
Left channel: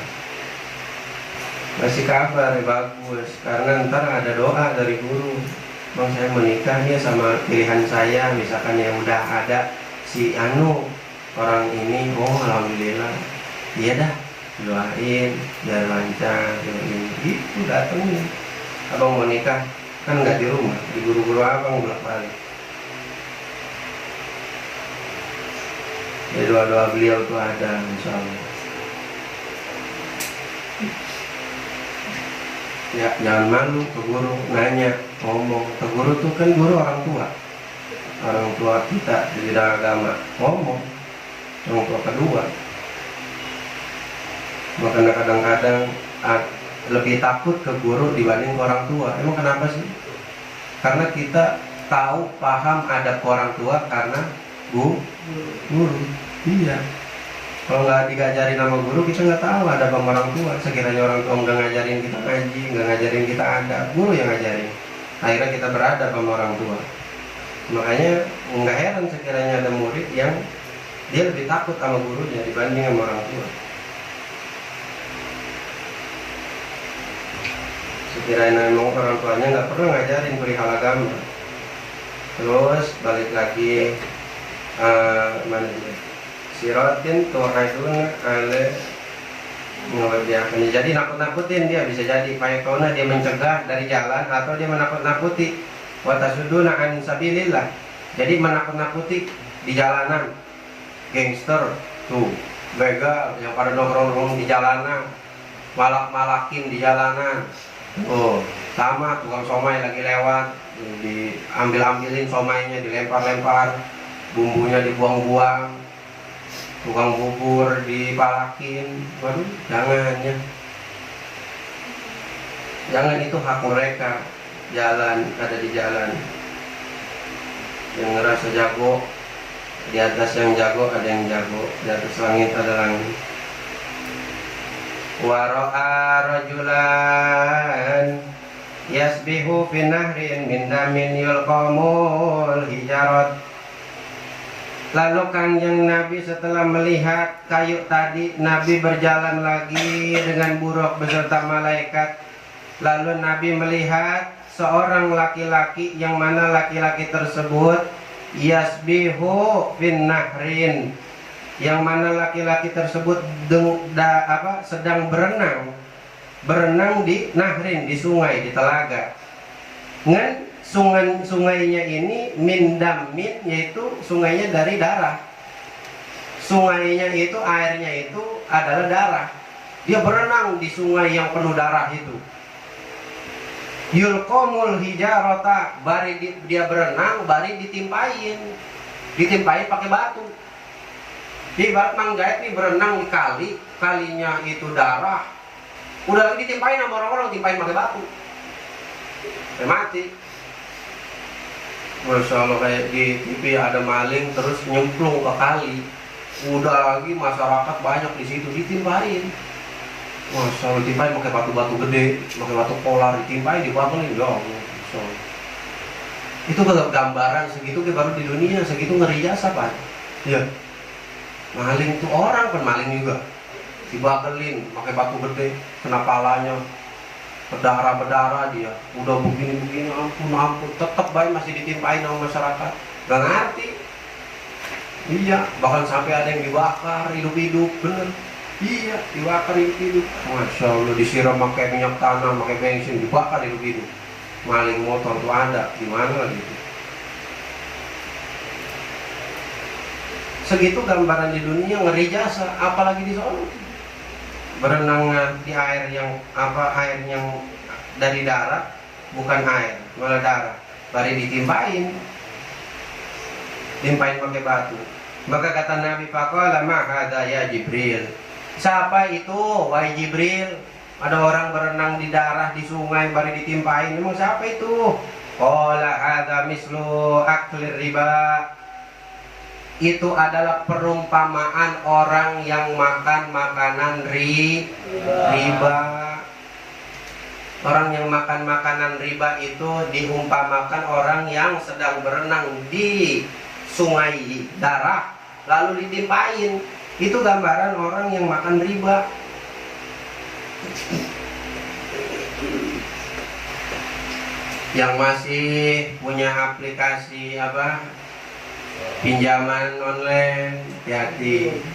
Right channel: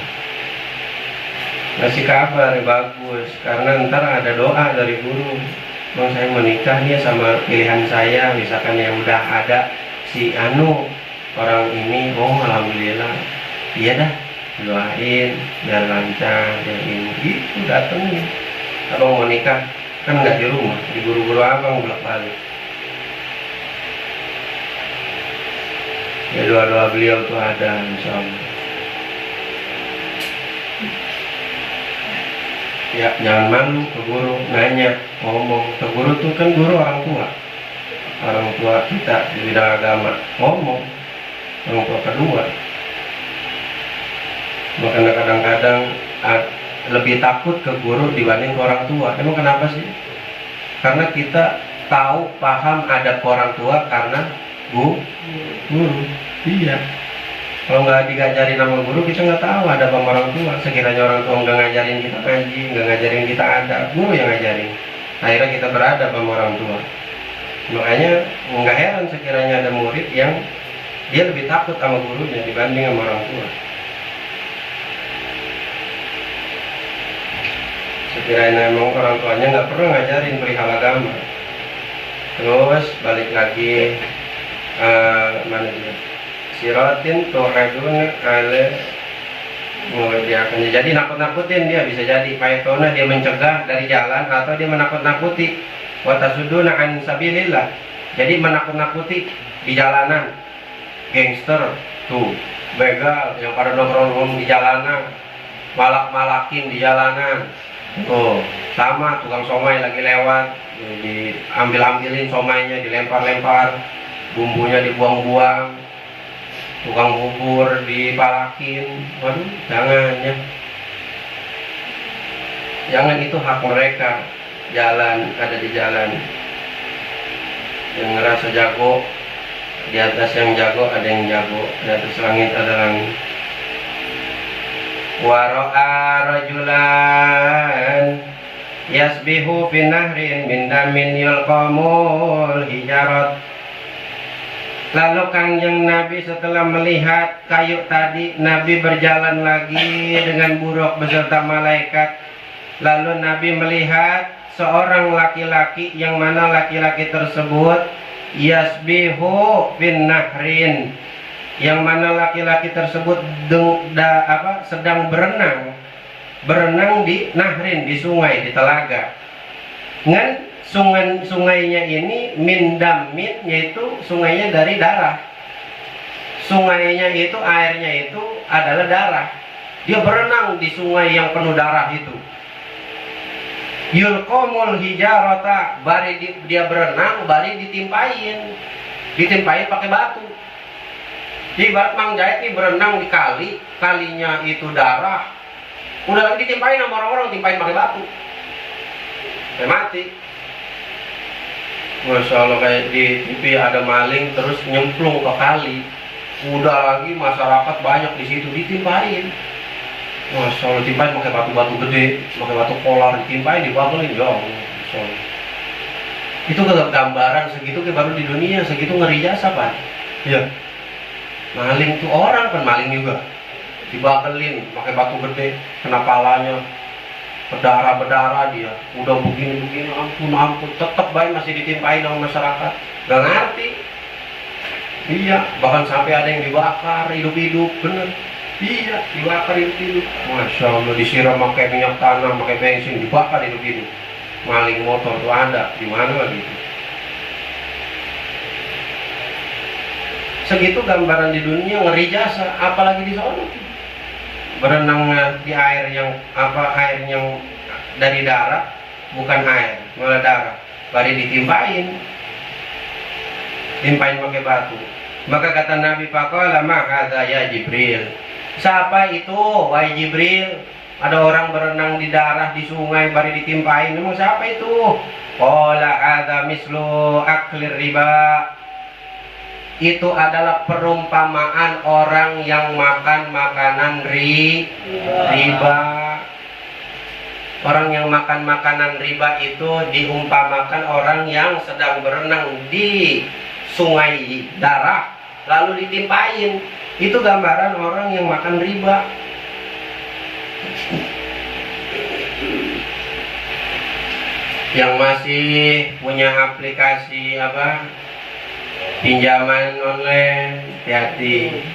ngasih kabar bagus, karena ntar ada doa dari guru, bang saya menikah nih sama pilihan saya, misalkan yang udah ada si anu orang ini, oh alhamdulillah, iya dah, doain biar lancar, yang ini gitu. Datengin abang mau nikah kan nggak di rumah, di guru-guru abang bolak-balik. Ya doa-doa beliau tuh ada, insyaallah. Ya jangan malu ke guru, nanya, ngomong. Ke guru tuh kan guru orang tua, orang tua kita di bidang agama ngomong, orang tua kedua. Makanya kadang-kadang lebih takut ke guru dibanding ke orang tua. Emang kenapa sih? Karena kita tahu, paham adab orang tua karena guru. Iya. Kalau nggak diajarin sama guru, kita nggak tahu adab sama orang tua. Sekiranya orang tua nggak ngajarin kita ngaji, nggak ngajarin kita adab, guru yang ngajarin. Akhirnya kita beradab sama orang tua. Makanya nggak heran sekiranya ada murid yang dia lebih takut sama gurunya dibanding sama orang tua. Sekiranya memang orang tuanya nggak pernah ngajarin perihal agama. Terus balik lagi mana dia? Siratin tu'aduna ala muhadiakannya. Jadi nakut-nakutin dia, bisa jadi paitona dia mencegah dari jalan atau dia menakut-nakuti. Wa tasuduna an sabilillah. Jadi menakut-nakuti di jalanan. Gangster tuh, begal yang pada nongkrong di jalanan, malak-malakin di jalanan. Oh, sama tukang somai lagi lewat, diambil-ambilin somainya, dilempar-lempar, bumbunya dibuang-buang, tukang bubur dipalakin. Waduh, jangan ya. Jangan, itu hak mereka. Jalan, ada di jalan. Yang ngerasa jago, di atas yang jago ada yang jago, di atas langit ada langit. Waro'a rajulan yasbihu fi nahrin min damin yulqamul hijarat. Lalu kanjeng Nabi setelah melihat kayu tadi, Nabi berjalan lagi dengan buruk beserta malaikat. Lalu Nabi melihat seorang laki-laki, yang mana laki-laki tersebut yasbihu fin nahrin, yang mana laki-laki tersebut sedang berenang di nahrin, di sungai, di telaga. Ngan sungainya ini min damin, yaitu sungainya dari darah. Sungainya itu, airnya itu adalah darah. Dia berenang di sungai yang penuh darah itu. Yulqamul hijarata, dia berenang, bari ditimpain pakai batu. Di ibarat Mang Jahit nih berenang di kali, kalinya itu darah, udah lagi ditimpain sama orang-orang, timpain pakai batu, sampai mati. Masya Allah, kayak di TV ada maling terus nyemplung ke kali, udah lagi masyarakat banyak di situ ditimpain. Masya Allah, timpain pakai batu-batu gede, pakai batu polar, ditimpain, dibagelin, ya Allah. Itu gambaran segitu baru di dunia, segitu ngeri jasa Pak. Iya. Maling tuh orang kan maling juga, dibagelin pakai batu gede, kena palanya, berdarah dia, udah begini, ampun, tetap baik masih ditimpain sama masyarakat, gak ngerti. Iya, bahkan sampai ada yang dibakar hidup-hidup, bener. Iya, dibakar hidup-hidup. Masya Allah, disiram pakai minyak tanah, pakai bensin, dibakar hidup-hidup. Maling motor tuh ada, di mana gitu. Segitu gambaran di dunia, ngeri jasa, apalagi di sana. Berenang di air yang air yang dari darah, bukan air, malah darah. Bari ditimpain pakai batu. Maka kata Nabi, faqala ma hadza ya Jibril. Siapa itu wahai Jibril? Ada orang berenang di darah di sungai, bari ditimpain. Emang siapa itu? Qala hadza mislu aklir riba. Itu adalah perumpamaan orang yang makan makanan riba. Orang yang makan makanan riba itu diumpamakan orang yang sedang berenang di sungai darah lalu ditimpain. Itu gambaran orang yang makan riba. Yang masih punya aplikasi pinjaman online, hati-hati.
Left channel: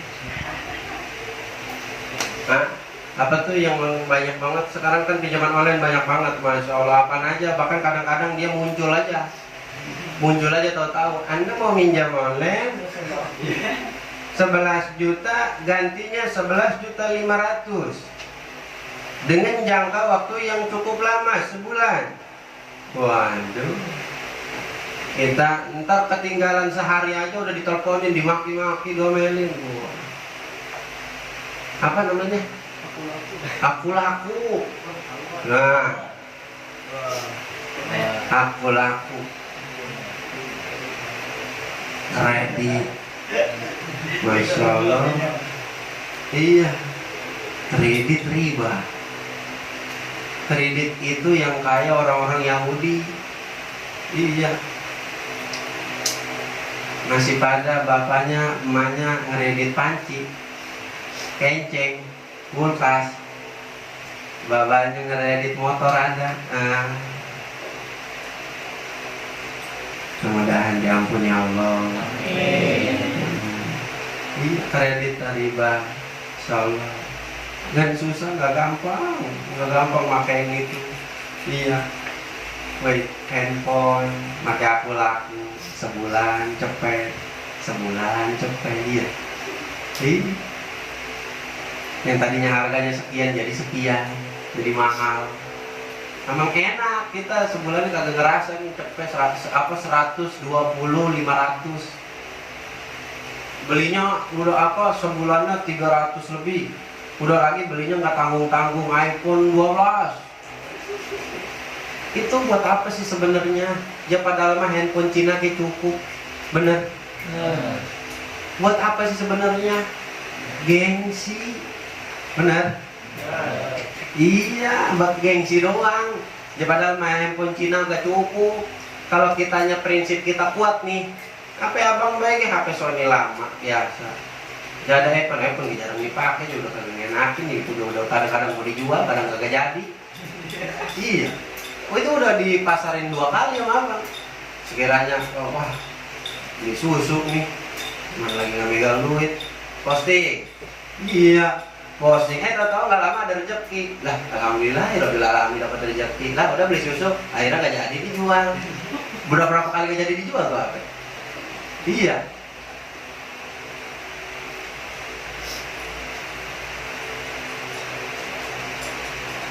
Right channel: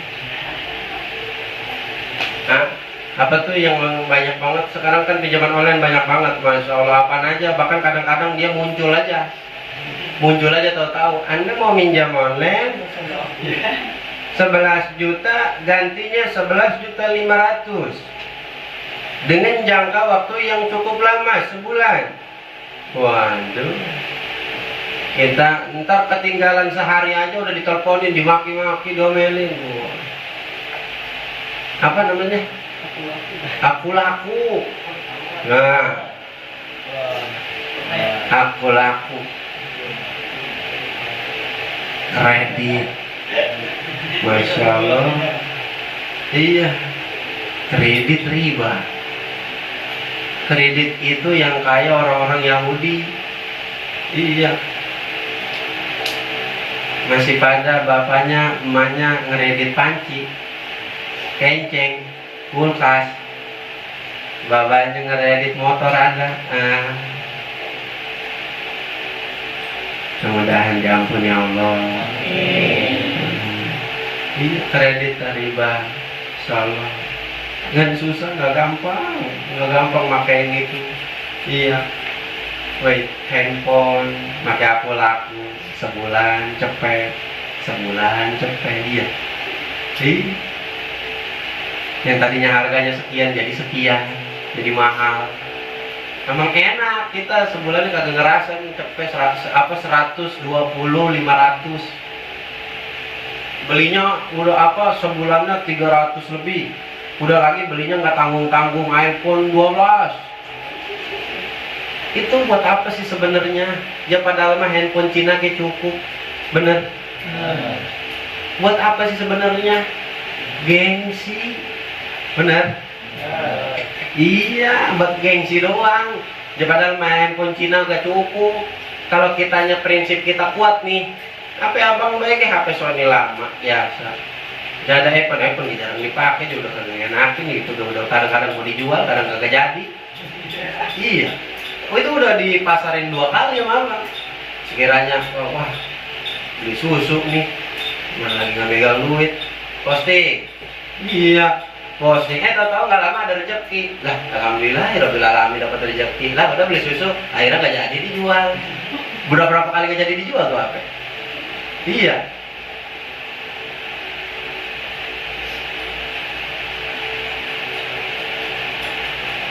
Apa tuh yang banyak banget sekarang kan, pinjaman online banyak banget, Masya Allah, apaan aja. Bahkan kadang-kadang dia muncul aja tahu-tahu Anda mau minjam online 11 juta, gantinya 11.500.000 dengan jangka waktu yang cukup lama, sebulan. Waduh, Kita ntar ketinggalan sehari aja udah diteleponin, dimaki-maki, diomelin. Apa namanya? Aku laku. Nah, aku laku. Kredit. Masya Allah. Iya, kredit riba. Kredit itu yang kaya orang-orang Yahudi. Iya. Masih pada bapaknya, emaknya ngeredit panci, kenceng, kulkas. Bapaknya ngeredit motor ada. Semoga diampuni Allah. Iya, kredit riba, salah. Nggak susah, nggak gampang makain itu. Iya. Wait, handphone, pakai aku laku, sebulan cepet, iya. Yang tadinya harganya sekian jadi sekian, jadi mahal. Emang enak, kita sebulan kagak ngerasain cepet 120, 500. Belinya udah sebulannya 300 lebih. Udah lagi belinya nggak tanggung-tanggung, iPhone 12. Itu buat apa sih sebenarnya? Ya padahal mah handphone Cina ke cukup. Bener? Buat apa sih sebenarnya? Gengsi. Bener? Iya, buat gengsi doang. Ya padahal mah handphone Cina gak cukup. Kalau kitanya prinsip kita kuat nih, HP abang baik HP Sony lama biasa. Ya ada iPhone jarang dipakai juga kan enakin gitu, udah kadang-kadang mau dijual, kadang kagak jadi. Iya. Itu udah dipasarin 2 kali sama abang. Sekiranya wah beli susu nih, mana lagi nggak megang duit, posting. Iya, posting. Tahu nggak lama ada rezeki. Lah, alhamdulillah, Rabbil alamin dapat rezeki. Lah, udah beli susu, akhirnya nggak jadi dijual. Berapa kali nggak jadi dijual tuh apa? Iya.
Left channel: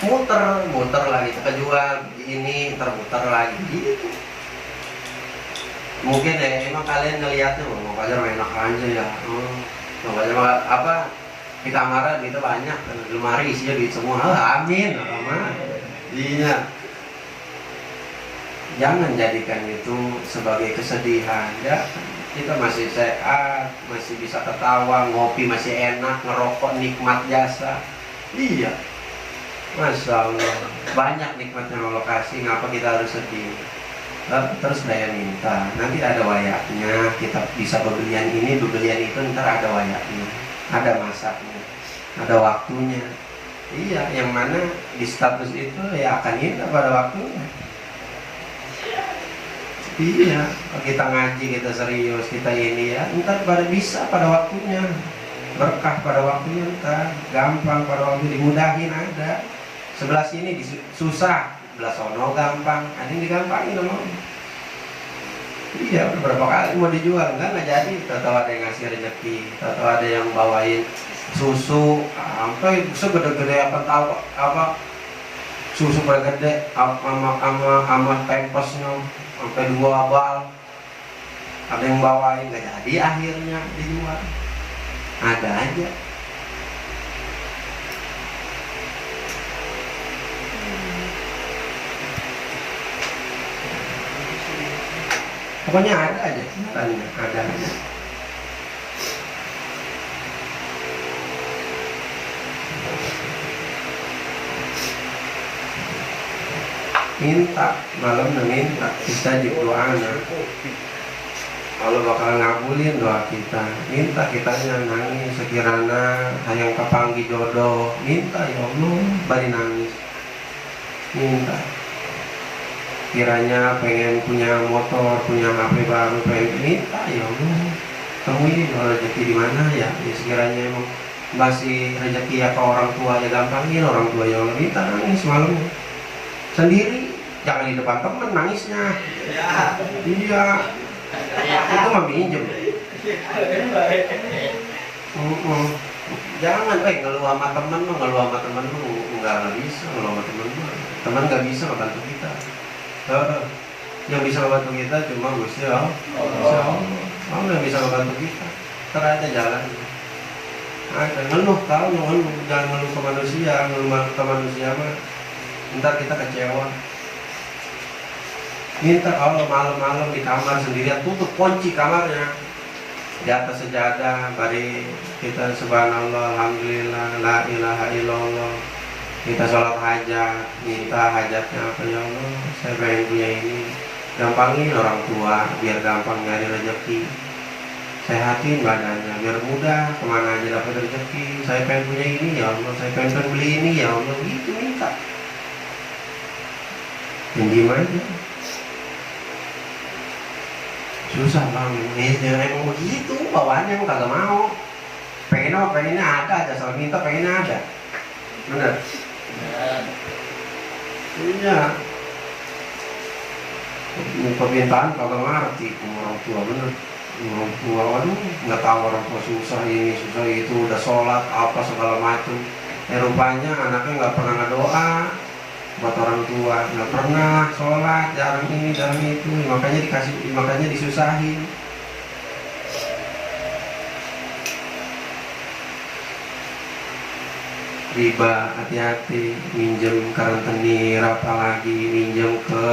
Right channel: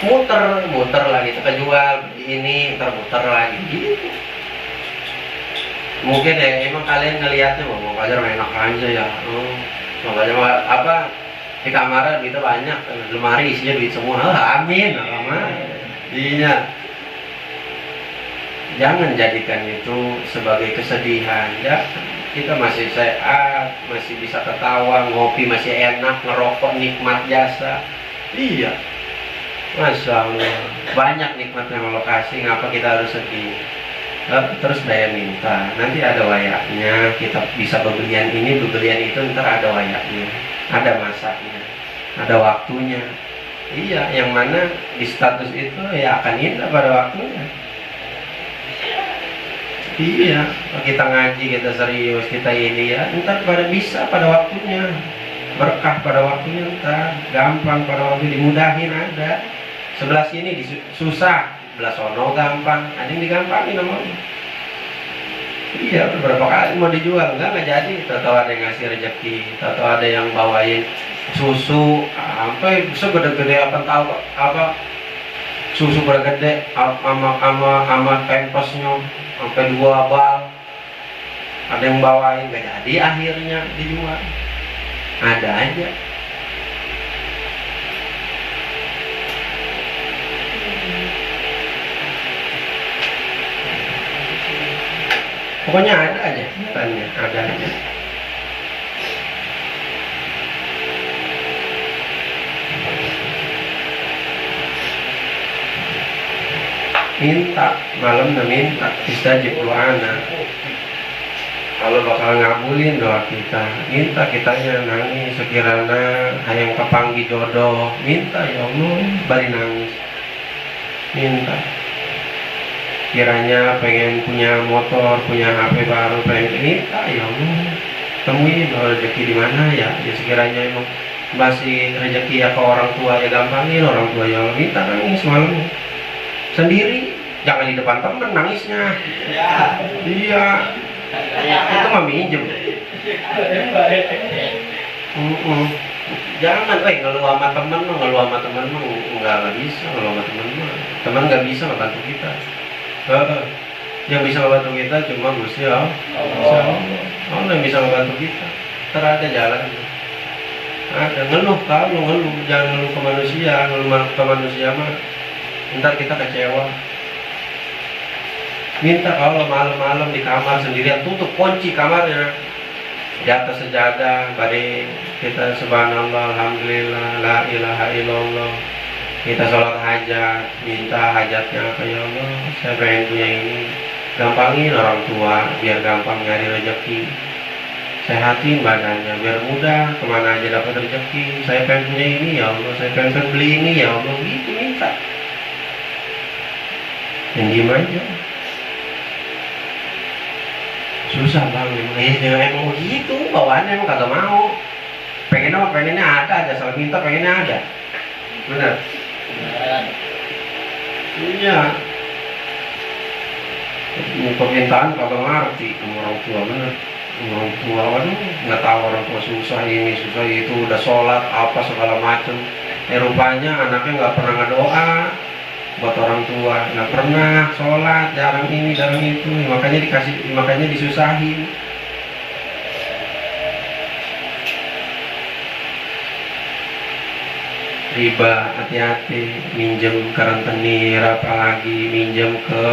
Muter lagi tuh kejual ini, muter lagi gitu. Mungkin ya emang kalian ngelihatnya mau aja enak aja ya. Makanya di kamar kita banyak lemari isinya duit semua. Amin. Iya. Jangan jadikan itu sebagai kesedihan ya. Kita masih sehat, masih bisa ketawa, ngopi masih enak, ngerokok nikmat jasa. Iya. Masya Allah, banyak nikmatnya Allah kasih, ngapa kita harus sedih? Terus daya minta, nanti ada wayaknya, kita bisa bebelian ini, bebelian itu, ntar ada wayaknya, ada masaknya, ada waktunya. Iya, yang mana di status itu ya akan indah pada waktunya. Iya, kita ngaji, kita serius, kita ini ya, ntar bisa pada waktunya. Berkah pada waktunya ntar, gampang pada waktu dimudahin ada. Sebelah sini susah, sebelah sono gampang, ada yang digampangin sama Allah. Iya, beberapa kali mau dijual, enggak jadi. Tahu ada yang ngasih rezeki, tahu ada yang bawain susu, sampai segede-gede susu bergede, sama pempersnya sampai 2 bal. Ada yang bawain, enggak jadi, akhirnya dijual. Ada aja. Pokoknya ada aja, ada aja. Minta, malam meminta, istajib doana. Allah bakal ngabulin doa kita. Minta kitanya nangis, sekiranya hayang kepanggi jodoh. Minta ya Allah, bari nangis. Minta. Kiranya pengen punya motor, punya HP baru, pengen minta ya Allah, temuin rezeki di mana ya. Ya sekiranya emang masih rezeki ya ke orang tua ya gampangin, orang tua yang minta nangis malam sendiri, jangan di depan temen nangisnya. Ya. Iya, itu mah minjem. Jangan, ngeluh sama temen lu, nggak bisa ngeluh sama temen lu. Temen nggak bisa ngebantu kita. Yang bisa membantu kita cuma Gusti Allah. Allah yang bisa membantu kita. Terada jalan. Ada ngeluh, kalau ngeluh, jangan ngeluh ke manusia, ngeluh ke manusia mah ntar kita kecewa. Minta Allah malam-malam di kamar sendirian, tutup kunci kamarnya, di atas sejadah, bari kita subhanallah, alhamdulillah, la ilaha illallah, kita sholat hajat, minta hajatnya apa, ya Allah, saya pengen punya ini, gampangin orang tua biar gampang nyari rezeki, sehatin badannya biar mudah kemana aja dapat rezeki, saya pengen punya ini ya Allah, saya pengen beli ini ya Allah, gitu minta. Yang diem aja. Susah bang, emang begitu bawaannya, emang kagak mau. Pengennya ada aja, soal minta pengennya ada. Bener? Iya. Permintaan kagak ngerti orang tua, bener. Orang tua kan nggak tahu orang tua susah ini, susah itu, udah sholat apa segala macem. Rupanya anaknya nggak pernah ngedoa buat orang tua, nggak pernah sholat, jarang ini jarang itu, makanya disusahin. Riba, hati-hati, minjem ke rentenir, apalagi minjem ke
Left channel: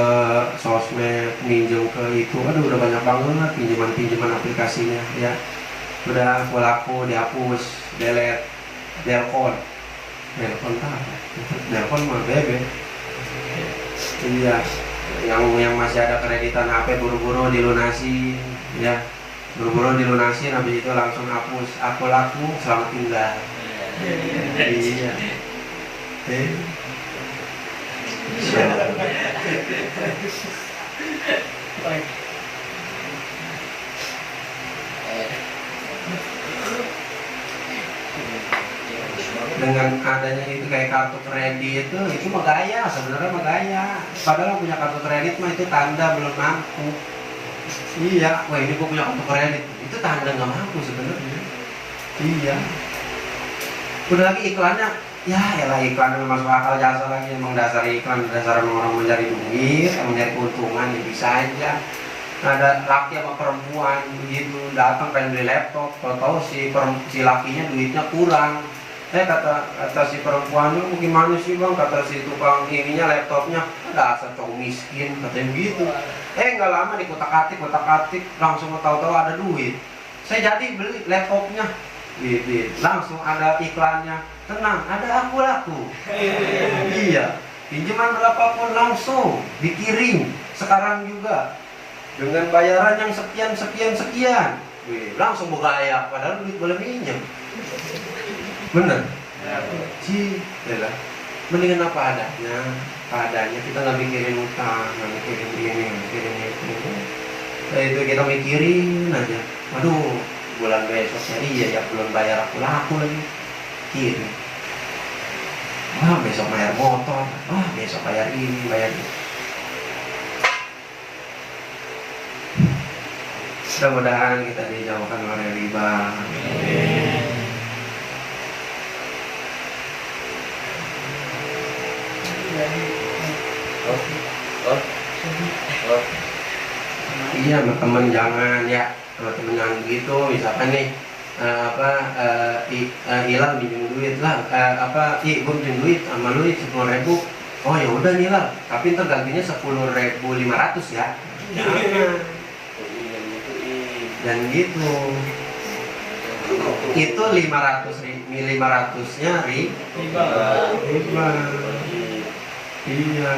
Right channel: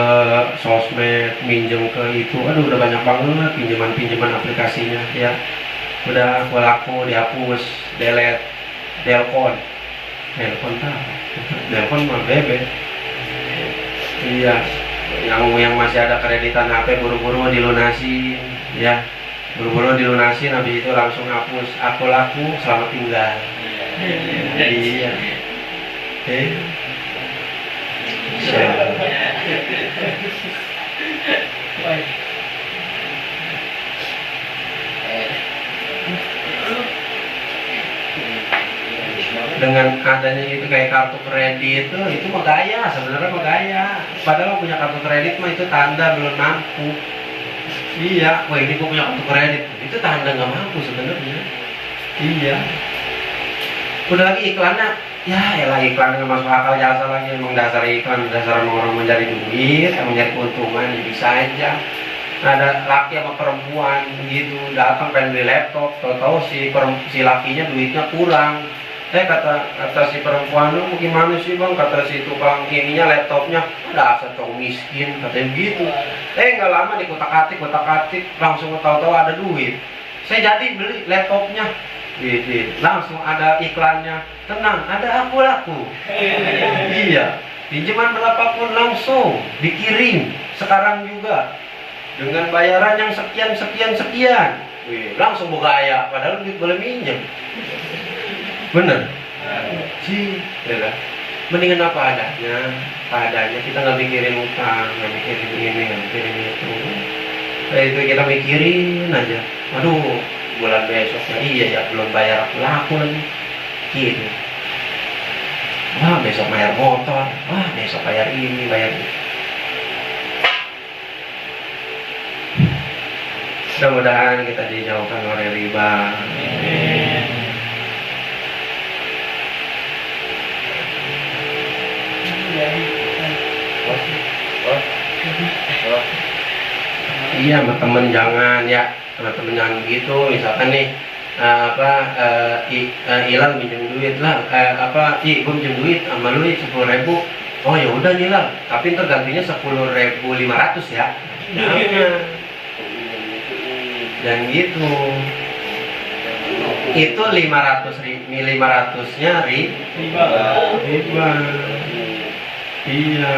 sosmed, minjem ke itu, aduh udah banyak banget pinjaman aplikasinya ya. Udah aku laku dihapus, delete, delpon mah bebe. Iya, yang masih ada kreditan HP buru-buru dilunasi, ya, buru-buru dilunasi, habis itu langsung hapus, aku laku, selamat tinggal. Iya. Dengan adanya itu kayak kartu kredit itu mah gaya, sebenarnya mah gaya. Padahal punya kartu kredit mah itu tanda belum mampu. Iya, wah ini gua punya kartu kredit, itu tanda nggak mampu sebenarnya. Iya. Udah lagi iklannya, ya elah iklan nggak masuk akal, jasa lagi, emang dasar iklan, dasar orang mencari duit, mencari keuntungan, ya bisa aja. Ada laki sama perempuan gitu datang pengen beli laptop, tahu si lakinya duitnya kurang. Kata si perempuan, lu gimana sih bang, kata si tukang ininya laptopnya, dasar cowok miskin, katanya begitu. Nggak lama dikotak-atik, langsung tahu-tahu ada duit. Saya jadi beli laptopnya, gitu. Langsung ada iklannya, tenang, ada aku laku. Iya, pinjaman berapapun langsung dikirim sekarang juga dengan bayaran yang sekian. Langsung bergaya, padahal duit boleh minjem. Bener? Sih, ya. Mendingan apa adanya, kita nggak mikirin utang, nggak mikirin ini, nggak mikirin itu. Itu kita mikirin aja. Aduh, bulan besok iya ya belum bayar aku laku lagi. Gitu. Wah, besok bayar motor. Wah, besok bayar ini, bayar itu. Mudah-mudahan kita dijauhkan oleh riba. Iya, sama temen jangan ya, sama temen jangan gitu. Misalkan nih Hilal minjem duit lah, gue minjem duit sama lu 10.000. Oh ya udah nih Hilal, tapi ntar gantinya 10.500 ya. Jangan. Dan gitu. Itu 500-nya riba. Iya.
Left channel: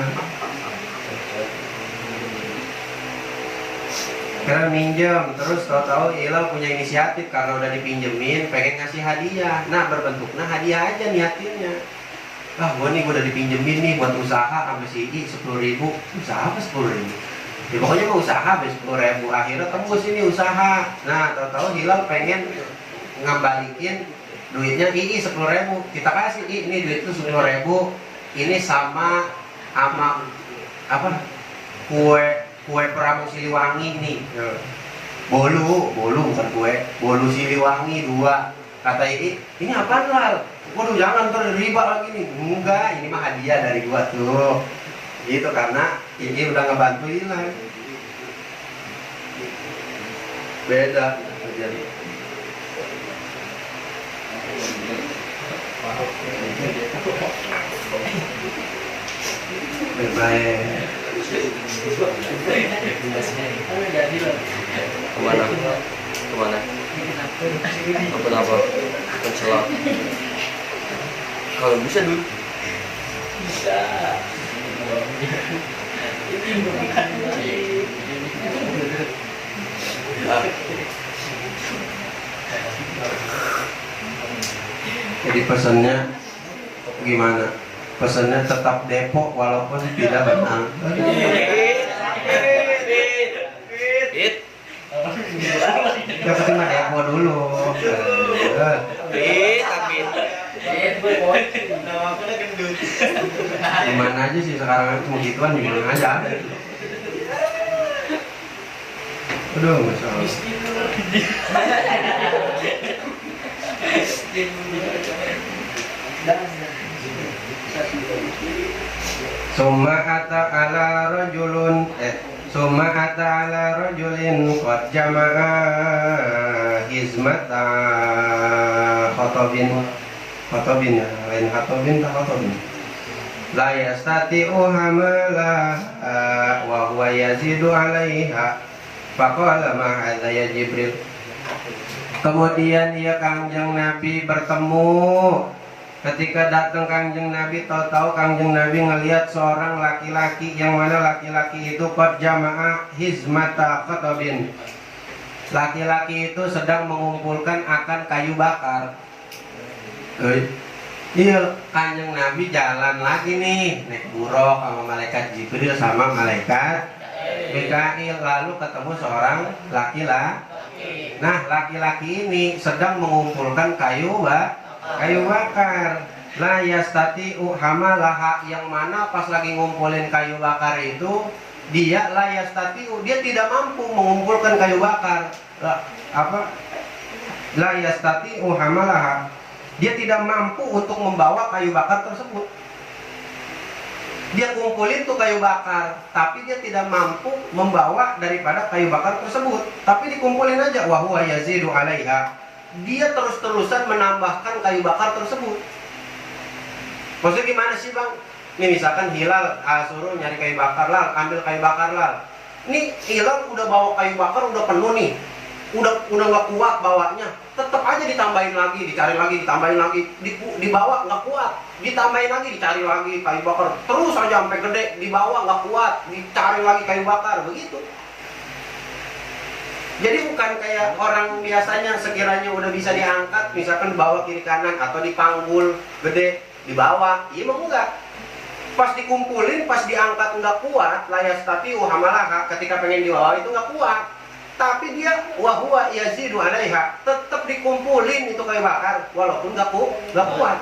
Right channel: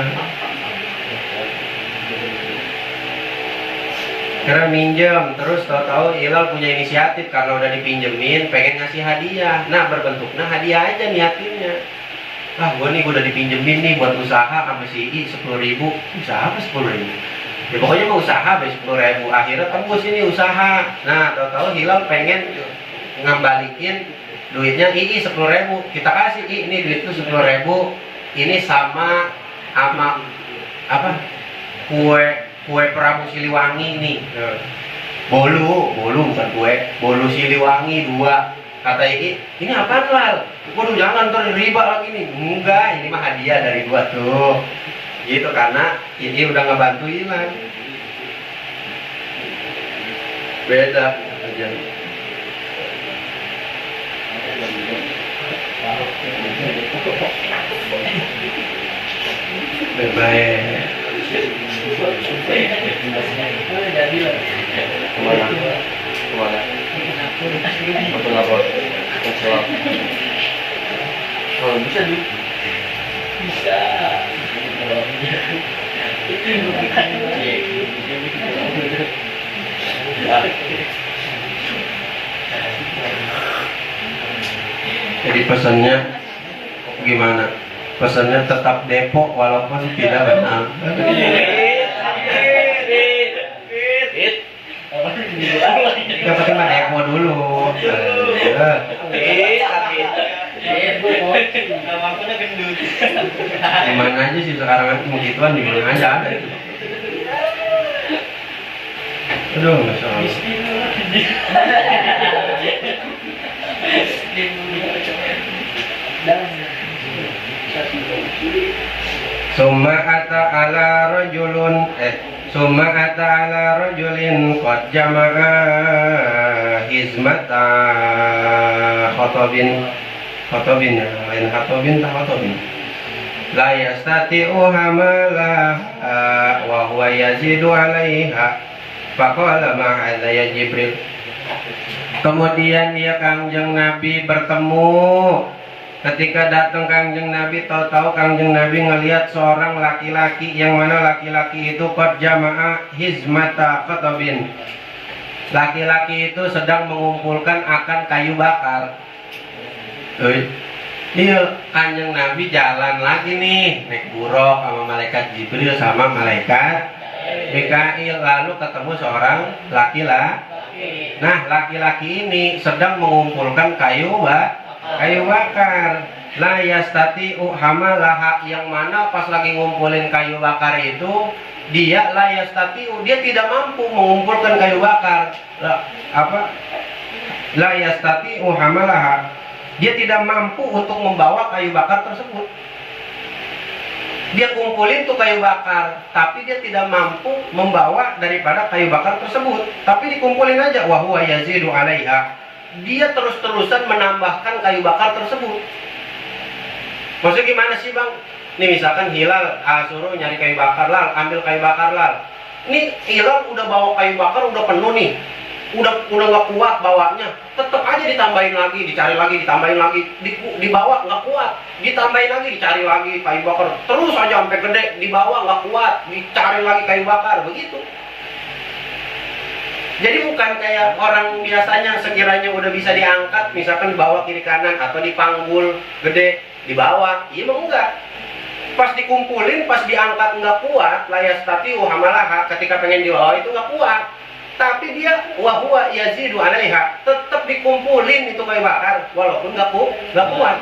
Karena minjem, terus tahu-tahu Hilal punya inisiatif karena udah dipinjemin, pengen ngasih hadiah. Nah, berbentuknya hadiah aja niatinnya. Gue udah dipinjemin nih buat usaha sama si I 10.000. Usaha apa 10.000? Ya pokoknya mau usaha habis 10.000. Akhirnya tembus ini usaha. Nah, tahu-tahu Hilal pengen ngembalikin duitnya I 10.000. Kita kasih I, ini duit itu 10.000. Ini sama apa? Kue Pramu Siliwangi nih. Bolu bukan kue, bolu Siliwangi 2. Kata ini apaan Lal? Waduh jangan ntar riba lagi nih. Enggak, ini mah hadiah dari gua tuh. Gitu karena ini udah ngebantu Hilal. Beda aja. Baik. Kemana? Kemana? Kenapa? Kecewa. Kalau bisa dulu. Bisa. Jadi pesannya gimana? Pesannya tetap Depok walaupun tidak benar. Yang penting mah Depok dulu. Gimana aja sih sekarang mau gituan di mana aja ada. Aduh, masya Allah. Summa ata ala rajulun Summa ata ala rajulin qad jama'a hizmata khatabin ya, lain khatabin tak khatabin la yastati'u hamala wa huwa yazidu 'alaiha faqala ma hadza ya Jibril. Kemudian dia Kangjeng Nabi bertemu. Ketika datang Kangjeng Nabi, tahu-tahu Kangjeng Nabi ngelihat seorang laki-laki, yang mana laki-laki itu qad jama'a hizmata khatabin. Laki-laki itu sedang mengumpulkan akan kayu bakar. Iya, Kangjeng Nabi jalan lagi nih, naik buruk sama malaikat Jibril sama malaikat Mikail, lalu ketemu seorang laki-laki. Nah, laki-laki ini sedang mengumpulkan kayu bakar. La yastati'u hamalaha, yang mana pas lagi ngumpulin kayu bakar itu dia la yastati'u, dia tidak mampu mengumpulkan kayu bakar. La yastati'u hamalaha, dia tidak mampu untuk membawa kayu bakar tersebut. Dia kumpulin tuh kayu bakar, tapi dia tidak mampu membawa daripada kayu bakar tersebut. Tapi dikumpulin aja, wa huwa yazidu 'alaiha. Dia terus-terusan menambahkan kayu bakar tersebut. Maksudnya gimana sih bang? Nih misalkan Hilal suruh nyari kayu bakar, Lal, ambil kayu bakar, Lal. Nih Hilal udah bawa kayu bakar, udah penuh nih, udah nggak kuat bawanya. Tetap aja ditambahin lagi, dicari lagi, ditambahin lagi, dibawa nggak kuat, ditambahin lagi, dicari lagi kayu bakar. Terus aja sampai gede, dibawa nggak kuat, dicari lagi kayu bakar, begitu. Jadi bukan kayak orang biasanya sekiranya udah bisa diangkat, misalkan dibawa kiri kanan atau dipanggul gede, dibawa. Iya memang enggak. Pas dikumpulin, pas diangkat nggak kuat, layas tapi hamalaha, ketika pengen dibawa itu nggak kuat. Tapi dia wahwa yazidu 'alaiha, tetap dikumpulin itu kayu bakar walaupun nggak kuat.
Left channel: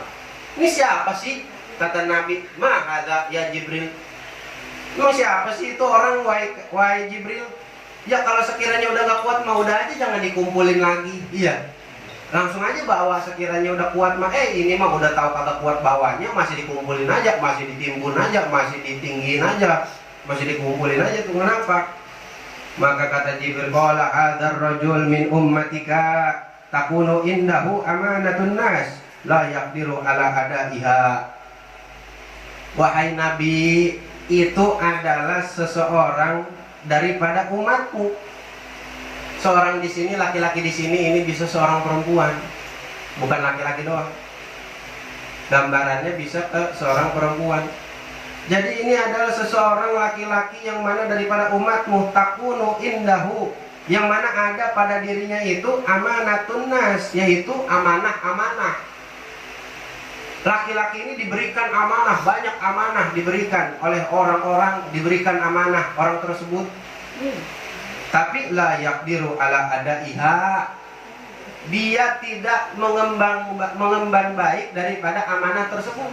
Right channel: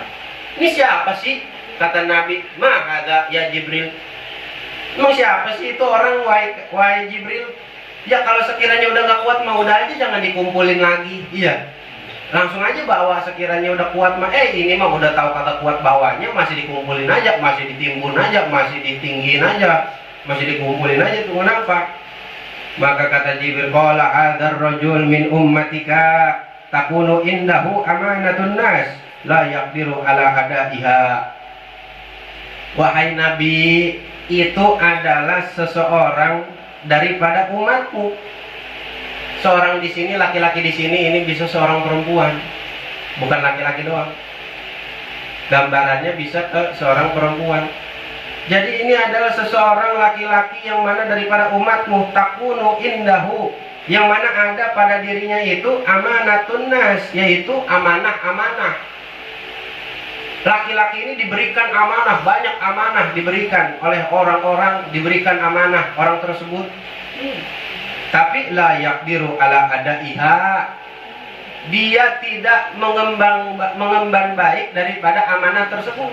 Ini siapa sih? Kata Nabi, "Ma hadza ya Jibril." Emang siapa sih itu orang wahai Jibril? Ya kalau sekiranya udah nggak kuat mah udah aja, jangan dikumpulin lagi. Iya, langsung aja bawa. Sekiranya udah kuat mah ini mah udah tahu kata kuat bawanya, masih dikumpulin aja, masih ditimbun aja, masih ditinggiin aja, masih dikumpulin aja. Tuh kenapa? Maka kata Jibril, qala hadzal rajul min ummatika takunu indahu amanatun nas la yaqdiru ala adaiha. Wahai Nabi, itu adalah seseorang daripada umatmu. Seorang di sini, laki-laki di sini, ini bisa seorang perempuan, bukan laki-laki doang. Gambarannya bisa ke seorang perempuan. Jadi ini adalah seseorang laki-laki yang mana daripada umatmu, takunu indahu, yang mana ada pada dirinya itu amanatun nas, yaitu amanah-amanah. Laki-laki ini diberikan amanah, banyak amanah diberikan oleh orang-orang, diberikan amanah orang tersebut. Tapi la yaqdiru ala adaiha, dia tidak mengemban baik daripada amanah tersebut.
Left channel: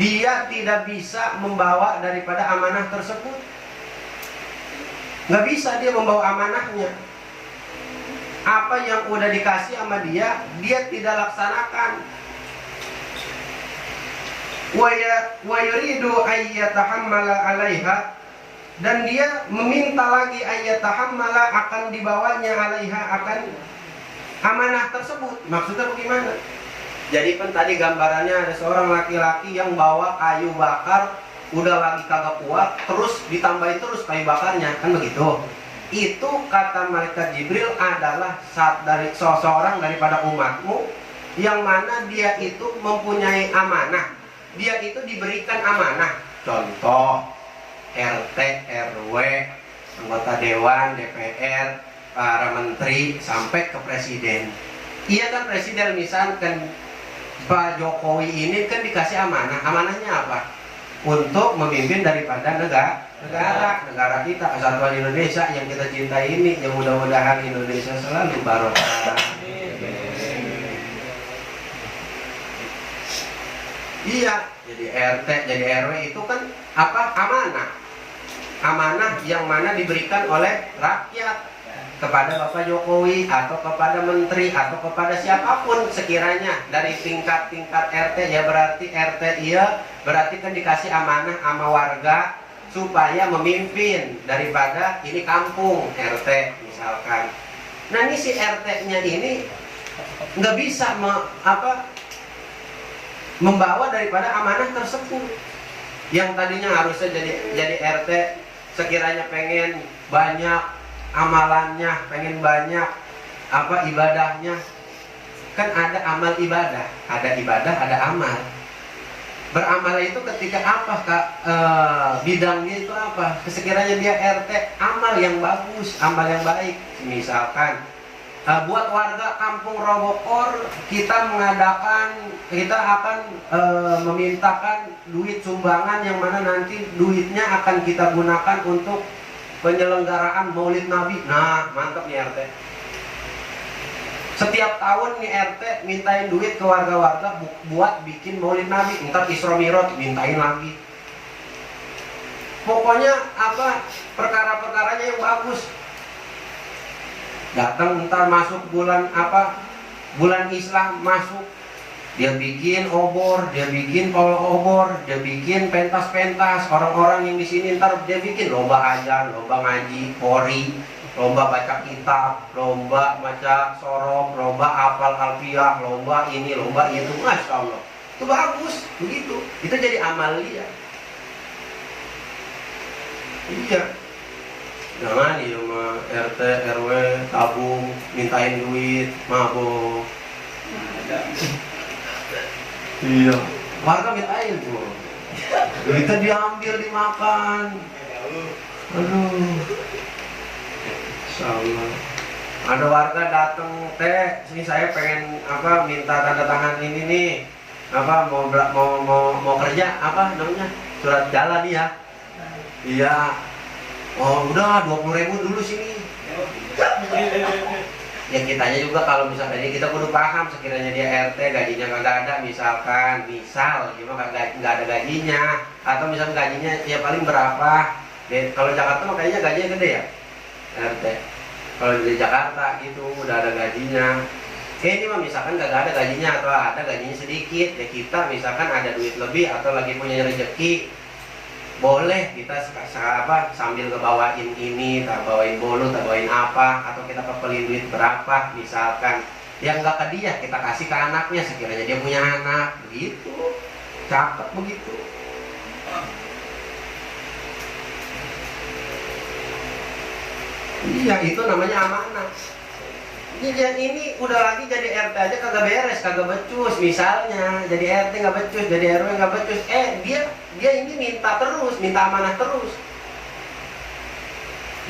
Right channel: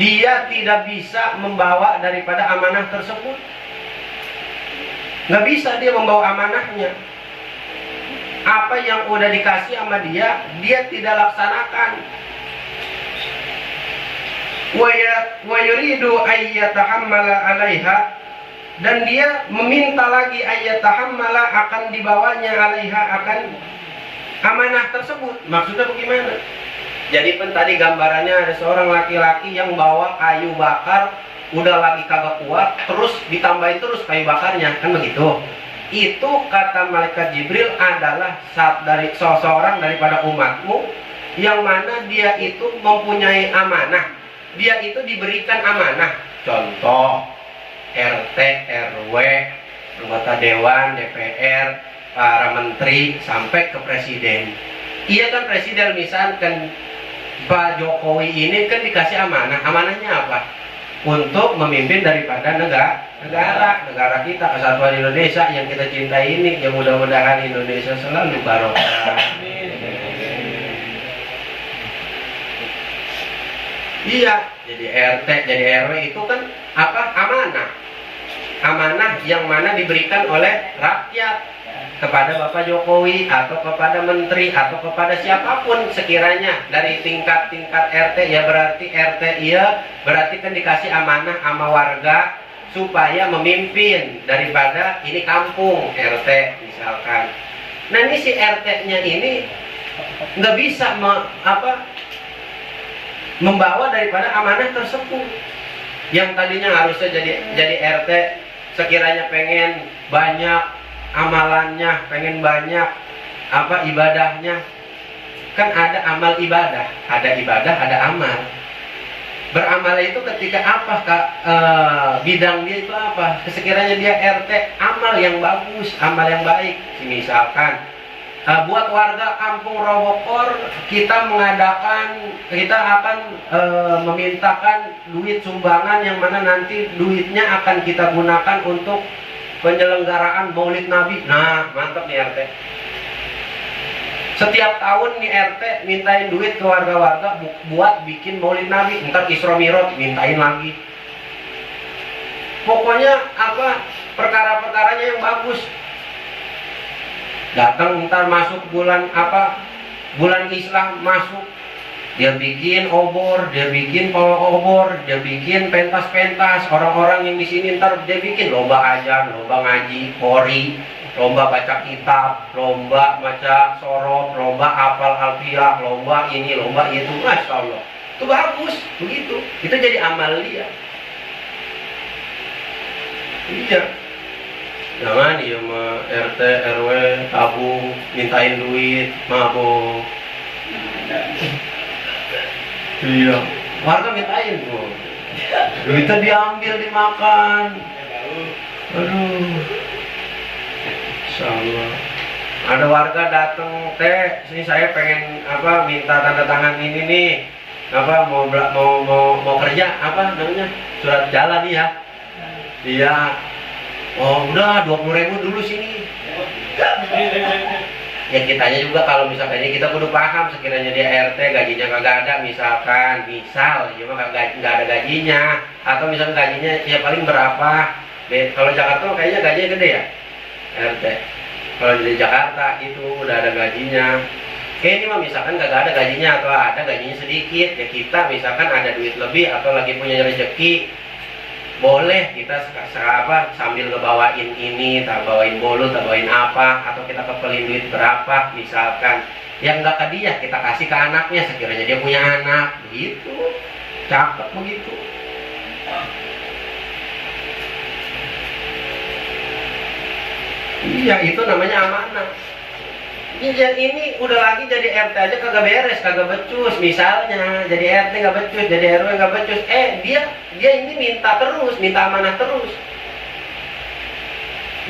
Dia tidak bisa membawa daripada amanah tersebut. Nggak bisa dia membawa amanahnya. Apa yang udah dikasih sama dia, dia tidak laksanakan. Wa yuridu ay yatahammala 'alaiha, dan dia meminta lagi ayatahammala akan dibawanya alaiha akan amanah tersebut. Maksudnya bagaimana? Jadi tadi gambarannya ada seorang laki-laki yang bawa kayu bakar, udah lagi kagak kuat, terus ditambahin terus kayu bakarnya, kan begitu. Itu kata malaikat Jibril adalah dari seseorang daripada umatmu yang mana dia itu mempunyai amanah, dia itu diberikan amanah. Contoh RT, RW, anggota dewan, DPR, para menteri sampai ke presiden. Iya kan presiden misalkan Pak Jokowi ini kan dikasih amanah. Amanahnya apa? Untuk memimpin daripada negara kita, kesatuan Indonesia yang kita cintai ini. Yang mudah-mudahan Indonesia selalu barokah. Iya, jadi RT, jadi RW itu kan apa? Amanah. Amanah yang mana diberikan oleh rakyat kepada Bapak Jokowi atau kepada menteri atau kepada siapapun sekiranya dari tingkat-tingkat RT, ya berarti RT iya berarti kan dikasih amanah sama warga supaya memimpin daripada ini kampung RT misalkan. Nah ini si RT-nya ini nggak bisa membawa daripada amanah tersebut. Yang tadinya harusnya jadi RT sekiranya pengen banyak amalannya, pengen banyak ibadahnya, kan ada amal ibadah, ada amal. Beramal itu ketika bidang dia itu apa? Sekiranya dia RT, amal yang bagus, amal yang baik. Misalkan buat warga kampung Robokor kita akan memintakan duit sumbangan yang mana nanti duitnya akan kita gunakan untuk penyelenggaraan Maulid Nabi. Nah, mantap nih RT. Setiap tahun nih RT mintain duit ke warga-warga buat bikin Maulid Nabi. Ntar Isra Mi'raj mintain lagi. Pokoknya perkara-perkaranya yang bagus. Datang ntar masuk bulan Islam masuk, dia bikin obor, dia bikin pawai obor, dia bikin pentas-pentas. Orang-orang yang di sini ntar dia bikin lomba ajar, lomba ngaji, qori, lomba baca kitab, lomba baca sorof, lomba hafal alfiah, lomba ini, lomba itu. Masya Allah, itu bagus begitu. Itu jadi amal dia. Iya. Jangan ya sama RT, RW, tabung, mintain duit, mabok. Iya. Warga mintain tuh. Duitnya diambil, dimakan. Aduh. Insyaallah. Ada warga datang, teh, sini saya pengen minta tanda tangan ini nih. Mau kerja namanya? Surat jalan nih ya. Iya. Oh udah 20.000 dulu sini. Ya kitanya juga kalau misalkan kita kudu paham sekiranya dia RT gajinya kagak ada misal cuma nggak ada gajinya atau misalkan gajinya ya paling berapa. Kalau Jakarta kayaknya gajinya gede ya RT. Kalau di Jakarta itu udah ada gajinya. Ini mah misalkan kagak ada gajinya atau ada gajinya sedikit ya kita misalkan ada duit lebih atau lagi punya rezeki. Boleh kita sambil ngebawain ini, bawain bolu, bawain atau kita kepelin duit berapa misalkan. Yang nggak ke dia kita kasih ke anaknya sekiranya dia punya anak, begitu. Cakep begitu. Iya, itu namanya amanah. Yang ini udah lagi jadi RT aja kagak beres, kagak becus. Misalnya jadi RT nggak becus, jadi RW nggak becus. Dia ini minta amanah terus.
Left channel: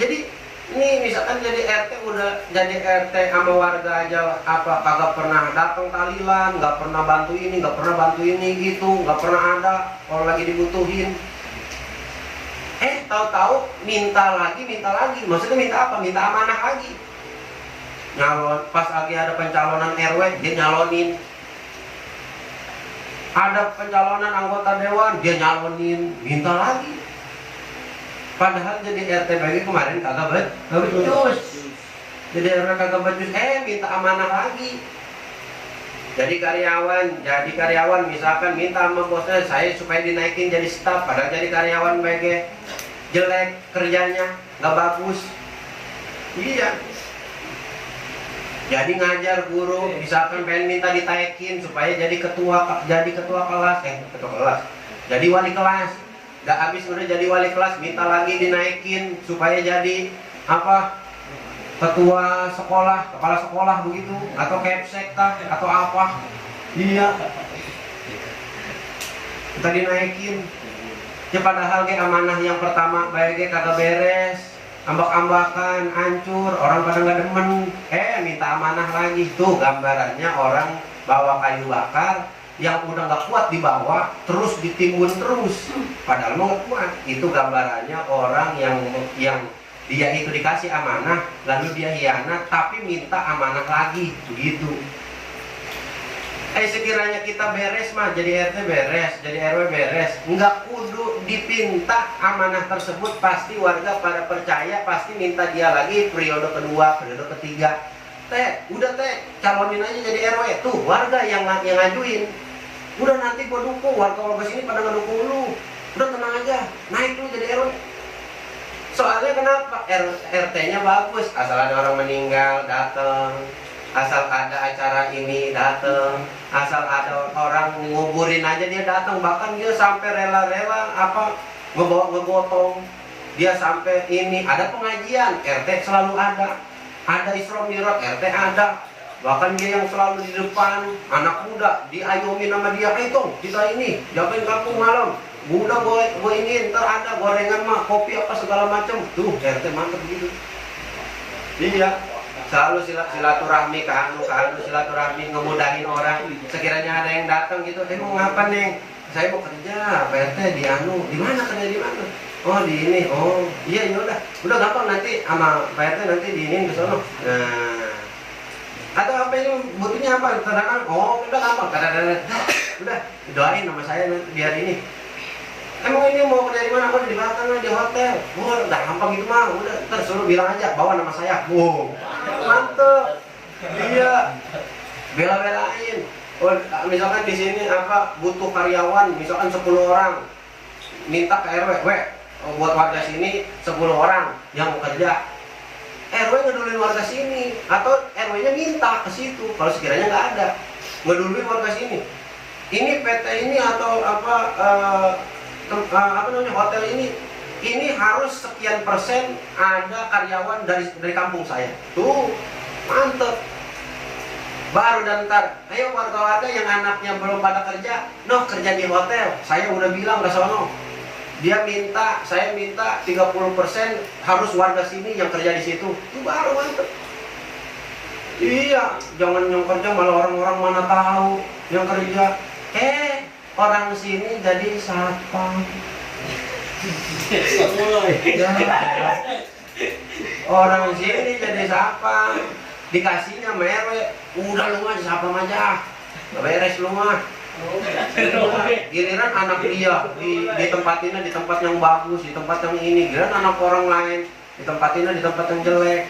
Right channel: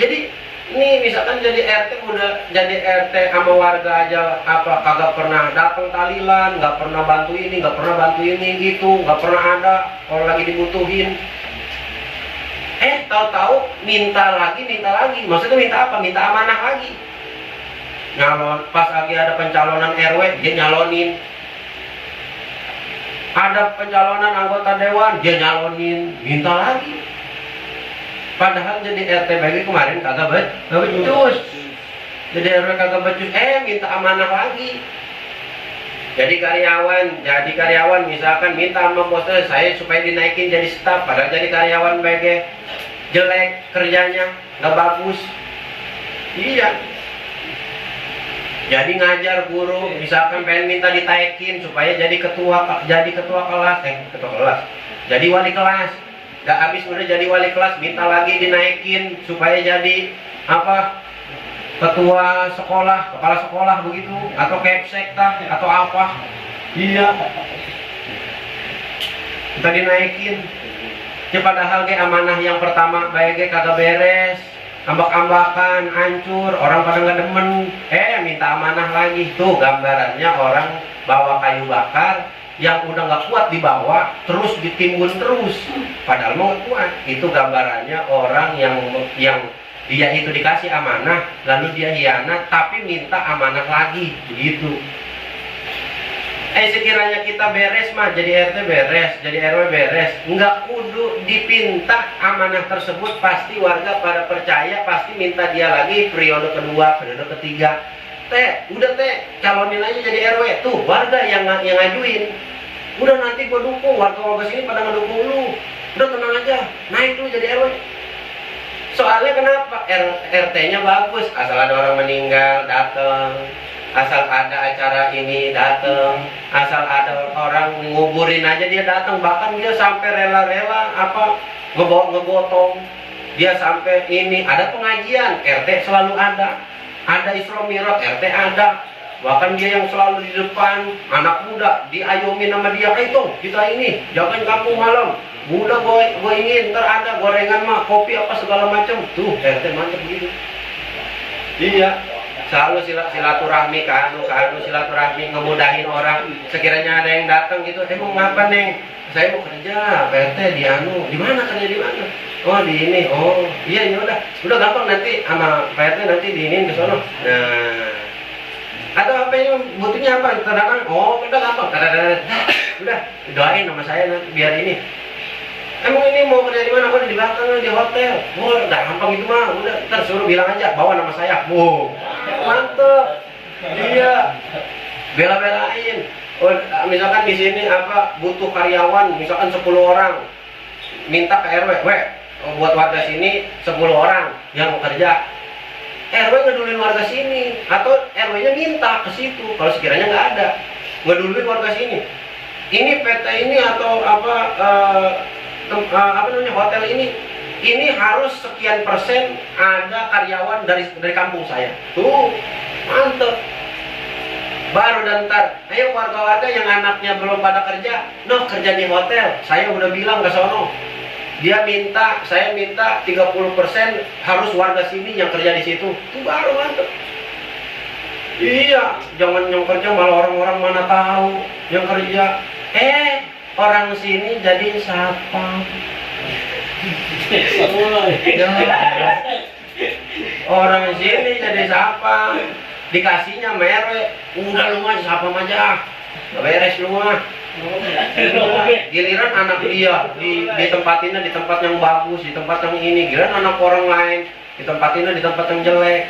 Jadi ini misalkan jadi RT udah jadi RT sama warga aja kagak pernah datang tahlilan, nggak pernah bantu ini, nggak pernah bantu ini gitu, nggak pernah ada kalau lagi dibutuhin. Tahu-tahu minta lagi. Maksudnya minta apa? Minta amanah lagi. Nyalon, pas lagi ada pencalonan RW dia nyalonin, ada pencalonan anggota dewan dia nyalonin, minta lagi. Padahal jadi RT bagi kemarin kagak becus, jadi RW kagak becus, minta amanah lagi. Jadi karyawan misalkan minta sama bosnya saya supaya dinaikin jadi staf, padahal jadi karyawan bagi jelek kerjanya, nggak bagus. Iya. Jadi ngajar guru, misalkan pengen minta ditaikin supaya jadi ketua kelas, jadi wali kelas. Gak habis udah jadi wali kelas, minta lagi dinaikin supaya jadi apa? Ketua sekolah, kepala sekolah begitu, atau kepsek atau apa? Iya. Kita dinaikin. Ya padahal ge amanah yang pertama bae ge kagak beres, ambak-ambakan, hancur, orang pada nggak demen. Minta amanah lagi. Tuh gambarannya orang bawa kayu bakar yang udah nggak kuat dibawa, terus ditimbun terus. Padahal mau nggak kuat. Itu gambarannya orang yang dia itu dikasih amanah, lalu dia hianat, tapi minta amanah lagi, begitu. Sekiranya kita beres mah, jadi RT beres, jadi RW beres, nggak kudu dipinta amanah tersebut, pasti warga pada percaya, pasti minta dia lagi periode kedua, periode ketiga. Udah calonin aja jadi RW, tuh warga yang ngajuin. Udah nanti gua dukung, warga sini pada ngedukung lu. Udah tenang aja, naik lu jadi RW. Soalnya kenapa? RT-nya bagus, asal ada orang meninggal datang. Asal ada acara ini datang, asal ada orang nguburin aja dia datang, bahkan dia sampai rela-rela ngegotong, dia sampai ini ada pengajian RT selalu ada Isra Mi'raj RT ada, bahkan dia yang selalu di depan, anak muda diayomin sama dia, itu kita ini jagain kampung malam, muda gue ini ntar ada gorengan mah kopi apa segala macam, tuh RT mantep gitu. Iya. Selalu silaturahmi ke anu silaturahmi, ngemudahin orang. Sekiranya ada yang datang gitu, mau ngapa neng? Saya mau kerja, Pak RT di anu, di mana kerja di mana? Oh di ini, oh iya ya udah gampang nanti sama Pak RT nanti diinin ke sono. Nah, atau apa ini butuhnya apa? Terdakan, oh udah gampang, udah doain sama saya nanti biar ini. Emang ini mau kerja di mana? Oh di belakang di hotel. Oh udah gampang itu mah, udah tersuruh bilang aja bawa nama saya. Wow. Mantep, iya, bela-belain. Oh, misalkan di sini butuh karyawan, misalkan 10 orang, minta ke RW, buat warga sini 10 orang yang mau kerja. RW ngeduluin warga sini, atau RW-nya minta ke situ. Kalau sekiranya nggak ada, ngeduluin warga sini. Ini PT ini atau namanya hotel ini harus sekian persen ada karyawan dari kampung saya. Tuh, mantep. Baru dan ntar, ayo warga-warga yang anaknya belum pada kerja, kerja di hotel. Saya udah bilang ke sono. Saya minta 30% harus warga sini yang kerja di situ. Itu baru mantep. Iya, jangan yang kerja malah orang-orang mana tahu yang kerja. Orang sini jadi siapa? Orang sini jadi siapa? Dikasihnya merwe, udah lu mah siapa aja, beres lu mah. Giliran anak dia ditempatinnya di tempat yang bagus, di tempat yang ini. Giliran anak orang lain ditempatinnya di tempat yang jelek.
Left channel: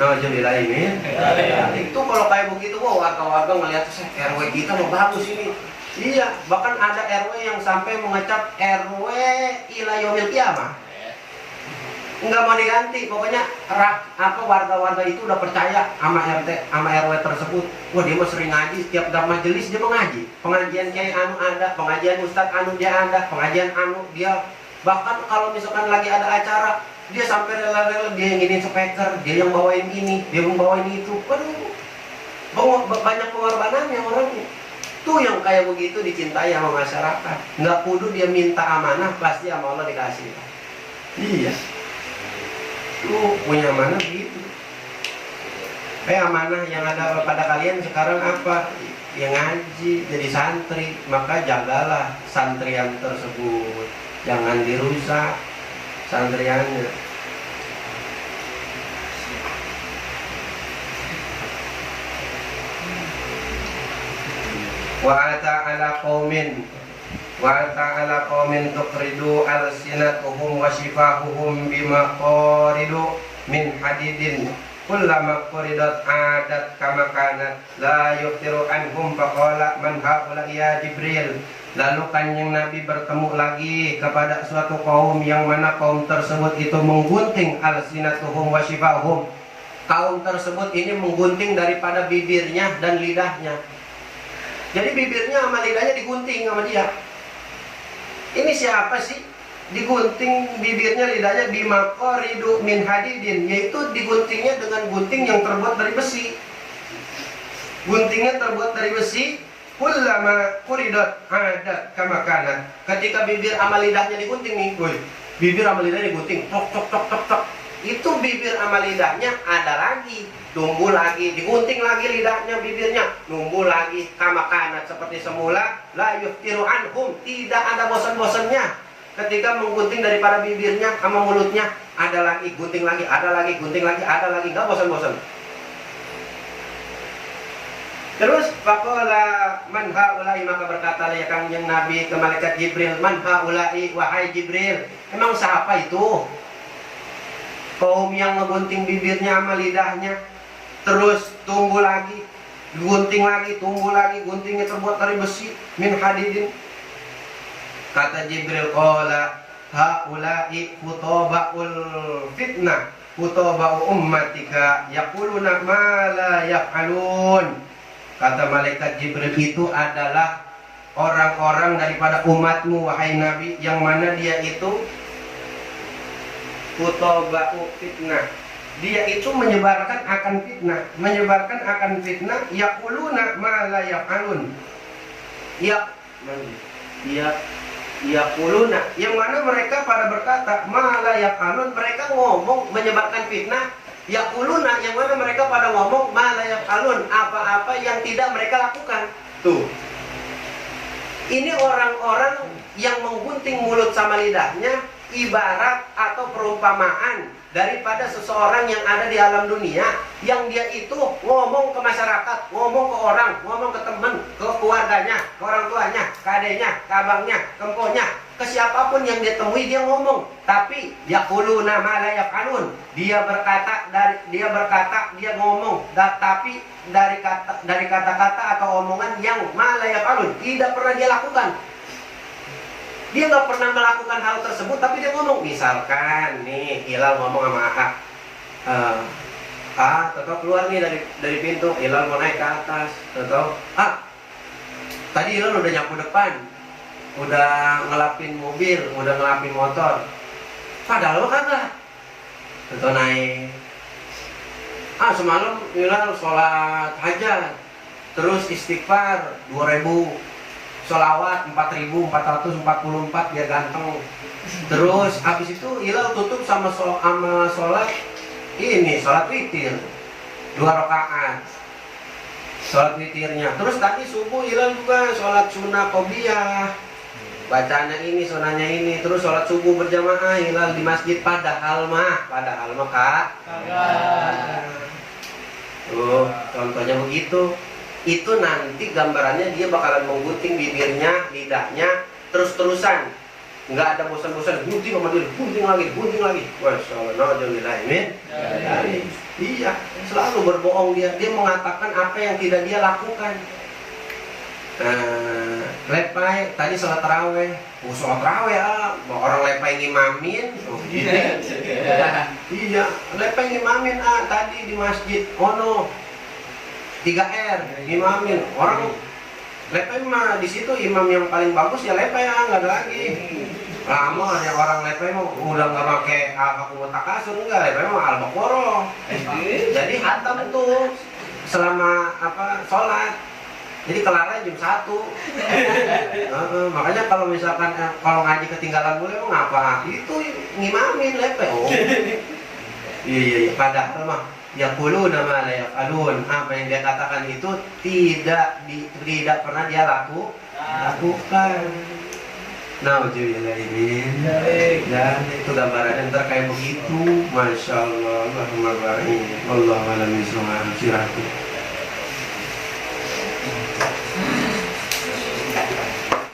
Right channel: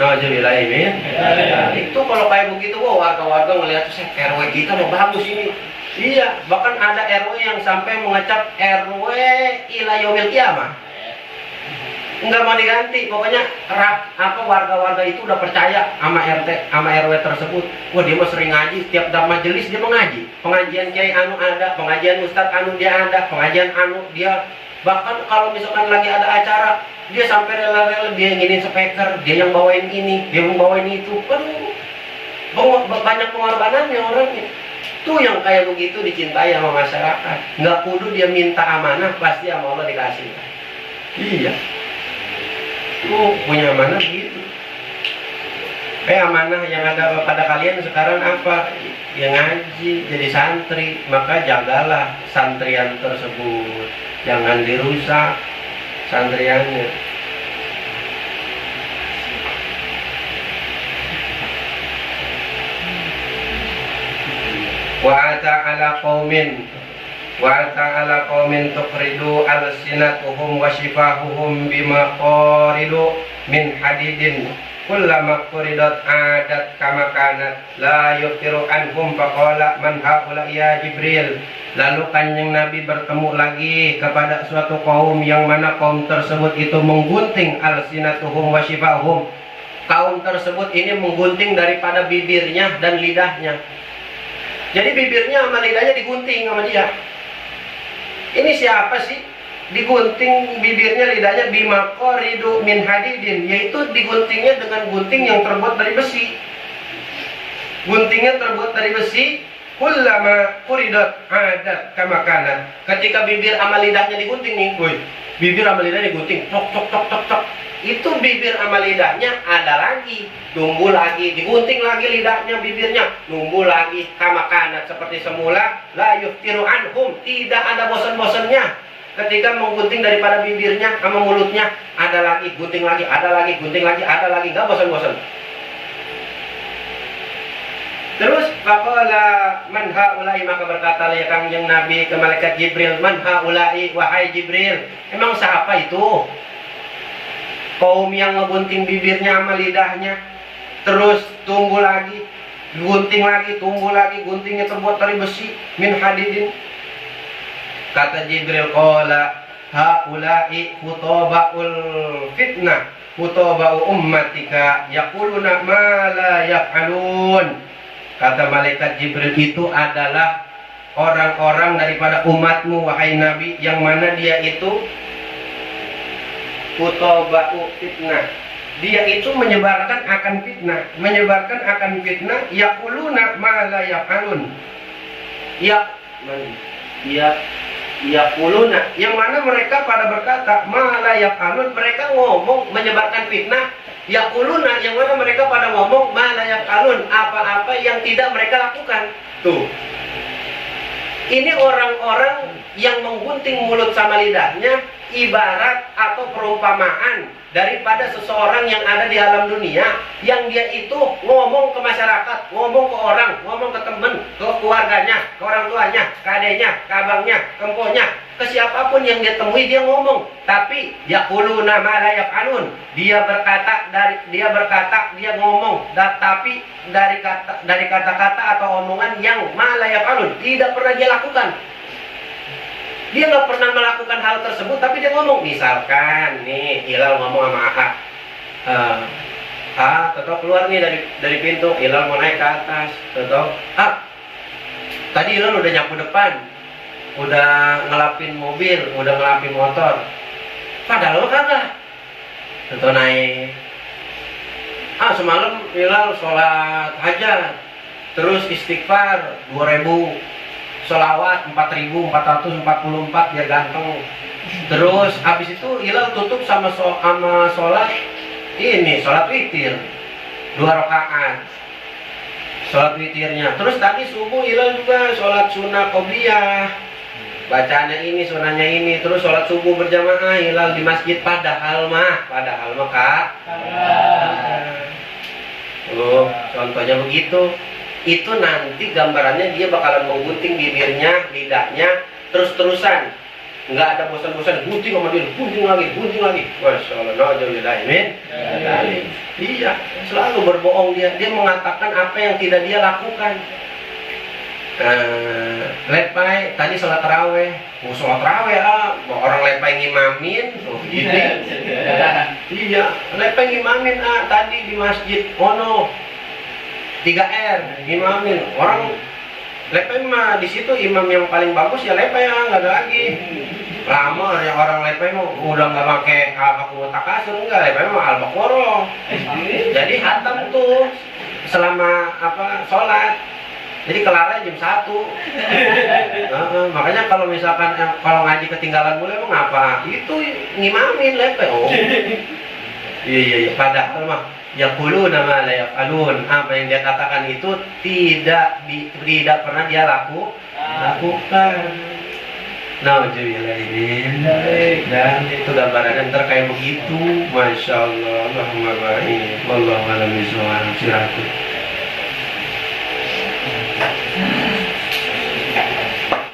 Nah jadi lain itu kalau kayak begitu, warga-warga ngelihat RW kita mau bagus ini. Iya, bahkan ada RW yang sampai mengecap RW ila yaumil qiyamah. Enggak mau diganti, pokoknya warga-warga itu udah percaya sama RT, sama RW tersebut. Wah dia mah sering ngaji, setiap majelis dia mengaji. Pengajian kiai anu ada, pengajian ustadz anu dia ada, pengajian anu dia. Bahkan kalau misalkan lagi ada acara, dia sampai rela-rela dia nginin speaker, dia yang bawain ini, dia yang bawain itu. Waduh, banyak pengorbanannya orangnya. Tuh yang kayak begitu dicintai sama masyarakat. Nggak kudu dia minta amanah, pasti sama Allah dikasih. Iya. Tuh punya amanah gitu. Amanah yang ada pada kalian sekarang apa? Yang ngaji, jadi santri. Maka jagalah santrian tersebut. Jangan dirusak santriannya. Wa ta'ala qaumin tuqridu alsinatuhum wa shifahuhum bima qaridu min hadidin kullama quridat adat kama kanat la yuqiru anhum faqala man haula ya Jibril. Lalu kanjeng Nabi bertemu lagi kepada suatu kaum yang mana kaum tersebut itu menggunting alsinatuhum wa shifahum. Kaum tersebut ini menggunting daripada bibirnya dan lidahnya. Jadi bibirnya sama lidahnya digunting sama dia. Ini siapa sih? Digunting bibirnya, lidahnya bimaqoridu min hadidin, yaitu diguntingnya dengan gunting yang terbuat dari besi. Guntingnya terbuat dari besi. Kullama quridat adat kama kanat. Ketika bibir sama lidahnya digunting nih, bibir sama lidahnya digunting, tok tok tok tok tok. Itu bibir sama lidahnya ada lagi, tumbuh lagi, digunting lagi lidahnya, bibirnya, tumbuh lagi, kama kanat seperti semula, la yuftiru anhum, tidak ada bosan-bosannya. Ketika menggunting daripada bibirnya sama mulutnya, ada lagi, gunting lagi, ada lagi, gunting lagi, ada lagi, nggak bosan-bosan. Terus faqala man haula'i, maka berkata ya kanjeng Nabi ke malaikat Jibril, man haula'i, wahai Jibril, emang siapa itu? Kaum yang ngegunting bibirnya sama lidahnya, terus tumbuh lagi, gunting lagi, tumbuh lagi, guntingnya terbuat dari besi, min hadidin. Kata Jibril, qala haula'i khutabaul fitnah, khutabau ummatika yaquluna ma la yaf'alun. Kata malaikat Jibril, itu adalah orang-orang daripada umatmu wahai Nabi, yang mana dia itu khutabau fitnah, dia itu menyebarkan akan fitnah, menyebarkan akan fitnah, yaquluna ma la yaf'alun. Yaquluna, yang mana mereka pada berkata ma la yaf'alun, mereka ngomong menyebarkan fitnah. Yaquluna, yang mana mereka pada ngomong ma la yaf'alun, apa-apa yang tidak mereka lakukan. Tuh, ini orang-orang yang menggunting mulut sama lidahnya ibarat atau perumpamaan daripada seseorang yang ada di alam dunia, yang dia itu ngomong ke masyarakat, ngomong ke orang, ngomong ke temen, ke keluarganya, ke orang tuanya, ke adenya, ke abangnya, ke emponya, ke siapapun yang dia temui dia ngomong. Tapi yaquluna ma la yaf'alun, dia ngomong, tapi dari kata-kata atau omongan yang ma la yaf'alun, tidak pernah dia lakukan. Dia nggak pernah melakukan hal tersebut, tapi dia ngomong. Misalkan nih Hilal ngomong sama tetap keluar nih dari pintu, Hilal mau naik ke atas, tetap tadi Hilal udah nyapu depan, udah ngelapin mobil, udah ngelapin motor, padahal lo kagak, tetap naik. Semalam Hilal sholat hajat, terus istighfar 2000, sholawat 4444 biar ganteng. Terus habis itu Hilal tutup sama sholat witir 2 rakaat, sholat witirnya. Terus tadi subuh Hilal juga sholat sunnah qobliyah, bacanya ini, sunahnya ini. Terus sholat subuh berjamaah Hilal di masjid, padahal mah kak. Contohnya begitu. Itu nanti gambarannya dia bakalan menggunting bibirnya, lidahnya, terus-terusan, nggak ada bosan-bosan, gunting sama dia, gunting lagi. Masya Allah, na'udzubillahimin. Iya, selalu berbohong dia mengatakan apa yang tidak dia lakukan. Lepai, tadi sholat taraweh, orang lepai ngimamin, gitu. Iya, lepai ngimamin tadi di masjid, 3R imamin. Orang lepai mah di situ imam yang paling bagus ya lepai, nggak ada lagi. Lama yang orang lepai mah udah nggak pakai al-baqarah takasur, enggak, lepai mah al-baqarah. Jadi hatam tuh selama sholat. Jadi kelarnya jam 1. Makanya kalau misalkan kalau ngaji ketinggalan mulai emang ngapa? Itu ngimamin lepai. Iya, padahal mah yaquluna ma la yaf'alun, apa yang dia katakan itu tidak pernah dia lakukan. Nauzubillahimin. Dan itu gambaran terkait begitu. Masya Allah, Allahumma baik, wallahu a'lam bishawab.